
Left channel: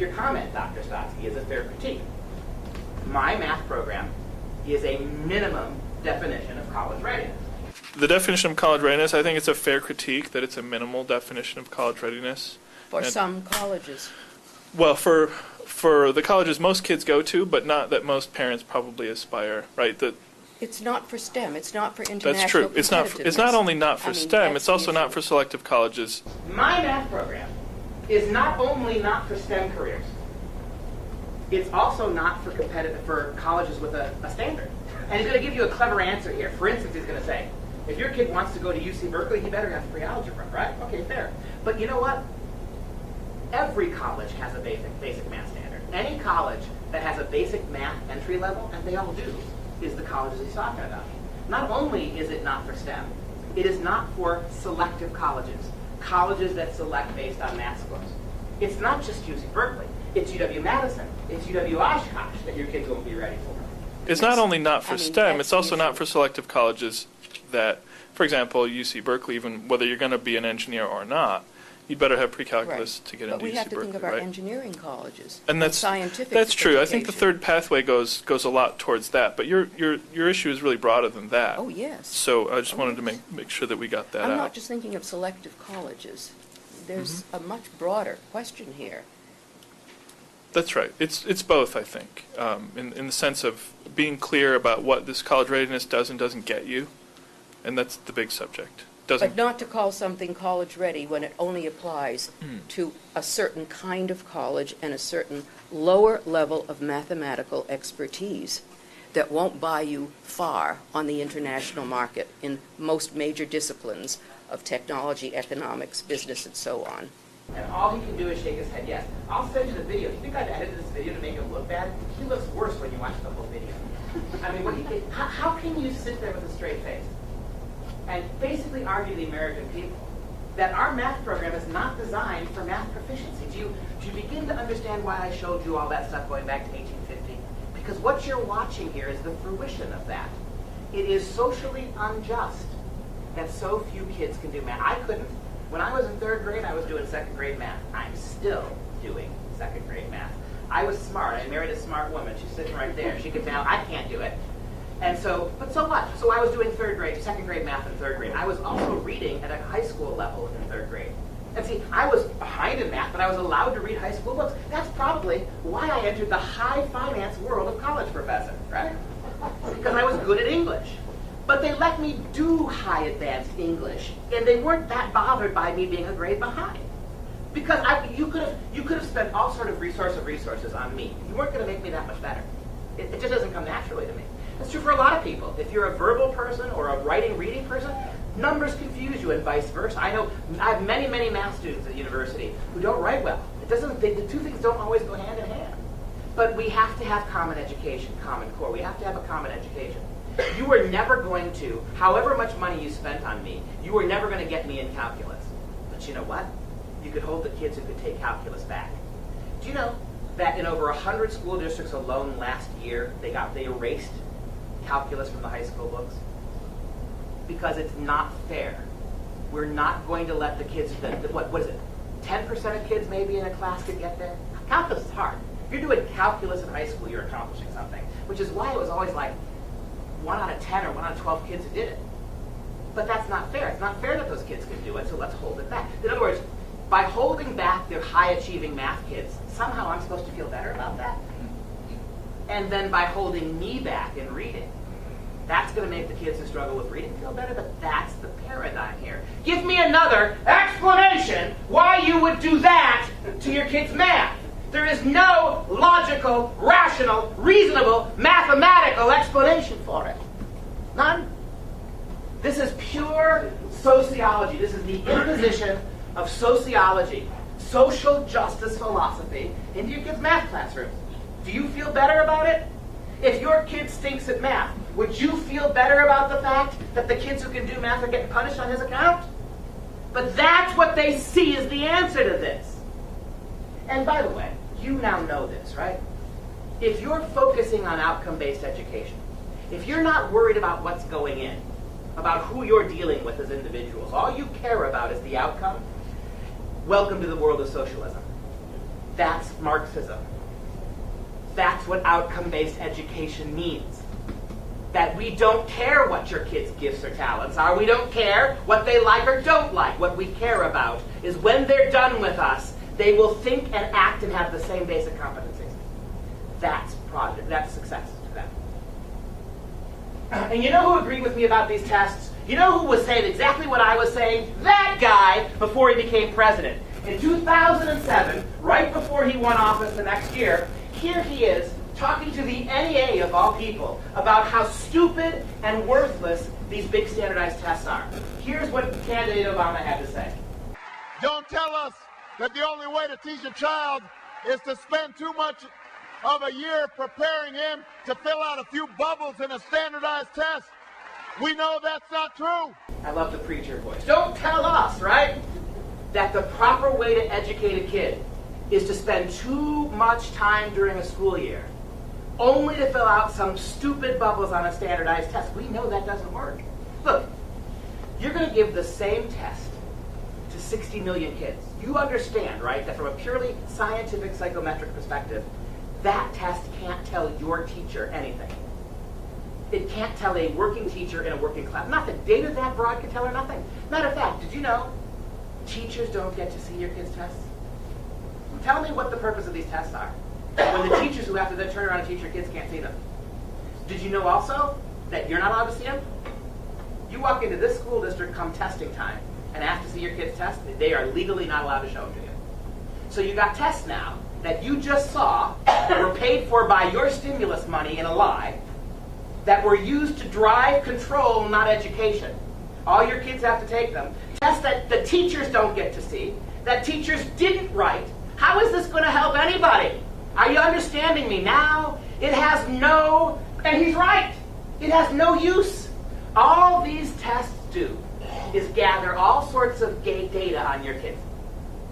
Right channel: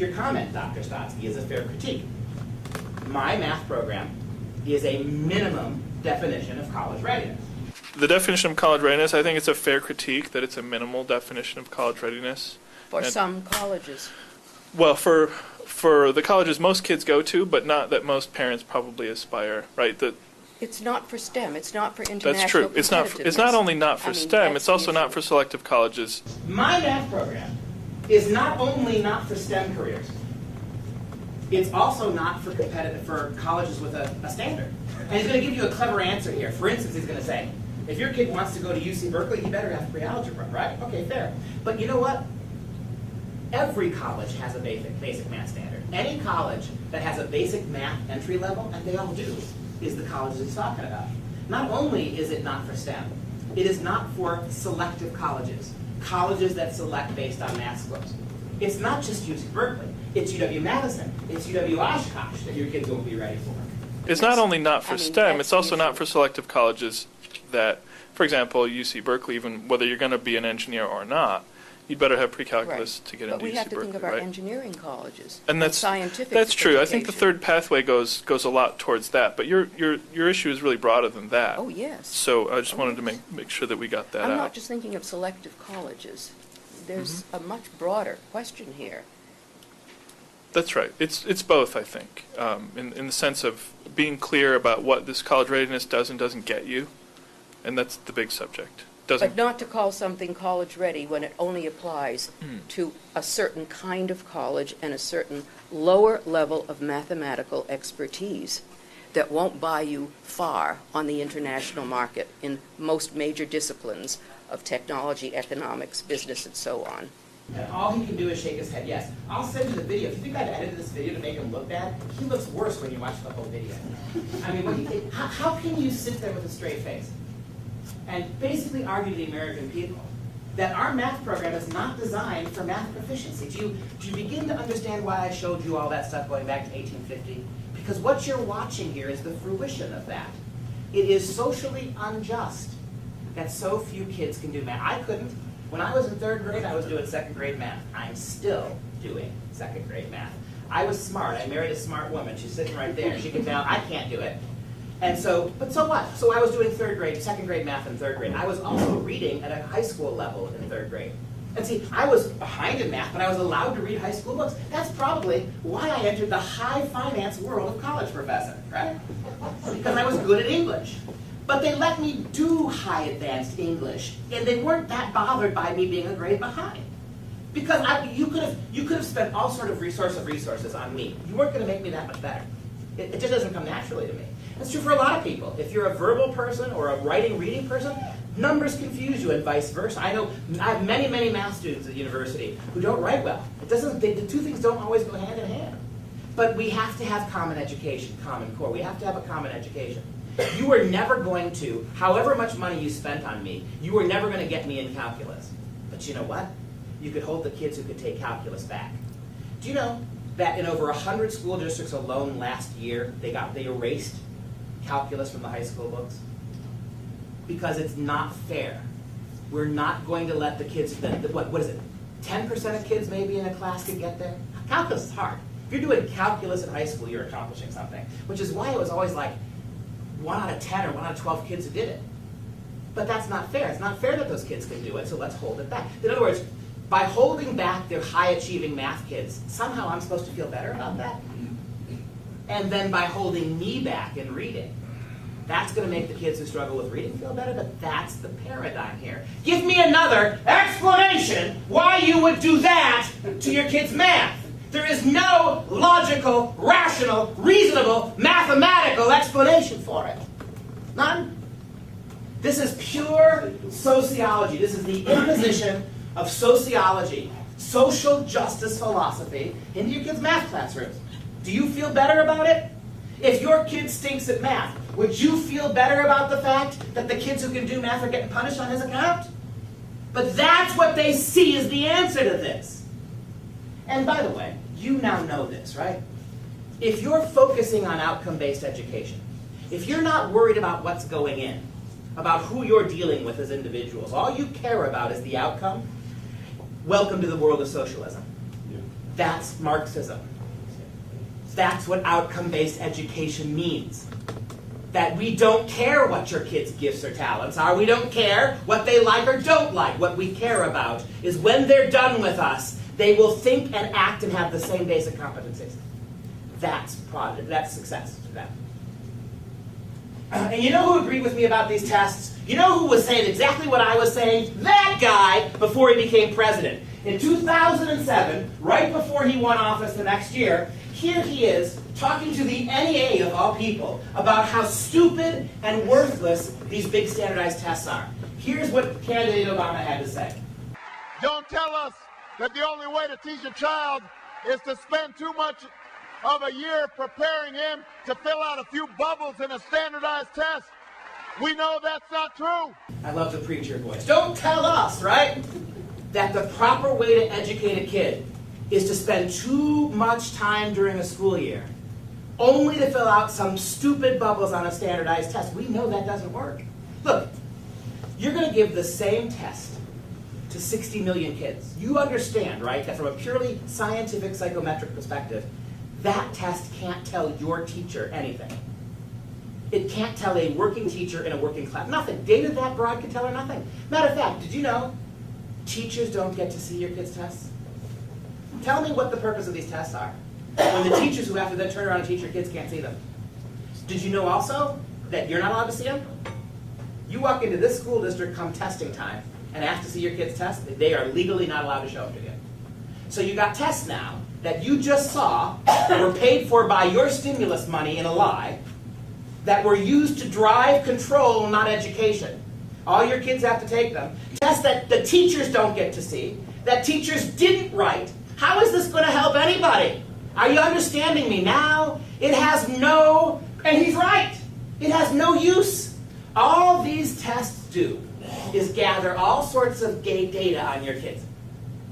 your comment, Dr. Stotsky, is a fair critique. My math program is a minimum definition of college readiness. The definition of college readiness, I think it's a fair critique that it's a minimal definition of college readiness. For some colleges. Well, for the colleges most kids go to, but not that most parents probably aspire, right? It's not for STEM. It's not for international That's true. It's not only not for STEM, it's also not for selective colleges. My math program is not only not for STEM careers, it's also not for colleges with a standard. And he's going to give you a clever answer here. For instance, he's going to say, if your kid wants to go to UC Berkeley, he better have pre-algebra, right? Okay, fair. But you know what? Every college has a basic math standard. Any college that has a basic math entry level, and they all do, is the colleges he's talking about. Not only is it not for STEM, it is not for selective colleges, colleges that select based on math scores. It's not just UC Berkeley. It's UW-Madison. It's UW-Oshkosh that your kids won't be ready for. It's not only not for STEM, it's also not for selective colleges that, for example, UC Berkeley, even whether you're going to be an engineer or not, you'd better have pre-calculus to get into UC Berkeley, right? But we have to think of our engineering colleges, and that's scientific That's true. education. I think the third pathway goes a lot towards that. But your issue is really broader than that. Oh, yes. So I just wanted to make sure that we got that out. I'm not just thinking of selective colleges. There's a much broader question here. That's right. It's both, I think, in the sense of being clear about what this college readiness does and doesn't get you, and that's the big subject. But not to call something college ready when it only applies to a certain kind of college and a certain lower level of mathematical expertise that won't buy you far on the international market in most major disciplines of technology, economics, business, and so on. And all he can do is shake his head yes. I'll send you the video. If you think I've edited this video to make him look bad, he looks worse when you watch the whole video. I mean, how can you sit there with a straight face and basically argue to the American people that our math program is not designed for math proficiency? Do you begin to understand why I showed you all that stuff going back to 1850? Because what you're watching here is the fruition of that. It is socially unjust that so few kids can do math. I couldn't. When I was in 3rd grade, I was doing 2nd grade math. I'm still doing 2nd grade math. I was smart. I married a smart woman. She's sitting right there. She can tell I can't do it. And so, but so what? So I was doing 3rd grade, 2nd grade math in 3rd grade. I was also reading at a high school level in 3rd grade. And see, I was behind in math, but I was allowed to read high school books. That's probably why I entered the high finance world of college professor, right? Because I was good at English. But they let me do high advanced English, and they weren't that bothered by me being a grade behind. Because you could have spent all sort of resources on me. You weren't going to make me that much better. It just doesn't come naturally to me. It's true for a lot of people. If you're a verbal person or a reading person, numbers confuse you and vice versa. I have many math students at university who don't write well. The two things don't always go hand in hand. But we have to have common education, common core. We have to have a common education. You were never going to, however much money you spent on me, you were never going to get me in calculus. But you know what? You could hold the kids who could take calculus back. Do you know that in over 100 school districts alone last year, they erased calculus from the high school books? Because it's not fair. We're not going to let the kids, what is it, 10% of kids maybe in a class could get there? Calculus is hard. If you're doing calculus in high school, you're accomplishing something, which is why it was always like 1 out of 10 or 1 out of 12 kids who did it. But that's not fair. It's not fair that those kids can do it, so let's hold it back. In other words, by holding back their high-achieving math kids, somehow I'm supposed to feel better about that. And then by holding me back in reading, that's going to make the kids who struggle with reading feel better, but that's the paradigm here. Give me another explanation why you would do that to your kids' math. There is no logical, rational, reasonable, mathematical explanation for it. None. This is pure sociology. This is the imposition of sociology, social justice philosophy, into your kids' math classrooms. Do you feel better about it? If your kid stinks at math, would you feel better about the fact that the kids who can do math are getting punished on his account? But that's what they see as the answer to this. And by the way, you now know this, right? If you're focusing on outcome-based education, if you're not worried about what's going in, about who you're dealing with as individuals, all you care about is the outcome, welcome to the world of socialism. That's Marxism. That's what outcome-based education means. That we don't care what your kids' gifts or talents are. We don't care what they like or don't like. What we care about is when they're done with us, they will think and act and have the same basic competencies. That's success for them. And you know who agreed with me about these tests? You know who was saying exactly what I was saying? That guy before he became president. In 2007, right before he won office the next year, here he is talking to the NEA of all people about how stupid and worthless these big standardized tests are. Here's what candidate Obama had to say. Don't tell us that the only way to teach a child is to spend too much of a year preparing him to fill out a few bubbles in a standardized test. We know that's not true. I love the preacher voice. Don't tell us, right, that the proper way to educate a kid is to spend too much time during a school year only to fill out some stupid bubbles on a standardized test. We know that doesn't work. Look, you're going to give the same test to 60 million kids. You understand, right, that from a purely scientific psychometric perspective, that test can't tell your teacher anything. It can't tell a working teacher in a working class. Nothing. Data that broad can tell her nothing. Matter of fact, did you know teachers don't get to see your kids' tests? Tell me what the purpose of these tests are, when the teachers who have to then turn around and teach your kids can't see them. Did you know also that you're not allowed to see them? You walk into this school district come testing time and ask to see your kids' tests, they are legally not allowed to show them to you. So you got tests now that you just saw were paid for by your stimulus money in a lie, that were used to drive control, not education. All your kids have to take them. Tests that the teachers don't get to see, that teachers didn't write, how is this going to help anybody? Are you understanding me now? It has no, and he's right, it has no use. All these tests do is gather all sorts of gay data on your kids.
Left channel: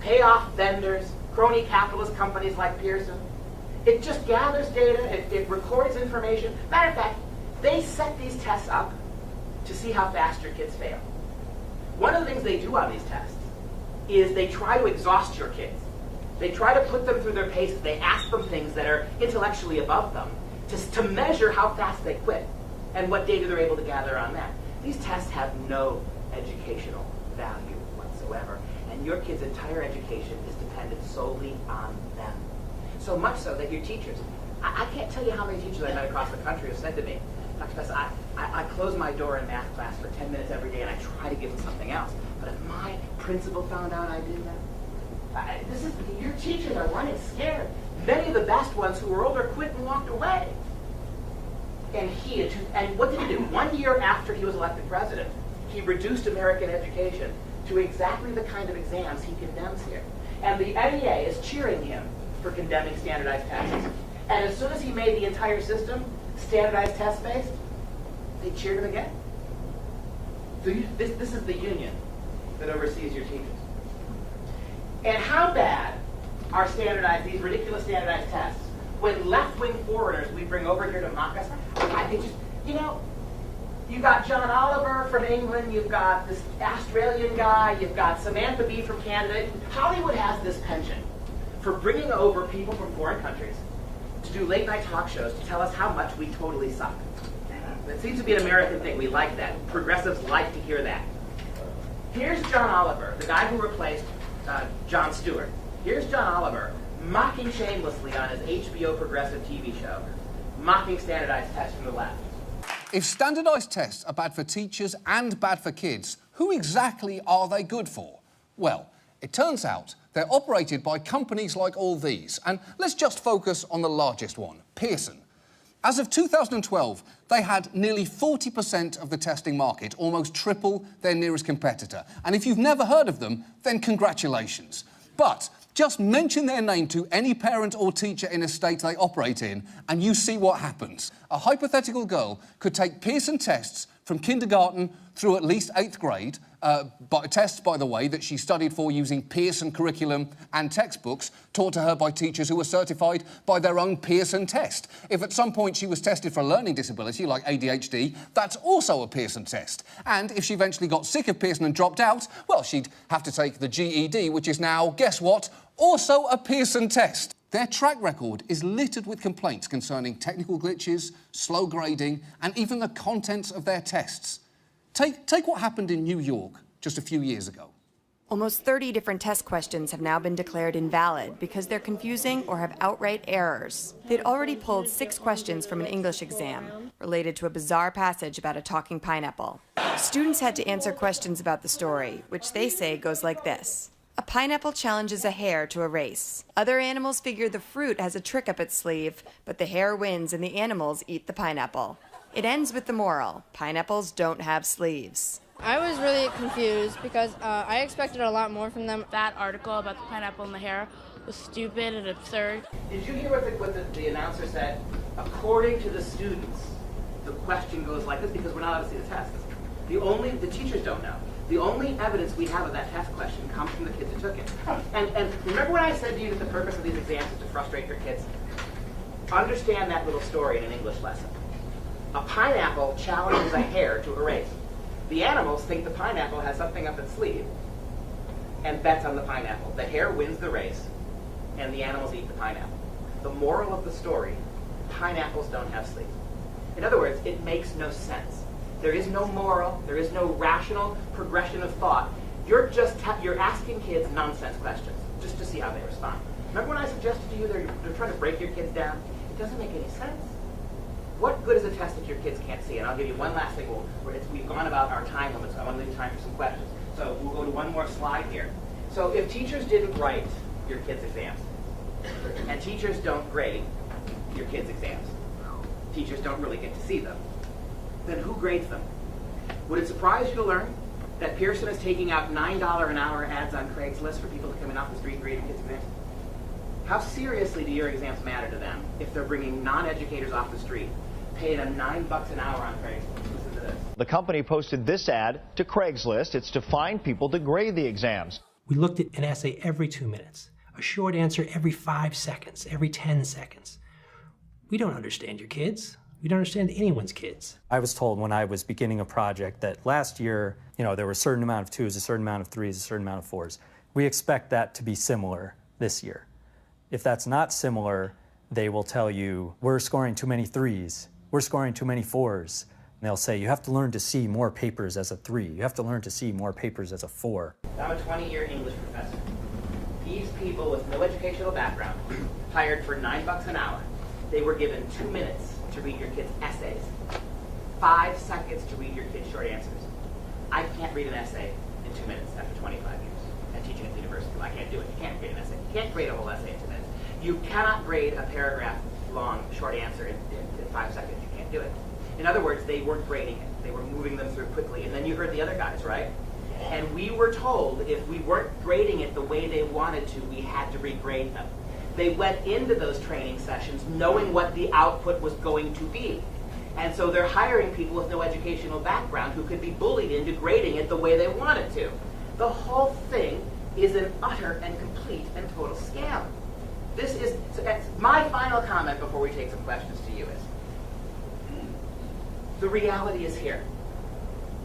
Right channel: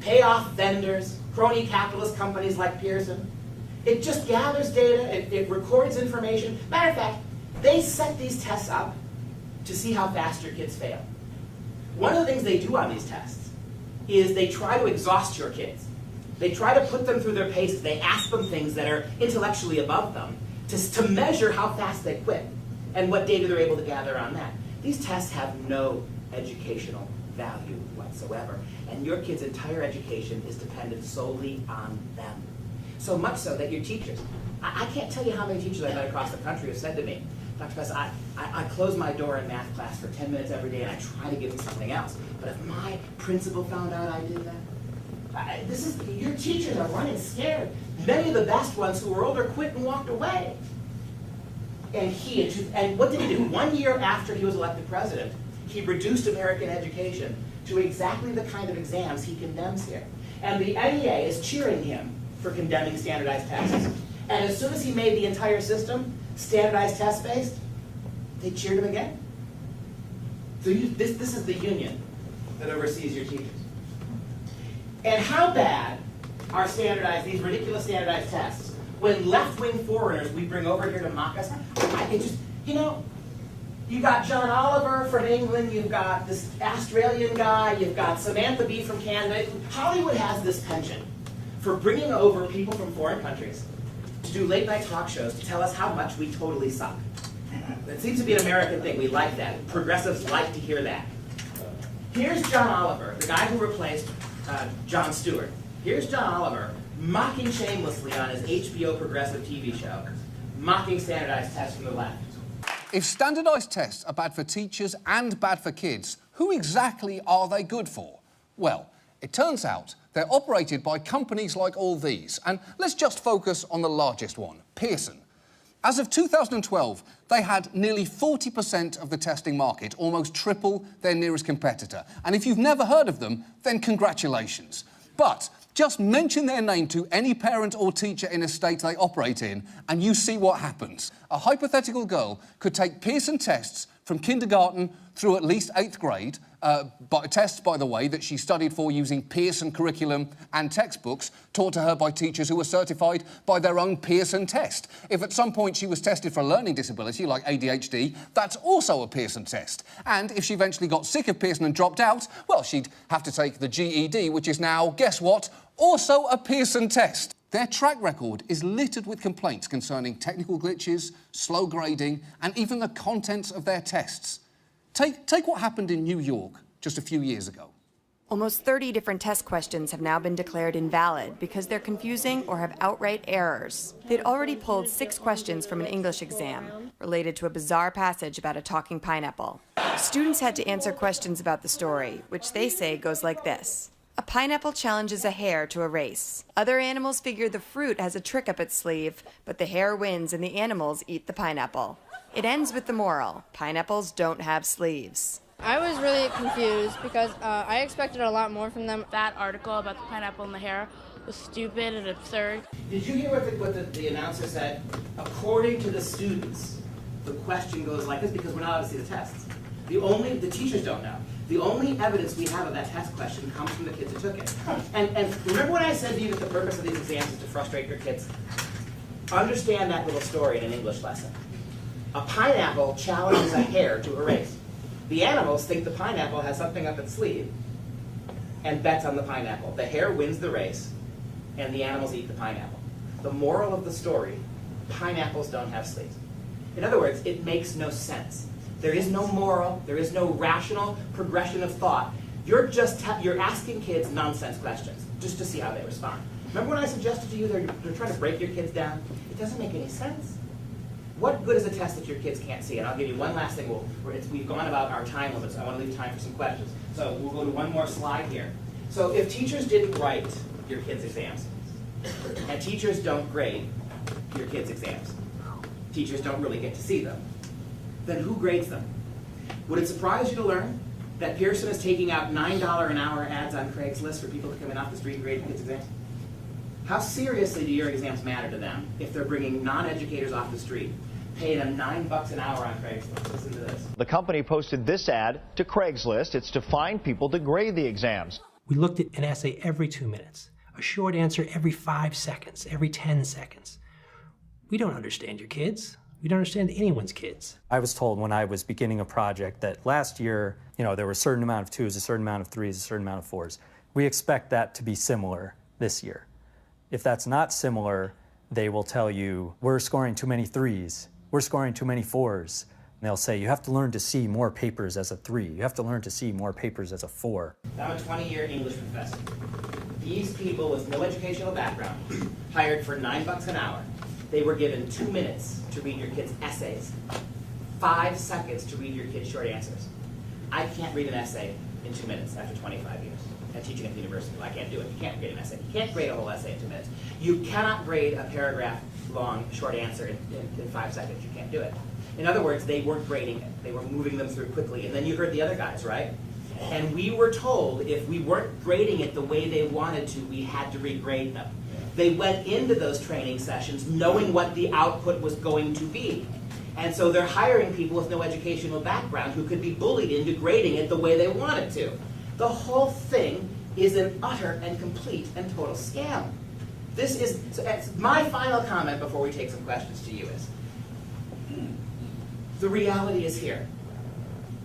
Payoff vendors, crony capitalist companies like Pearson. It just gathers data, it records information. Matter of fact, they set these tests up to see how fast your kids fail. One of the things they do on these tests is they try to exhaust your kids. They try to put them through their paces. They ask them things that are intellectually above them to measure how fast they quit and what data they're able to gather on that. These tests have no educational value whatsoever, and your kid's entire education is dependent solely on them. So much so that your teachers, I can't tell you how many teachers I met across the country have said to me, Dr. Pesta, I close my door in math class for 10 minutes every day and I try to give them something else. But if my principal found out I did that, your teachers are running scared. Many of the best ones who were older quit and walked away. And what did he do? 1 year after he was elected president, he reduced American education to exactly the kind of exams he condemns here. And the NEA is cheering him for condemning standardized tests. And as soon as he made the entire system standardized test-based, they cheered him again. So this is the union that oversees your teachers. And how bad are these ridiculous standardized tests, when left-wing foreigners we bring over here to mock us? You've got John Oliver from England, you've got this Australian guy, you've got Samantha Bee from Canada. Hollywood has this penchant for bringing over people from foreign countries to do late-night talk shows to tell us how much we totally suck. It seems to be an American thing. We like that. Progressives like to hear that. Here's John Oliver, the guy who replaced Jon Stewart. Here's John Oliver mocking shamelessly on his HBO progressive TV show, mocking standardized tests from the left. If standardised tests are bad for teachers and bad for kids, who exactly are they good for? Well, it turns out they're operated by companies like all these. And let's just focus on the largest one, Pearson. As of 2012, they had nearly 40% of the testing market, almost triple their nearest competitor. And if you've never heard of them, then congratulations. But just mention their name to any parent or teacher in a state they operate in, and you see what happens. A hypothetical girl could take Pearson tests from kindergarten through at least 8th grade, tests, by the way, that she studied for using Pearson curriculum and textbooks taught to her by teachers who were certified by their own Pearson test. If at some point she was tested for a learning disability, like ADHD, that's also a Pearson test. And if she eventually got sick of Pearson and dropped out, well, she'd have to take the GED, which is now, guess what, also a Pearson test. Their track record is littered with complaints concerning technical glitches, slow grading, and even the contents of their tests. Take what happened in New York just a few years ago. Almost 30 different test questions have now been declared invalid because they're confusing or have outright errors. They'd already pulled 6 questions from an English exam related to a bizarre passage about a talking pineapple. Students had to answer questions about the story, which they say goes like this. A pineapple challenges a hare to a race. Other animals figure the fruit has a trick up its sleeve, but the hare wins and the animals eat the pineapple. It ends with the moral: pineapples don't have sleeves. I was really confused because I expected a lot more from them. That article about the pineapple and the hare was stupid and absurd. Did you hear what the announcer said? According to the students, the question goes like this because we're not allowed to see the tests. The teachers don't know. The only evidence we have of that test question comes from the kids that took it. And remember when I said to you that the purpose of these exams is to frustrate your kids? Understand that little story in an English lesson. A pineapple challenges a hare to a race. The animals think the pineapple has something up its sleeve and bets on the pineapple. The hare wins the race, and the animals eat the pineapple. The moral of the story, pineapples don't have sleeves. In other words, it makes no sense. There is no moral, there is no rational progression of thought. You're asking kids nonsense questions just to see how they respond. Remember when I suggested to you they're trying to break your kids down? It doesn't make any sense. What good is a test that your kids can't see? And I'll give you one last thing. We've gone about our time limits. I want to leave time for some questions. So we'll go to one more slide here. So if teachers didn't write your kids' exams, and teachers don't grade your kids' exams, teachers don't really get to see them, then who grades them? Would it surprise you to learn That Pearson is taking out $9 an hour ads on Craigslist for people to come in off the street and grade your kids' exams? How seriously do your exams matter to them if they're bringing non-educators off the street, paying them $9 an hour on Craigslist? Listen to this. The company posted this ad to Craigslist. It's to find people to grade the exams. We looked at an essay every 2 minutes, a short answer every 5 seconds, every 10 seconds. We don't understand your kids. We don't understand anyone's kids. I was told when I was beginning a project that last year, there were a certain amount of 2s, a certain amount of 3s, a certain amount of 4s. We expect that to be similar this year. If that's not similar, they will tell you, we're scoring too many 3s, we're scoring too many 4s. And they'll say, you have to learn to see more papers as a 3. You have to learn to see more papers as a 4. I'm a 20-year English professor. These people with no educational background, hired for $9 an hour, they were given 2 minutes to read your kids' essays, 5 seconds to read your kids' short answers. I can't read an essay in 2 minutes after 25 years. And teaching at the university, I can't do it. You can't grade an essay. You can't grade a whole essay in 2 minutes. You cannot grade a paragraph-long short answer in 5 seconds. You can't do it. In other words, they weren't grading it. They were moving them through quickly. And then you heard the other guys, right? And we were told if we weren't grading it the way they wanted to, we had to regrade them. They went into those training sessions knowing what the output was going to be. And so they're hiring people with no educational background who could be bullied into grading it the way they wanted to. The whole thing is an utter and complete and total scam. This is, so my final comment before we take some questions to you is, the reality is here.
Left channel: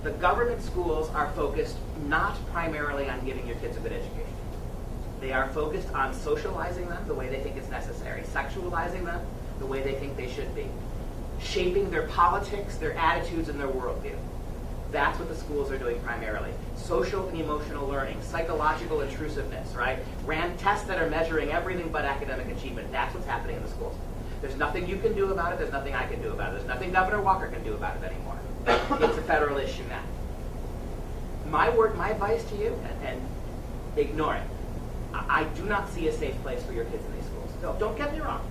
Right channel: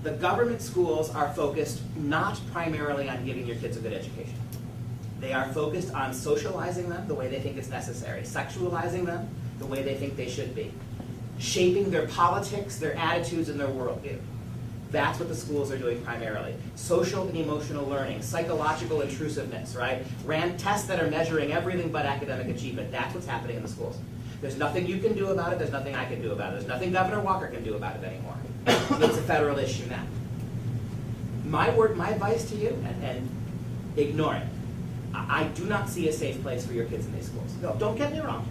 The government schools are focused not primarily on giving your kids a good education. They are focused on socializing them the way they think it's necessary, sexualizing them the way they think they should be, shaping their politics, their attitudes, and their worldview. That's what the schools are doing primarily. Social and emotional learning, psychological intrusiveness, right? Tests that are measuring everything but academic achievement. That's what's happening in the schools. There's nothing you can do about it. There's nothing I can do about it. There's nothing Governor Walker can do about it anymore. It's a federal issue now. My advice to you, and ignore it. I do not see a safe place for your kids in these schools. No, don't get me wrong.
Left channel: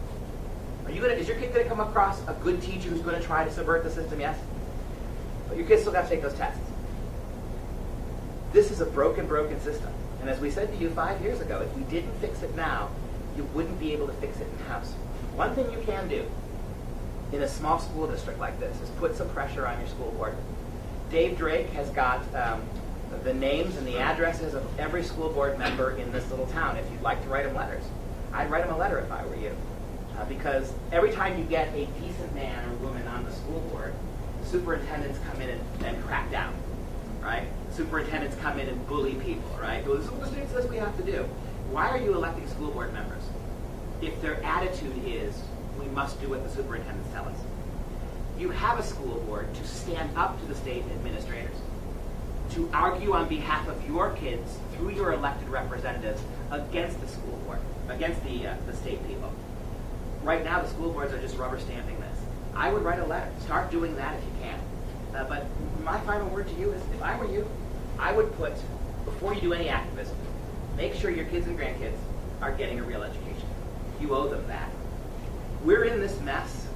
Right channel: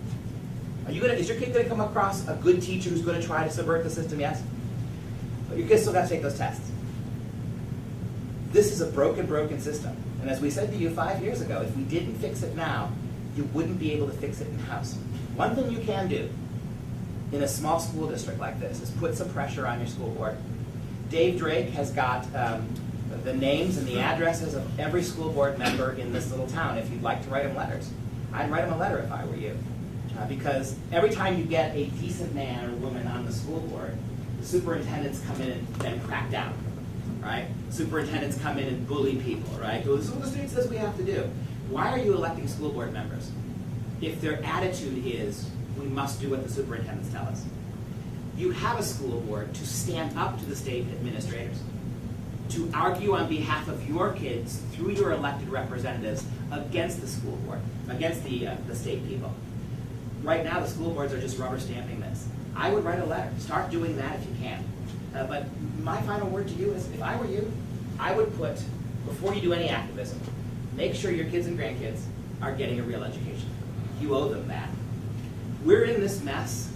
Is your kid going to come across a good teacher who's going to try to subvert the system? Yes. But your kids still got to take those tests. This is a broken system. And as we said to you 5 years ago, if we didn't fix it now, you wouldn't be able to fix it in-house. One thing you can do in a small school district like this is put some pressure on your school board. Dave Drake has got the names and the addresses of every school board member in this little town if you'd like to write them letters. I'd write them a letter if I were you. Because every time you get a decent man or woman on the school board, superintendents come in and crack down, right? Superintendents come in and bully people, right? This is what the state says we have to do. Why are you electing school board members if their attitude is, we must do what the superintendents tell us? You have a school board to stand up to the state administrators, to argue on behalf of your kids through your elected representatives against the school board, against the state people. Right now, the school boards are just rubber stamping this. I would write a letter. Start doing that if you can. But my final word to you is, if I were you, I would put, before you do any activism, make sure your kids and grandkids are getting a real education. You owe them that. We're in this mess,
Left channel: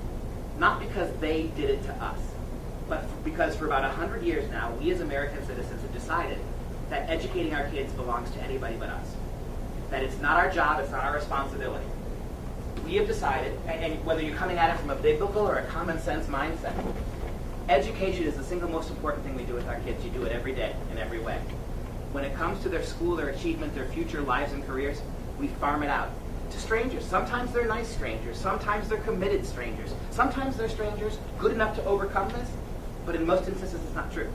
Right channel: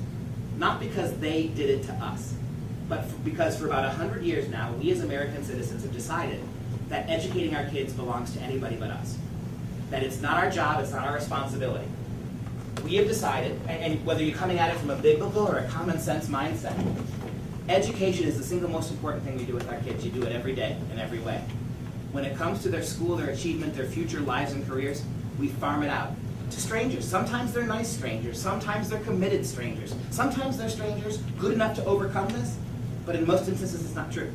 not because they did it to us, but because for about 100 years now, we as American citizens have decided that educating our kids belongs to anybody but us. That it's not our job, it's not our responsibility. We have decided, and whether you're coming at it from a biblical or a common sense mindset, education is the single most important thing we do with our kids. You do it every day in every way. When it comes to their school, their achievement, their future lives and careers, we farm it out to strangers. Sometimes they're nice strangers. Sometimes they're committed strangers. Sometimes they're strangers good enough to overcome this, but in most instances it's not true.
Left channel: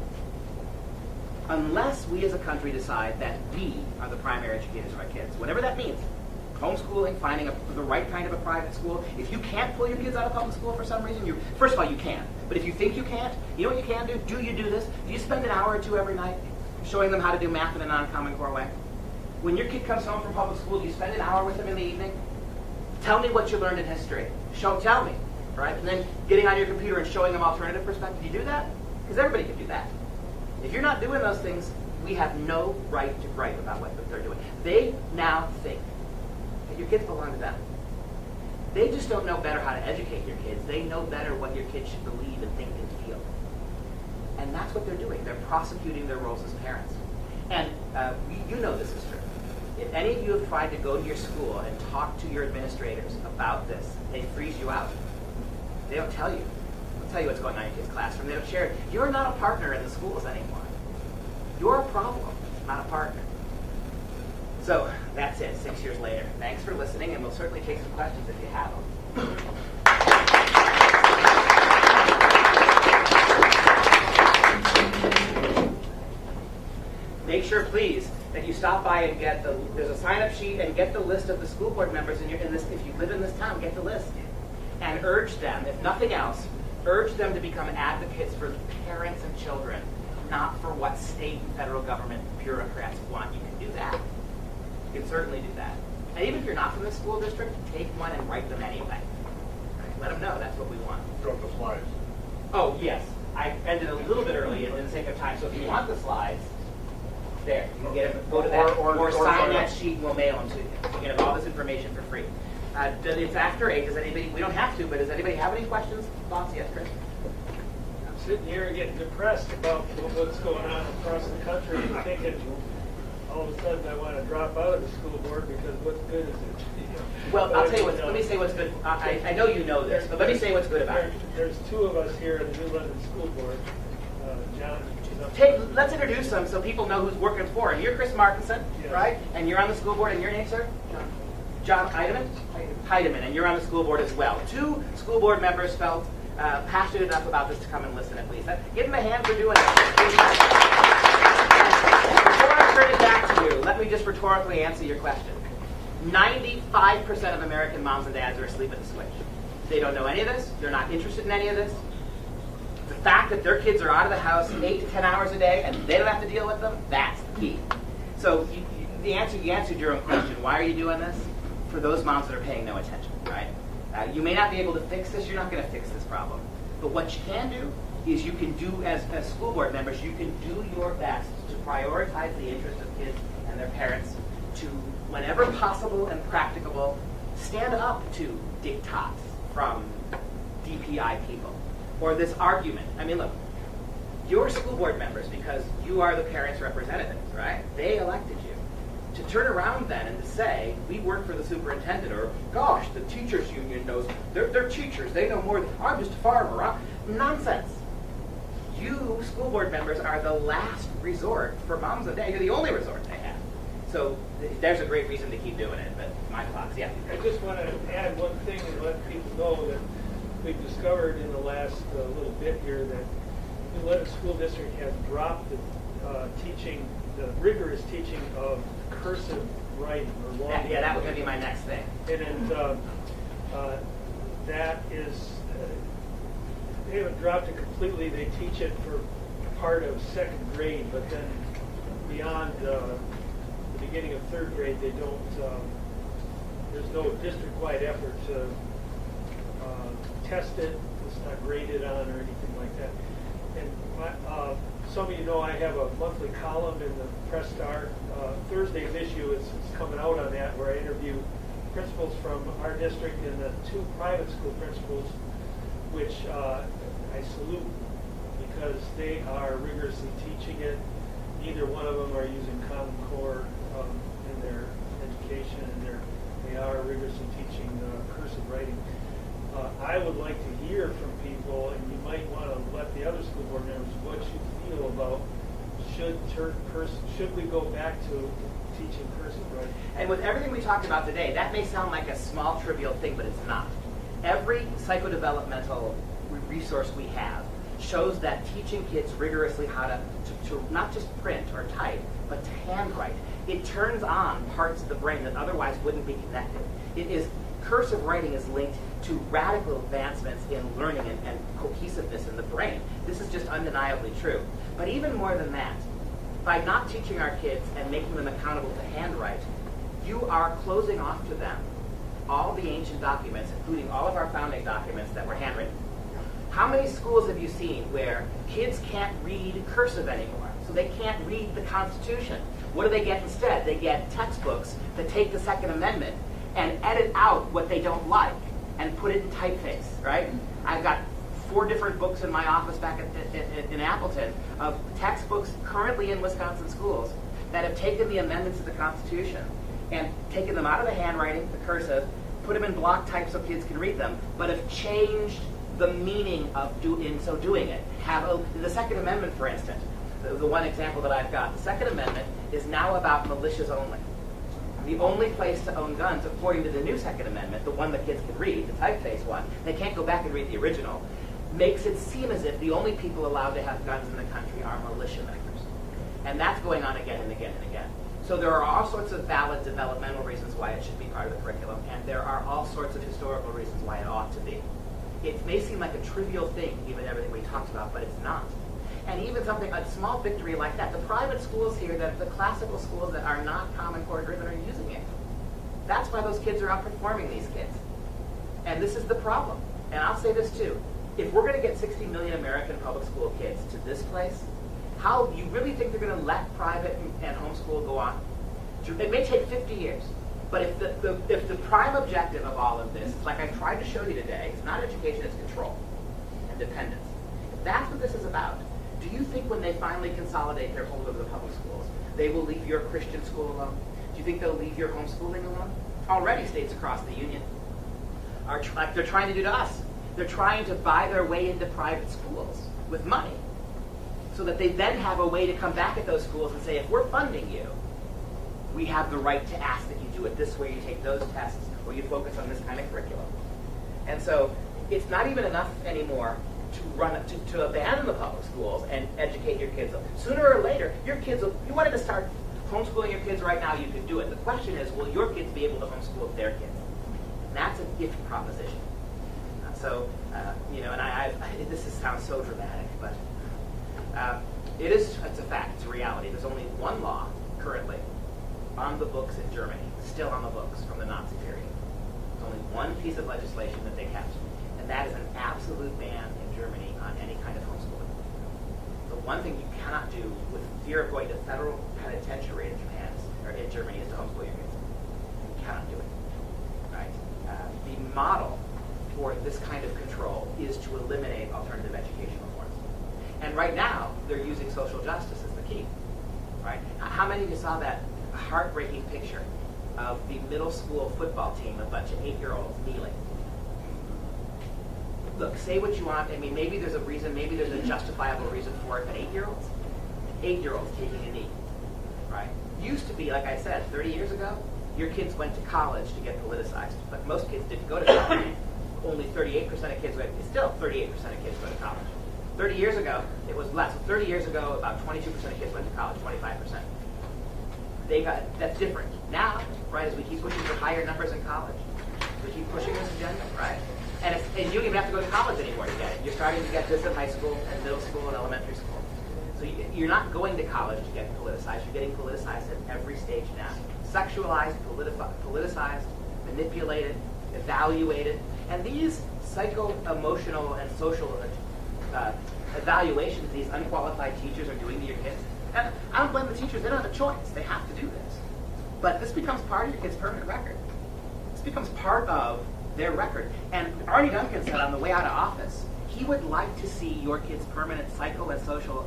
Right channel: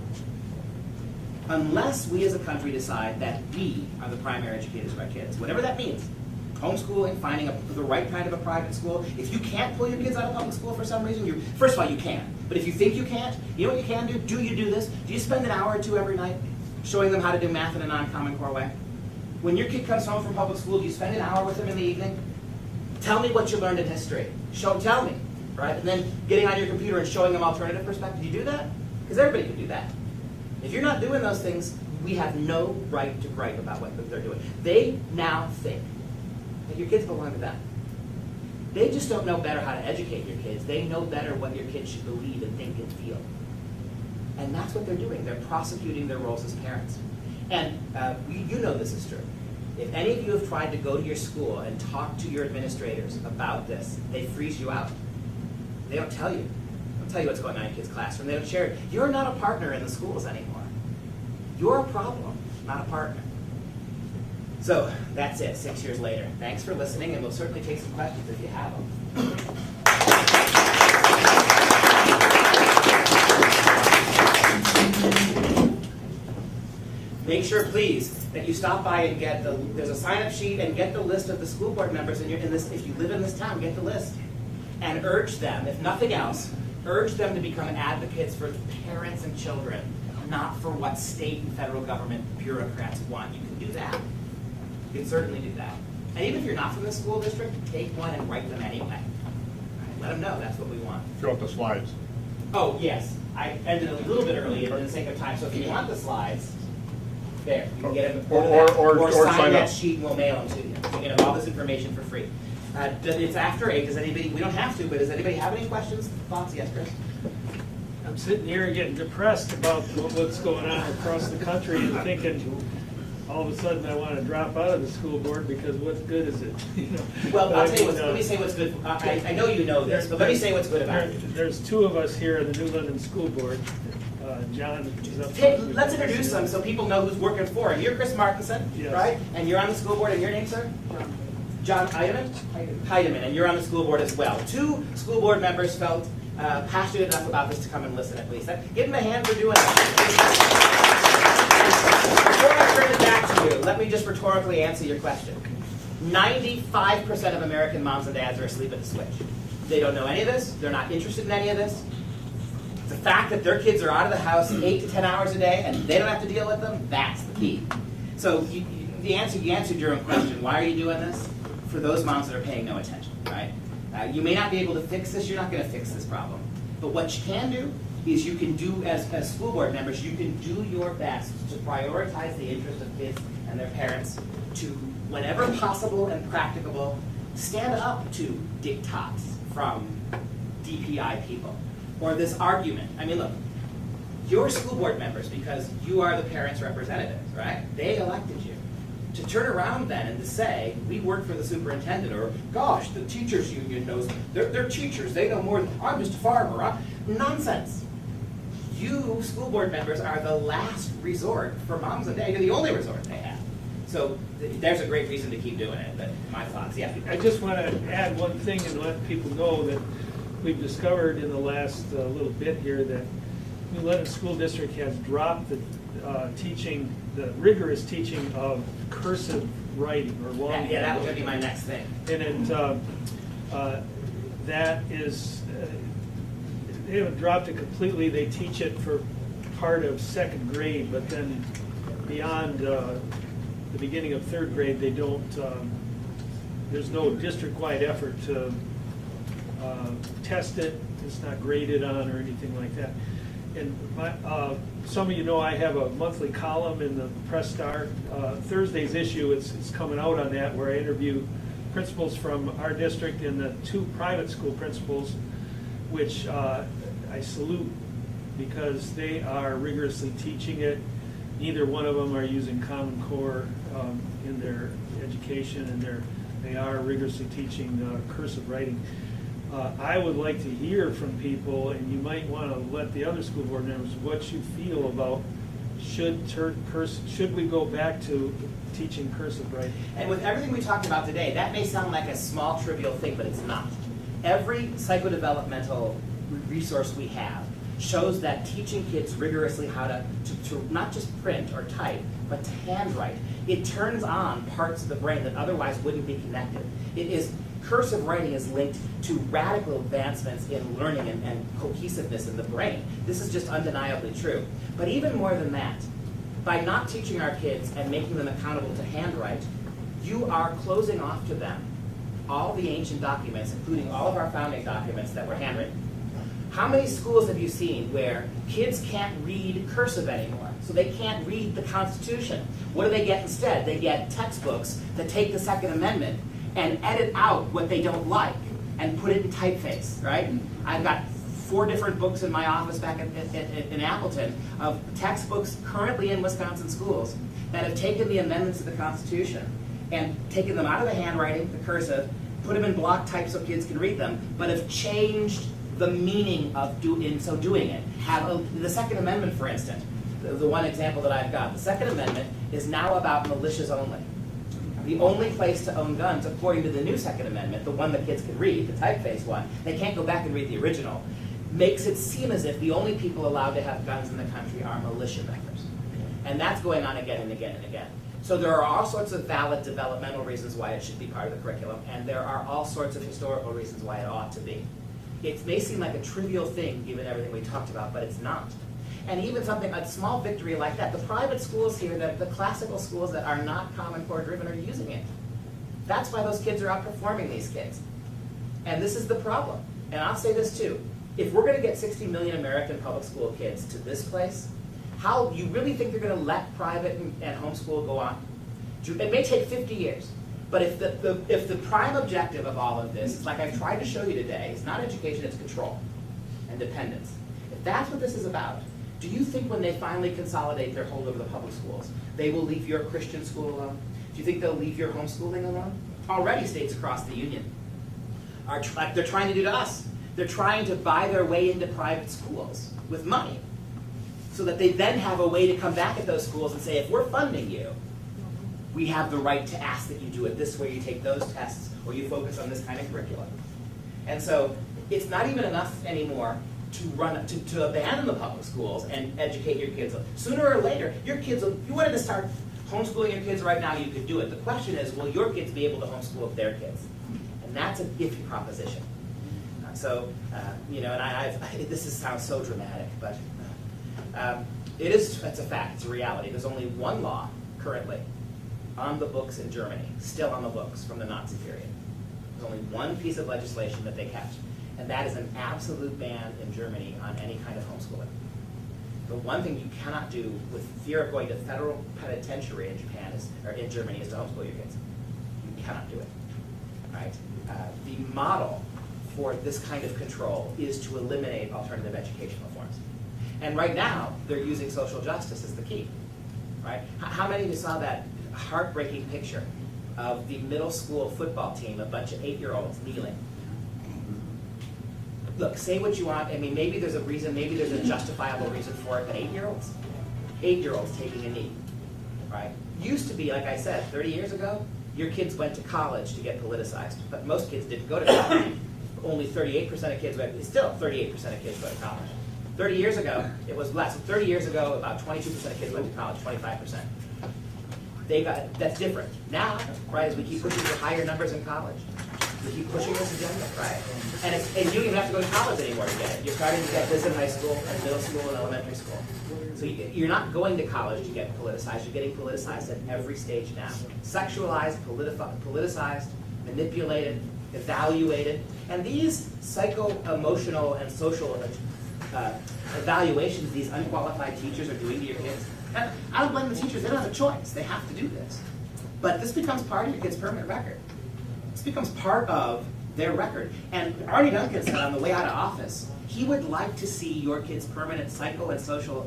Unless we as a country decide that we are the primary educators of our kids, whatever that means, homeschooling, finding the right kind of a private school. If you can't pull your kids out of public school for some reason, first of all, you can. But if you think you can't, you know what you can do? Do you do this? Do you spend an hour or two every night showing them how to do math in a non-Common Core way? When your kid comes home from public school, do you spend an hour with them in the evening? Tell me what you learned in history. Tell me, right? And then getting on your computer and showing them alternative perspectives. Do you do that? Because everybody can do that. If you're not doing those things, we have no right to gripe about what they're doing. They now think that your kids belong to them. They just don't know better how to educate your kids. They know better what your kids should believe and think and feel. And that's what they're doing. They're prosecuting their roles as parents. And you know this is true. If any of you have tried to go to your school and talk to your administrators about this, they freeze you out. They don't tell you. They don't tell you what's going on in your kid's classroom. They don't share it. You're not a partner in the schools anymore. You're a problem, not a partner. So that's it, 6 years later. Thanks for listening, and we'll certainly take some questions if you have them. Make sure, please, that you stop by and get there's a sign-up sheet, and get the list of the school board members in this. If you live in this town, get the list. And urge them, if nothing else, urge them to become advocates for parents and children, not for what state and federal government bureaucrats want. You can do that. You can certainly do that. And even if you're not from the school district, take one and write them anyway. Right? Let them know that's what we want. Fill out the slides. Oh, yes. I ended a little bit early in the sake of time, so if you want the slides, there, you can get them. Or sign that sheet and we'll mail them to you. You can get all this information for free. It's after 8. Does anybody, we don't have to, but does anybody have any questions, thoughts? Yes, Chris? I'm sitting here getting depressed about what's going on across the country and thinking all of a sudden I want to drop out of the school board because what good is it? Well, I'll tell you let me say what's good. I know you know this, but let me say what's good about it. There's 2 of us here in the New London School Board. John is up. Hey, let's introduce them so people know who's working for him. You're Chris Markinson, yes. Right? And you're on the school board, and your name, sir? John Heidemann? Heidemann, and you're on the school board as well. 2 school board members felt passionate enough about this to come and listen at least. Give them a hand for doing it. Before I turn it back to you, let me just rhetorically answer your question. 95% of American moms and dads are asleep at the switch. They don't know any of this. They're not interested in any of this. The fact that their kids are out of the house 8 to 10 hours a day and they don't have to deal with them, that's the key. So you answered your own question. Why are you doing this? For those moms that are paying no attention, right? You may not be able to fix this. You're not going to fix this problem. But what you can do is you can do, as school board members, you can do your best to prioritize the interest of kids and their parents to, whenever possible and practicable, stand up to diktats from DPI people. Or this argument. I mean, look, you're school board members because you are the parents' representatives, right? They elected you. To turn around then and to say, we work for the superintendent, or, gosh, the teachers union knows, they're teachers, they know more than, I'm just a farmer. Nonsense. You, school board members, are the last resort for moms and dads. You're the only resort they have. So there's a great reason to keep doing it, but my thoughts, yeah. I just want to add one thing and let people know that we've discovered in the last little bit here that New London School District has dropped the teaching, the rigorous teaching of cursive writing or long. Yeah, that was going to be my next thing. And that is, they haven't dropped it completely. They teach it for part of 2nd grade, but then beyond the beginning of 3rd grade, they don't. There's no district-wide effort to test it. It's not graded on or anything like that. And some of you know I have a monthly column in the Press Star. Thursday's issue, it's coming out on that, where I interview principals from our district and the 2 private school principals, which I salute because they are rigorously teaching it. Neither one of them are using Common Core in their education, and they are rigorously teaching cursive writing. I would like to hear from people, and you might want to let the other school board members what you feel about should we go back to teaching cursive writing. And with everything we talked about today, that may sound like a small, trivial thing, but it's not. Every psychodevelopmental resource we have shows that teaching kids rigorously how to not just print or type, but to handwrite, it turns on parts of the brain that otherwise wouldn't be connected. Cursive writing is linked to radical advancements in learning and cohesiveness in the brain. This is just undeniably true. But even more than that, by not teaching our kids and making them accountable to handwrite, you are closing off to them all the ancient documents, including all of our founding documents that were handwritten. How many schools have you seen where kids can't read cursive anymore? So they can't read the Constitution. What do they get instead? They get textbooks that take the Second Amendment and edit out what they don't like and put it in typeface, right? I've got 4 different books in my office back in Appleton of textbooks currently in Wisconsin schools that have taken the amendments to the Constitution and taken them out of the handwriting, the cursive, put them in block type so kids can read them, but have changed the meaning of in so doing it. The Second Amendment, for instance, the one example that I've got, the Second Amendment is now about militias only. The only place to own guns, according to the new Second Amendment, the one that kids can read, the typeface one, they can't go back and read the original, makes it seem as if the only people allowed to have guns in the country are militiamakers. And that's going on again and again and again. So there are all sorts of valid developmental reasons why it should be part of the curriculum, and there are all sorts of historical reasons why it ought to be. It may seem like a trivial thing, given everything we talked about, but it's not. And even a small victory like that, the private schools here, the classical schools that are not Common Core driven are using it. That's why those kids are outperforming these kids. And this is the problem. And I'll say this too. If we're going to get 60 million American public school kids to this place, how you really think they're going to let private and homeschool go on? It may take 50 years. But if the prime objective of all of this, like I've tried to show you today, it's not education, it's control and dependence. If that's what this is about, do you think when they finally consolidate their hold over the public schools, they will leave your Christian school alone? Do you think they'll leave your homeschooling alone? Already states across the union are like they're trying to do to us. They're trying to buy their way into private schools with money so that they then have a way to come back at those schools and say, if we're funding you, we have the right to ask that you do it this way, you take those tests, or you focus on this kind of curriculum. And so it's not even enough anymore to abandon the public schools and educate your kids. Sooner or later, your kids will, you wanted to start homeschooling your kids right now, you could do it. The question is, will your kids be able to homeschool their kids? And that's a iffy proposition. And this sounds so dramatic, but it's a fact, it's a reality. There's only one law currently on the books in Germany, still on the books from the Nazi period. There's only one piece of legislation that they kept, and that is an absolute ban in Germany on any kind of homeschooling. The one thing you cannot do with fear of going to federal penitentiary in Japan or in Germany is to homeschool your kids. You cannot do it. Right? The model for this kind of control is to eliminate alternative educational forms. And right now, they're using social justice as the key. Right? How many of you saw that heartbreaking picture of the middle school football team, a bunch of 8-year-olds kneeling? Look, say what you want. I mean, maybe there's a reason, maybe there's a justifiable reason for it, but 8-year-olds taking a knee, right? Used to be, like I said, 30 years ago, your kids went to college to get politicized, but most kids didn't go to college. Only 38% of kids went, still 38% of kids go to college. 30 years ago, it was less. 30 years ago, about 22% of kids went to college, 25%. That's different. Now, right, as we keep pushing for higher numbers in college, we keep pushing this agenda, right? And you don't even have to go to college anymore to get it. You're starting to get this in high school and middle school and elementary school. So you're not going to college to get politicized. You're getting politicized at every stage now. Sexualized, politicized, manipulated, evaluated. And these psycho-emotional and social evaluations these unqualified teachers are doing to your kids, and I don't blame the teachers. They don't have a choice. They have to do this. But this becomes part of your kid's permanent record. This becomes part of their record. And Arnie Duncan said on the way out of office, he would like to see your kids' permanent psycho and social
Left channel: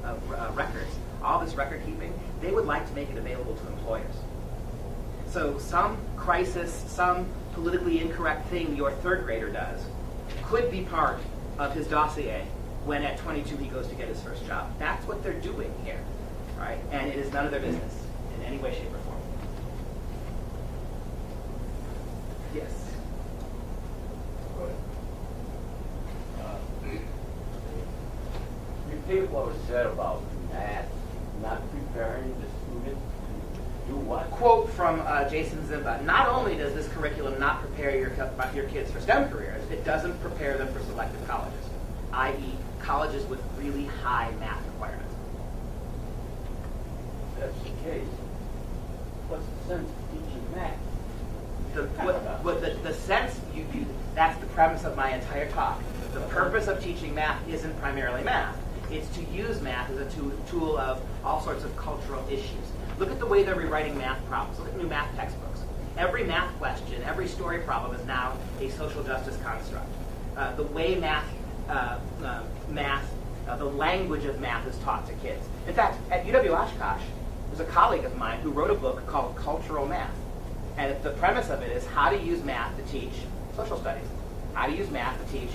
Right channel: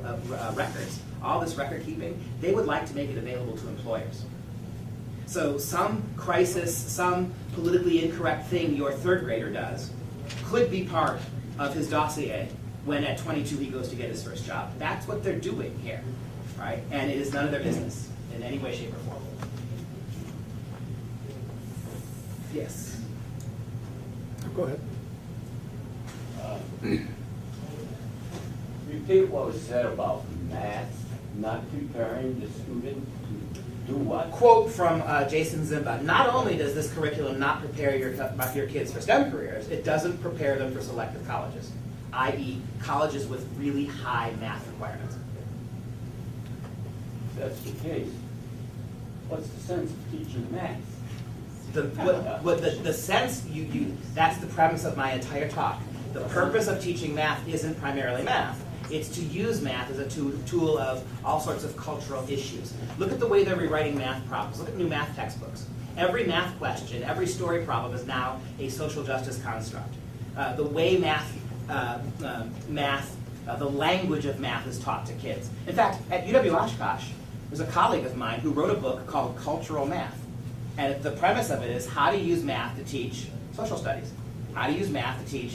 records, all this record keeping, they would like to make it available to employers. So some crisis, some politically incorrect thing your third grader does could be part of his dossier when at 22 he goes to get his first job. That's what they're doing here, right? And it is none of their business in any way, shape, or form. Yes. Go ahead. Repeat what was said about math not preparing the student to do what? Quote from Jason Zimba. Not only does this curriculum not prepare your kids for STEM careers, it doesn't prepare them for selective colleges, i.e. colleges with really high math requirements. That's the case. What's the sense of teaching math? The sense, that's the premise of my entire talk. The purpose of teaching math isn't primarily math. It's to use math as a tool of all sorts of cultural issues. Look at the way they're rewriting math problems. Look at new math textbooks. Every math question, every story problem is now a social justice construct. The way math math, the language of math is taught to kids. In fact, at UW Oshkosh, there's a colleague of mine who wrote a book called Cultural Math. And the premise of it is how to use math to teach social studies, how to use math to teach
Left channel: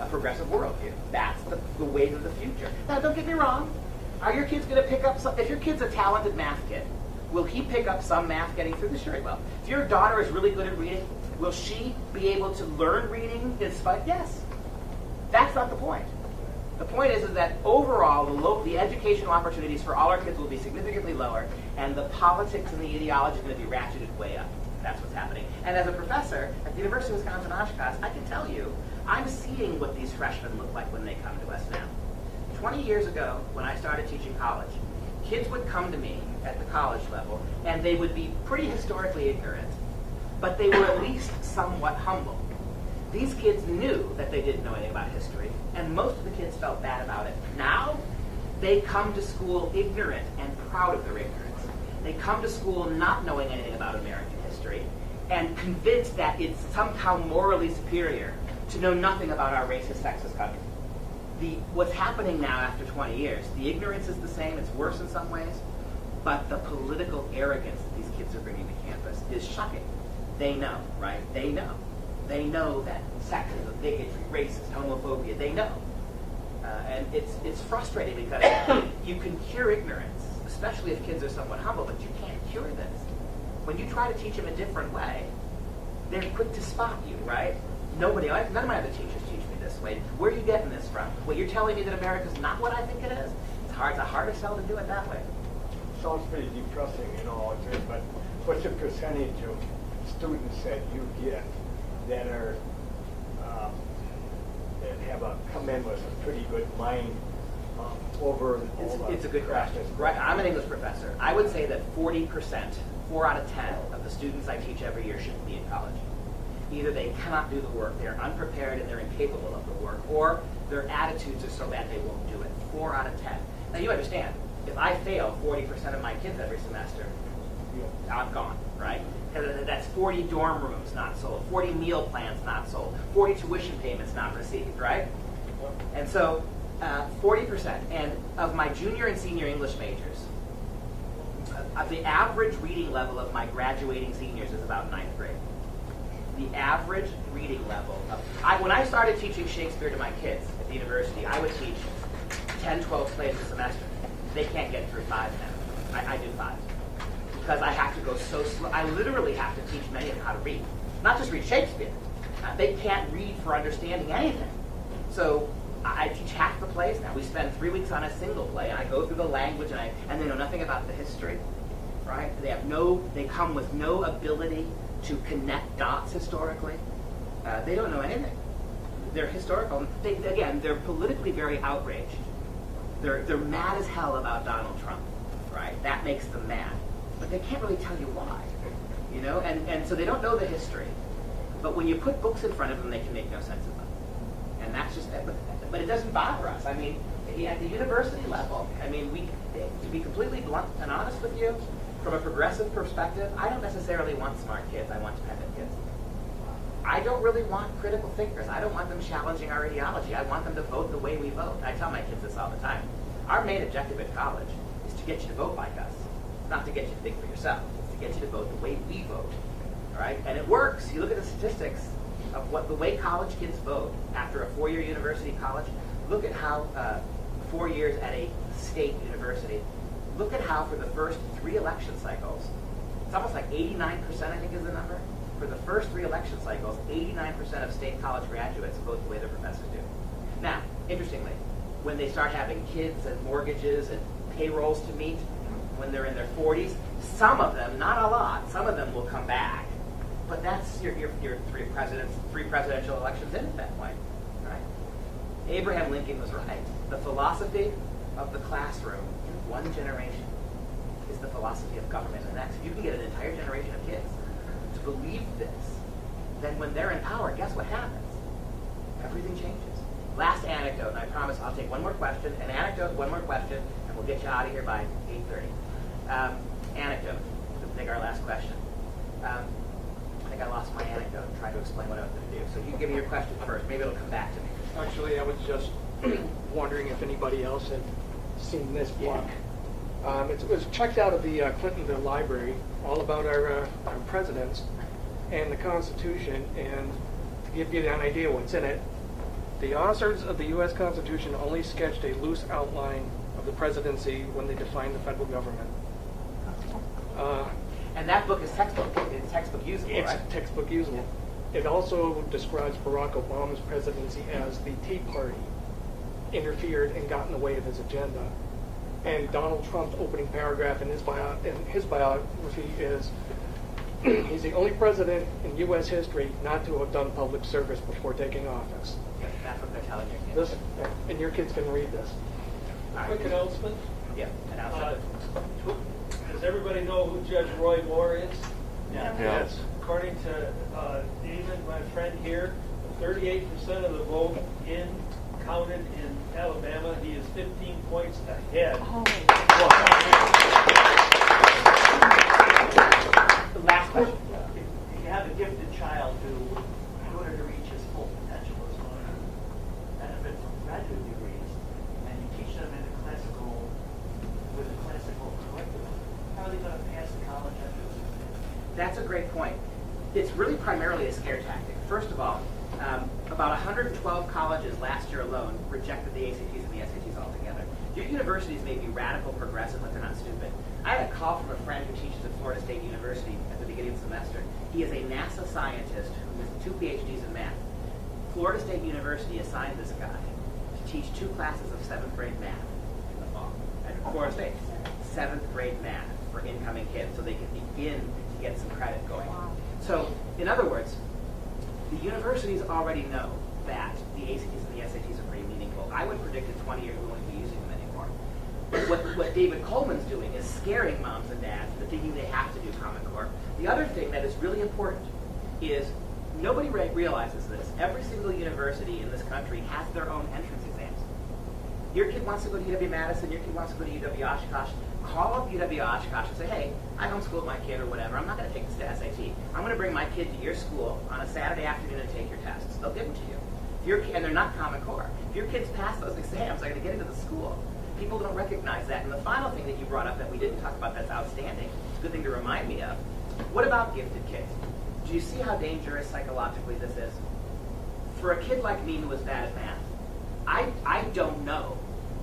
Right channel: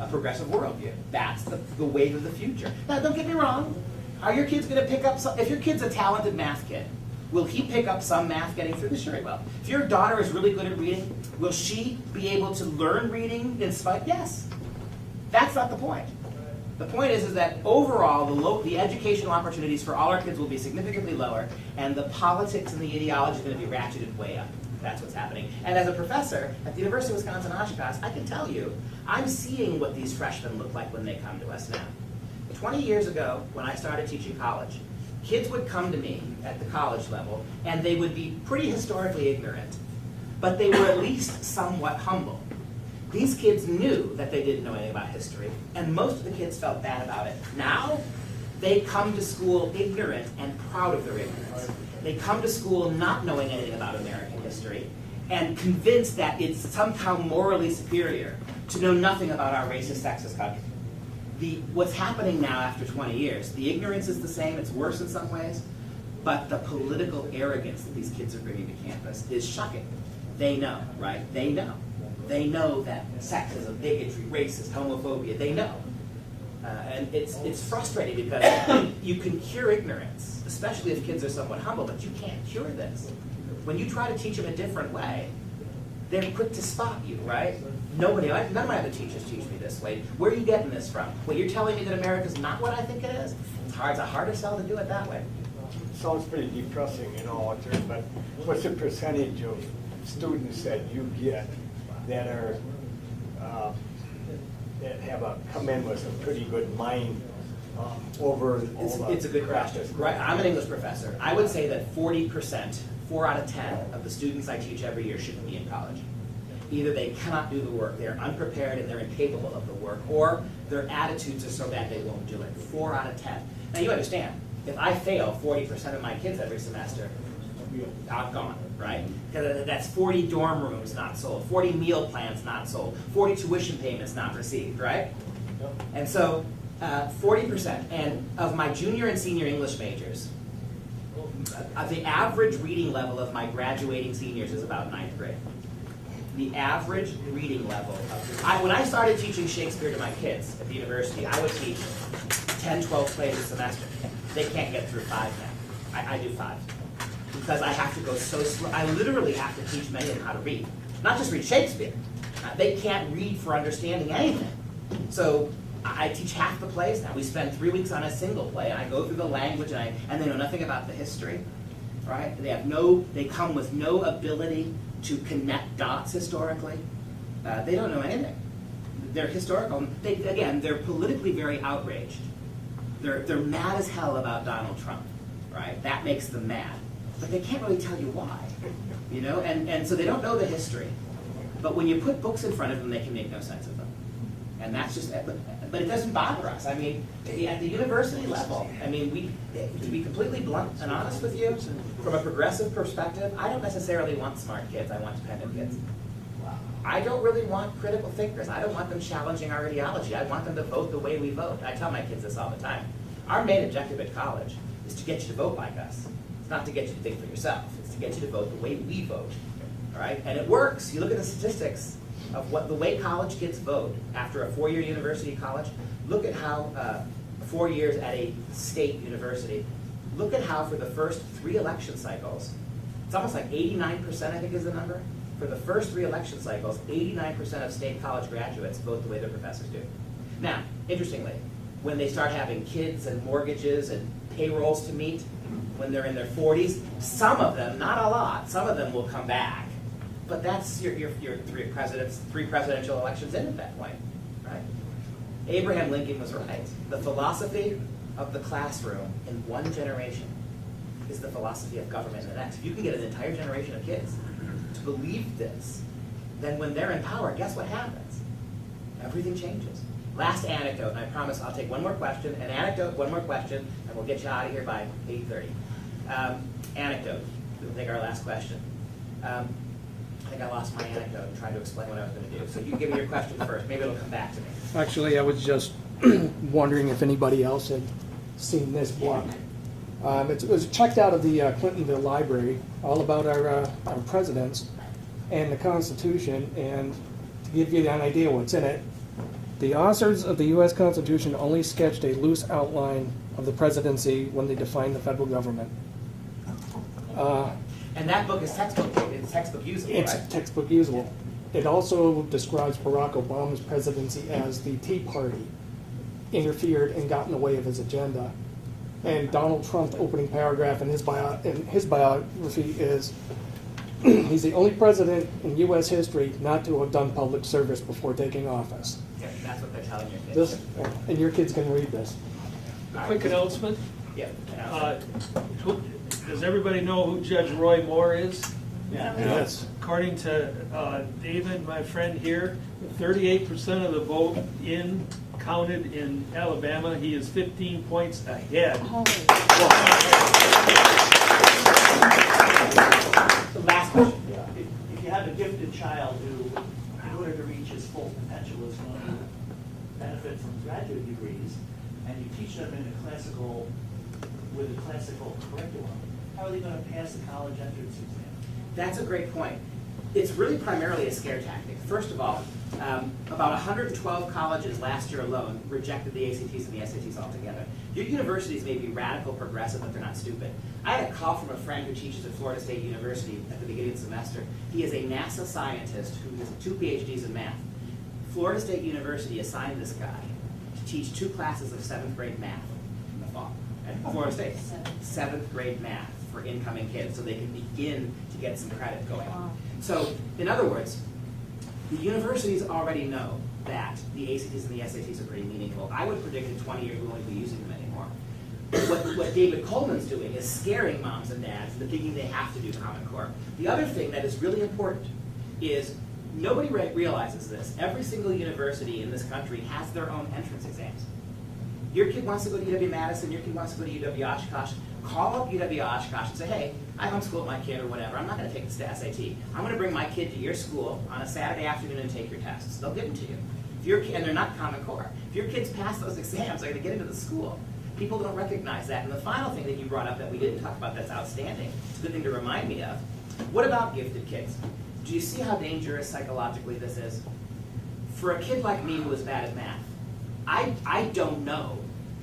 a progressive worldview. That's the wave of the future. Now, don't get me wrong. Are your kids going to pick up some? If your kid's a talented math kid, will he pick up some math getting through this? Sure he will. If your daughter is really good at reading, will she be able to learn reading in spite? Yes. That's not the point. The point is that overall, the educational opportunities for all our kids will be significantly lower, and the politics and the ideology is going to be ratcheted way up. That's what's happening. And as a professor at the University of Wisconsin-Oshkosh, I can tell you, I'm seeing what these freshmen look like when they come to us now. 20 years ago, when I started teaching college, kids would come to me at the college level, and they would be pretty historically ignorant, but they were at least somewhat humble. These kids knew that they didn't know anything about history, and most of the kids felt bad about it. Now, they come to school ignorant and proud of their ignorance. They come to school not knowing anything about American history and convinced that it's somehow morally superior to know nothing about our racist, sexist country. What's happening now after 20 years, the ignorance is the same, it's worse in some ways, but the political arrogance that these kids are bringing to campus is shocking. They know, right? They know. They know that sexism, bigotry, racism, homophobia, they know. And it's frustrating because you can cure ignorance, especially if kids are somewhat humble, but you can't cure this. When you try to teach them a different way, they're quick to stop you, right? None of my other teachers teach me this way. Where are you getting this from? Well, you're telling me that America's not what I think it is? It's a harder sell to do it that way. Sounds pretty depressing, out there, but what's the percentage of students that you get that are that come in with a pretty good mind over it's a good question. Right, I'm an English professor. I would say that 40%, 4 out of 10 of the students I teach every year shouldn't be in college. Either they cannot do the work, they're unprepared and they're incapable of the work, or their attitudes are so bad they won't do it. 4 out of 10. Now you understand, if I fail 40% of my kids every semester, I'm gone, right? That's 40 dorm rooms not sold, 40 meal plans not sold, 40 tuition payments not received, right? And so 40%, and of my junior and senior English majors, the average reading level of my graduating seniors is about 9th grade. The average reading level when I started teaching Shakespeare to my kids at the university, I would teach 10, 12 plays a semester. They can't get through 5 now. I do 5. Because I have to go so slow. I literally have to teach many of them how to read. Not just read Shakespeare. They can't read for understanding anything. So I teach half the plays now. We spend 3 weeks on a single play, and I go through the language, and they know nothing about the history, right? They come with no ability to connect dots historically. They don't know anything. They're historical. They're politically very outraged. They're mad as hell about Donald Trump, right? That makes them mad. But they can't really tell you why, and so they don't know the history. But when you put books in front of them, they can make no sense of them. And that's just it. But it doesn't bother us. I mean, at the university level, to be completely blunt and honest with you, from a progressive perspective, I don't necessarily want smart kids. I want dependent kids. I don't really want critical thinkers. I don't want them challenging our ideology. I want them to vote the way we vote. I tell my kids this all the time. Our main objective at college is to get you to vote like us. It's not to get you to think for yourself. It's to get you to vote the way we vote. Right? And it works. You look at the statistics of the way college kids vote after a 4-year university college. Look at how 4 years at a state university. Look at how for the first 3 election cycles, it's almost like 89%, I think is the number. For the first 3 election cycles, 89% of state college graduates vote the way their professors do. Now, interestingly, when they start having kids and mortgages and payrolls to meet, when they're in their 40s, some of them, not a lot, some of them will come back. But that's your 3 presidential elections in at that point, right? Abraham Lincoln was right. The philosophy of the classroom in one generation is the philosophy of government in the next. If you can get an entire generation of kids to believe this, then when they're in power, guess what happens? Everything changes. Last anecdote, and I promise I'll take one more question. An anecdote, one more question, and we'll get you out of here by 8:30. Anecdote. I think our last question. I think I lost lost my anecdote and tried to explain what I was going to do. So you give me your question first. Maybe it'll come back to me. Actually, I was just wondering if anybody else had seen this book. It was checked out of the Clintonville Library, all about our presidents and the Constitution. And to give you an idea what's in it, the authors of the U.S. Constitution only sketched a loose outline of the presidency when they defined the federal government. And that book is textbook usable, It's right? textbook usable. It also describes Barack Obama's presidency as the Tea Party interfered and got in the way of his agenda. And Donald Trump's opening paragraph in his biography is, he's the only president in U.S. history not to have done public service before taking office. Yeah, that's what they're telling your kids. And your kids can read this. Quick announcement. Yeah. Does everybody know who Judge Roy Moore is? Yeah. Yes. According to David, my friend here, 38% of the vote counted in Alabama. He is 15 points ahead. The last question. If you have a gifted child who, in order to reach his full potential, is going to benefit from graduate degrees, and you teach them with a classical curriculum, how are they going to pass the college entrance exam? That's a great point. It's really primarily a scare tactic. First of all, about 112 colleges last year alone rejected the ACTs and the SATs altogether. Your universities may be radical progressive, but they're not stupid. I had a call from a friend who teaches at Florida State University at the beginning of the semester. He is a NASA scientist who has 2 PhDs in math. Florida State University assigned this guy to teach 2 classes of 7th grade math in the fall at Florida State. 7th grade math for incoming kids so they can begin to get some credit going. So, in other words, the universities already know that the ACTs and the SATs are pretty meaningful. I would predict in 20 years we won't be using them anymore. But what David Coleman's doing is scaring moms and dads into thinking they have to do Common Core. The other thing that is really important is nobody realizes this. Every single university in this country has their own entrance exams. Your kid wants to go to UW-Madison, your kid wants to go to UW-Oshkosh, call up UW-Oshkosh and say, hey, I homeschooled my kid or whatever, I'm not going to take the SAT. I'm going to bring my kid to your school on a Saturday afternoon and take your tests. They'll give them to you. And they're not Common Core. If your kids pass those exams, they're going to get into the school. People don't recognize that. And the final thing that you brought up that we didn't talk about that's outstanding, it's a good thing to remind me of, what about gifted kids? Do you see how dangerous psychologically this is? For a kid like me who was bad at math, I don't know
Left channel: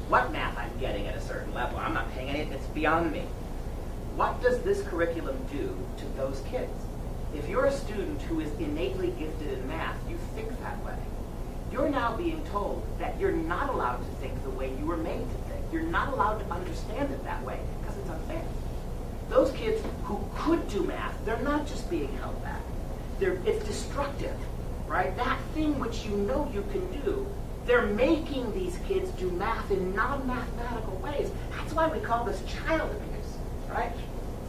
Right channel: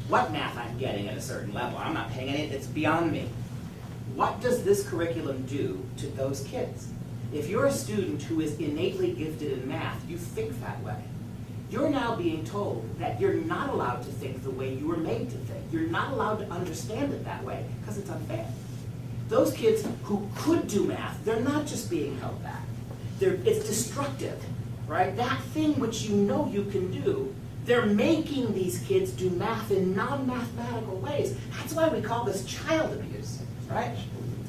what math I'm getting at a certain level. I'm not paying any, it's beyond me. What does this curriculum do to those kids? If you're a student who is innately gifted in math, you think that way. You're now being told that you're not allowed to think the way you were made to think. You're not allowed to understand it that way because it's unfair. Those kids who could do math, they're not just being held back. It's destructive, right? That thing which you know you can do, they're making these kids do math in non-mathematical ways. That's why we call this child abuse, right?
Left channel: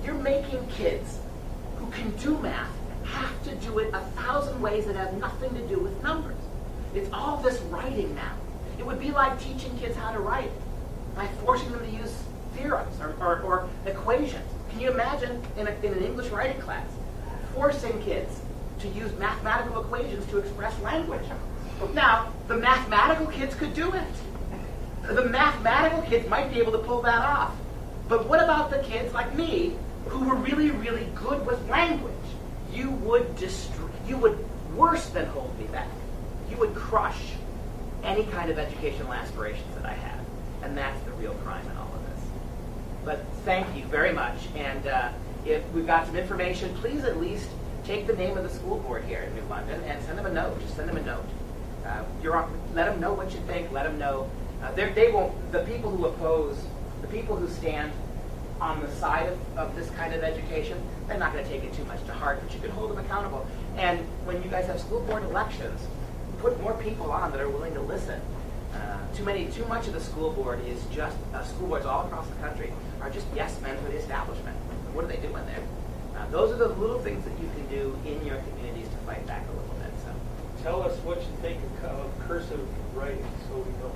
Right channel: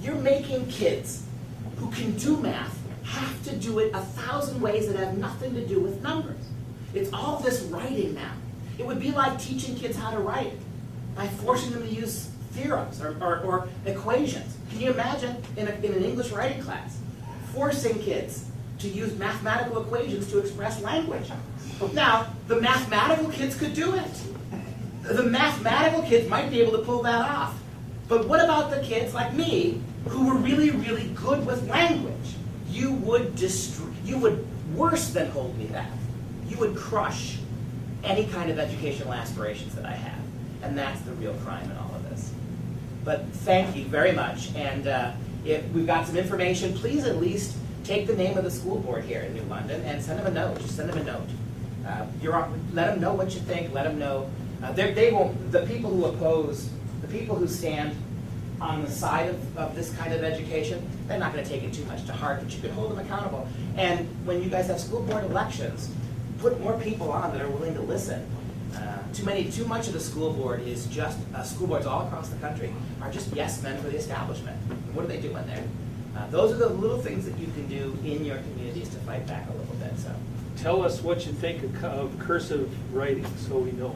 You're making kids who can do math have to do it 1,000 ways that have nothing to do with numbers. It's all this writing now. It would be like teaching kids how to write by forcing them to use theorems or equations. Can you imagine in an English writing class forcing kids to use mathematical equations to express language? Now, the mathematical kids could do it. The mathematical kids might be able to pull that off. But what about the kids like me who were really, really good with language? You would worse than hold me back. You would crush any kind of educational aspirations that I have. And that's the real crime in all of this. But thank you very much. And if we've got some information, please at least take the name of the school board here in New London and send them a note. Just send them a note. Let them know what you think. Let them know. They won't. The people who oppose, the people who stand on the side of this kind of education, they're not going to take it too much to heart, but you can hold them accountable. And when you guys have school board elections, put more people on that are willing to listen. Too much of the school board is just, school boards all across the country are just yes men for the establishment. What are they doing there? Those are the little things that you can do in your communities to fight back a little bit. So, tell us what you think of cursive writing so we know.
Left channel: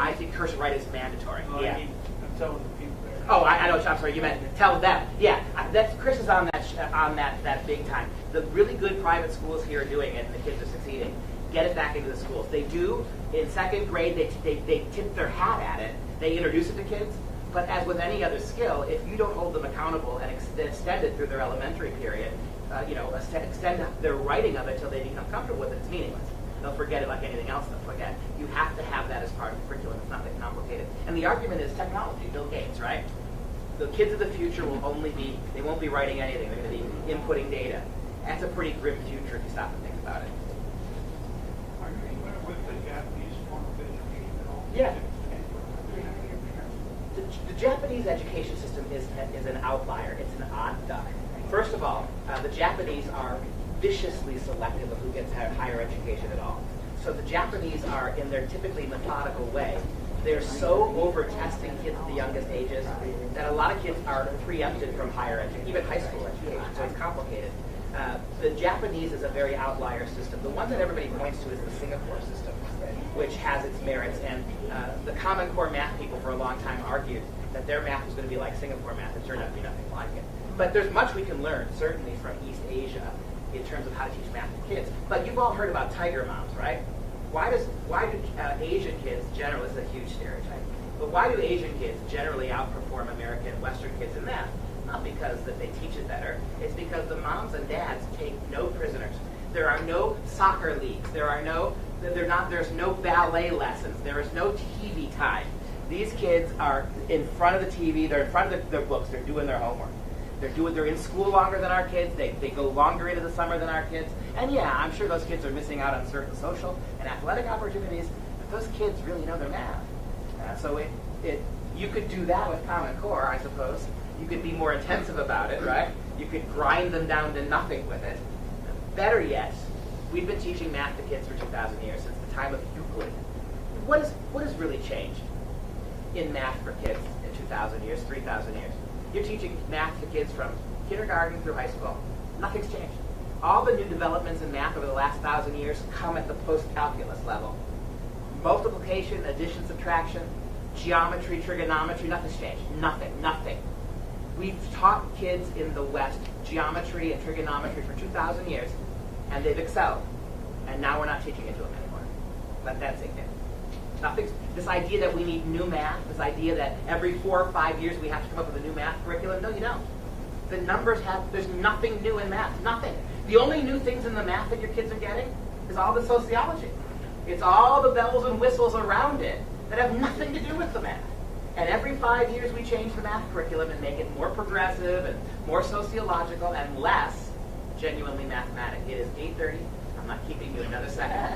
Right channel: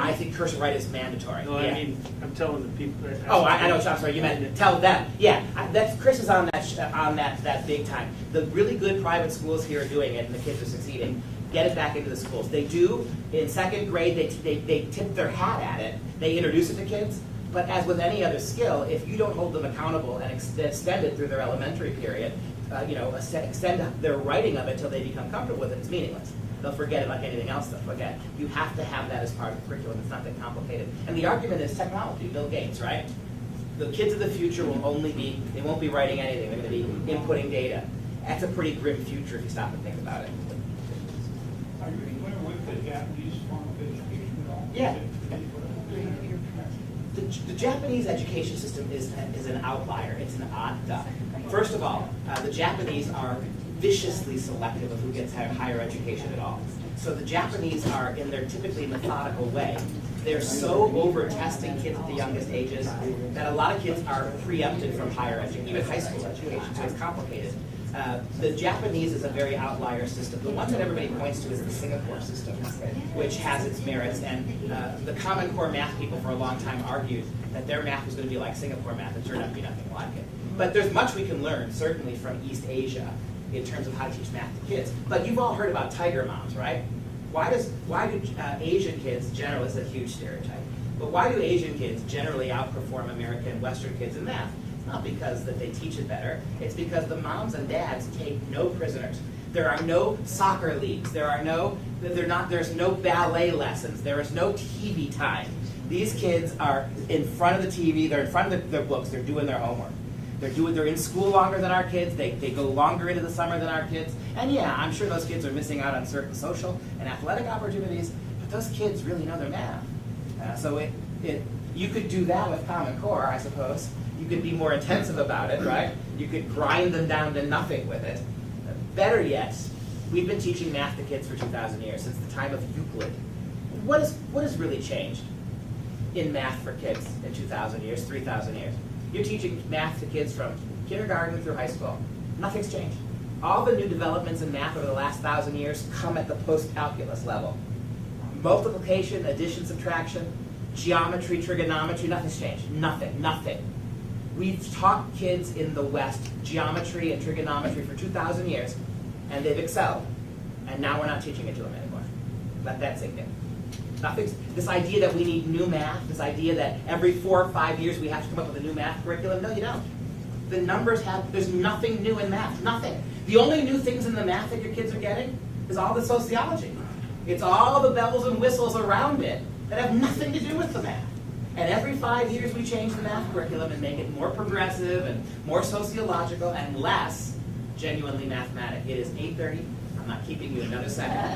I think cursive writing is mandatory. No, yeah. I mean, I'm telling the people that. Oh, I know. I'm sorry. You meant tell them. Yeah, that's Chris is on that big time. The really good private schools here are doing it, and the kids are succeeding. Get it back into the schools. They do in second grade. They tip their hat at it. They introduce it to kids. But as with any other skill, if you don't hold them accountable and extend it through their elementary period, extend their writing of it until they become comfortable with it, it's meaningless. They'll forget it like anything else they'll forget. You have to have that as part of the curriculum. It's not that complicated. And the argument is technology. Bill Gates, right? The kids of the future will they won't be writing anything. They're going to be inputting data. That's a pretty grim future if you stop and think about it. Are you familiar with the Japanese form of education at all? Yeah. The Japanese education system is an outlier. It's an odd duck. First of all, the Japanese are viciously selective of who gets higher education at all. So the Japanese are, in their typically methodical way, they're so over-testing kids at the youngest ages that a lot of kids are preempted from higher education, even high school education, so it's complicated. The Japanese is a very outlier system. The one that everybody points to is the Singapore system, which has its merits. And the Common Core math people for a long time argued that their math was going to be like Singapore math. It turned out to be nothing like it. But there's much we can learn, certainly from East Asia, in terms of how to teach math to kids. But you've all heard about tiger moms, right? Why do Asian kids generally, it's a huge stereotype, but why do Asian kids generally outperform American and Western kids in math? Not because that they teach it better. It's because the moms and dads take no prisoners. There are no soccer leagues. There's no ballet lessons. There is no TV time. These kids are in front of the TV. They're in front of their books. They're doing their homework. They're in school longer than our kids. They go longer into the summer than our kids. And yeah, I'm sure those kids are missing out on certain social and athletic opportunities, but those kids really know their math. So you could do that with Common Core, I suppose. You could be more intensive about it, right? You could grind them down to nothing with it. Better yet, we've been teaching math to kids for 2,000 years, since the time of Euclid. What has really changed in math for kids in 2,000 years, 3,000 years? You're teaching math to kids from kindergarten through high school. Nothing's changed. All the new developments in math over the last 1,000 years come at the post-calculus level. Multiplication, addition, subtraction, geometry, trigonometry, nothing's changed. Nothing. We've taught kids in the West geometry and trigonometry for 2,000 years, and they've excelled. And now we're not teaching it to them anymore. That's it. This idea that we need new math, this idea that every 4 or 5 years we have to come up with a new math curriculum, no, you don't. The numbers there's nothing new in math, nothing. The only new things in the math that your kids are getting is all the sociology. It's all the bells and whistles around it that have nothing to do with the math. And every 5 years we change the math curriculum and make it more progressive and more sociological and less genuinely mathematic. It is 8:30. I'm not keeping you another second.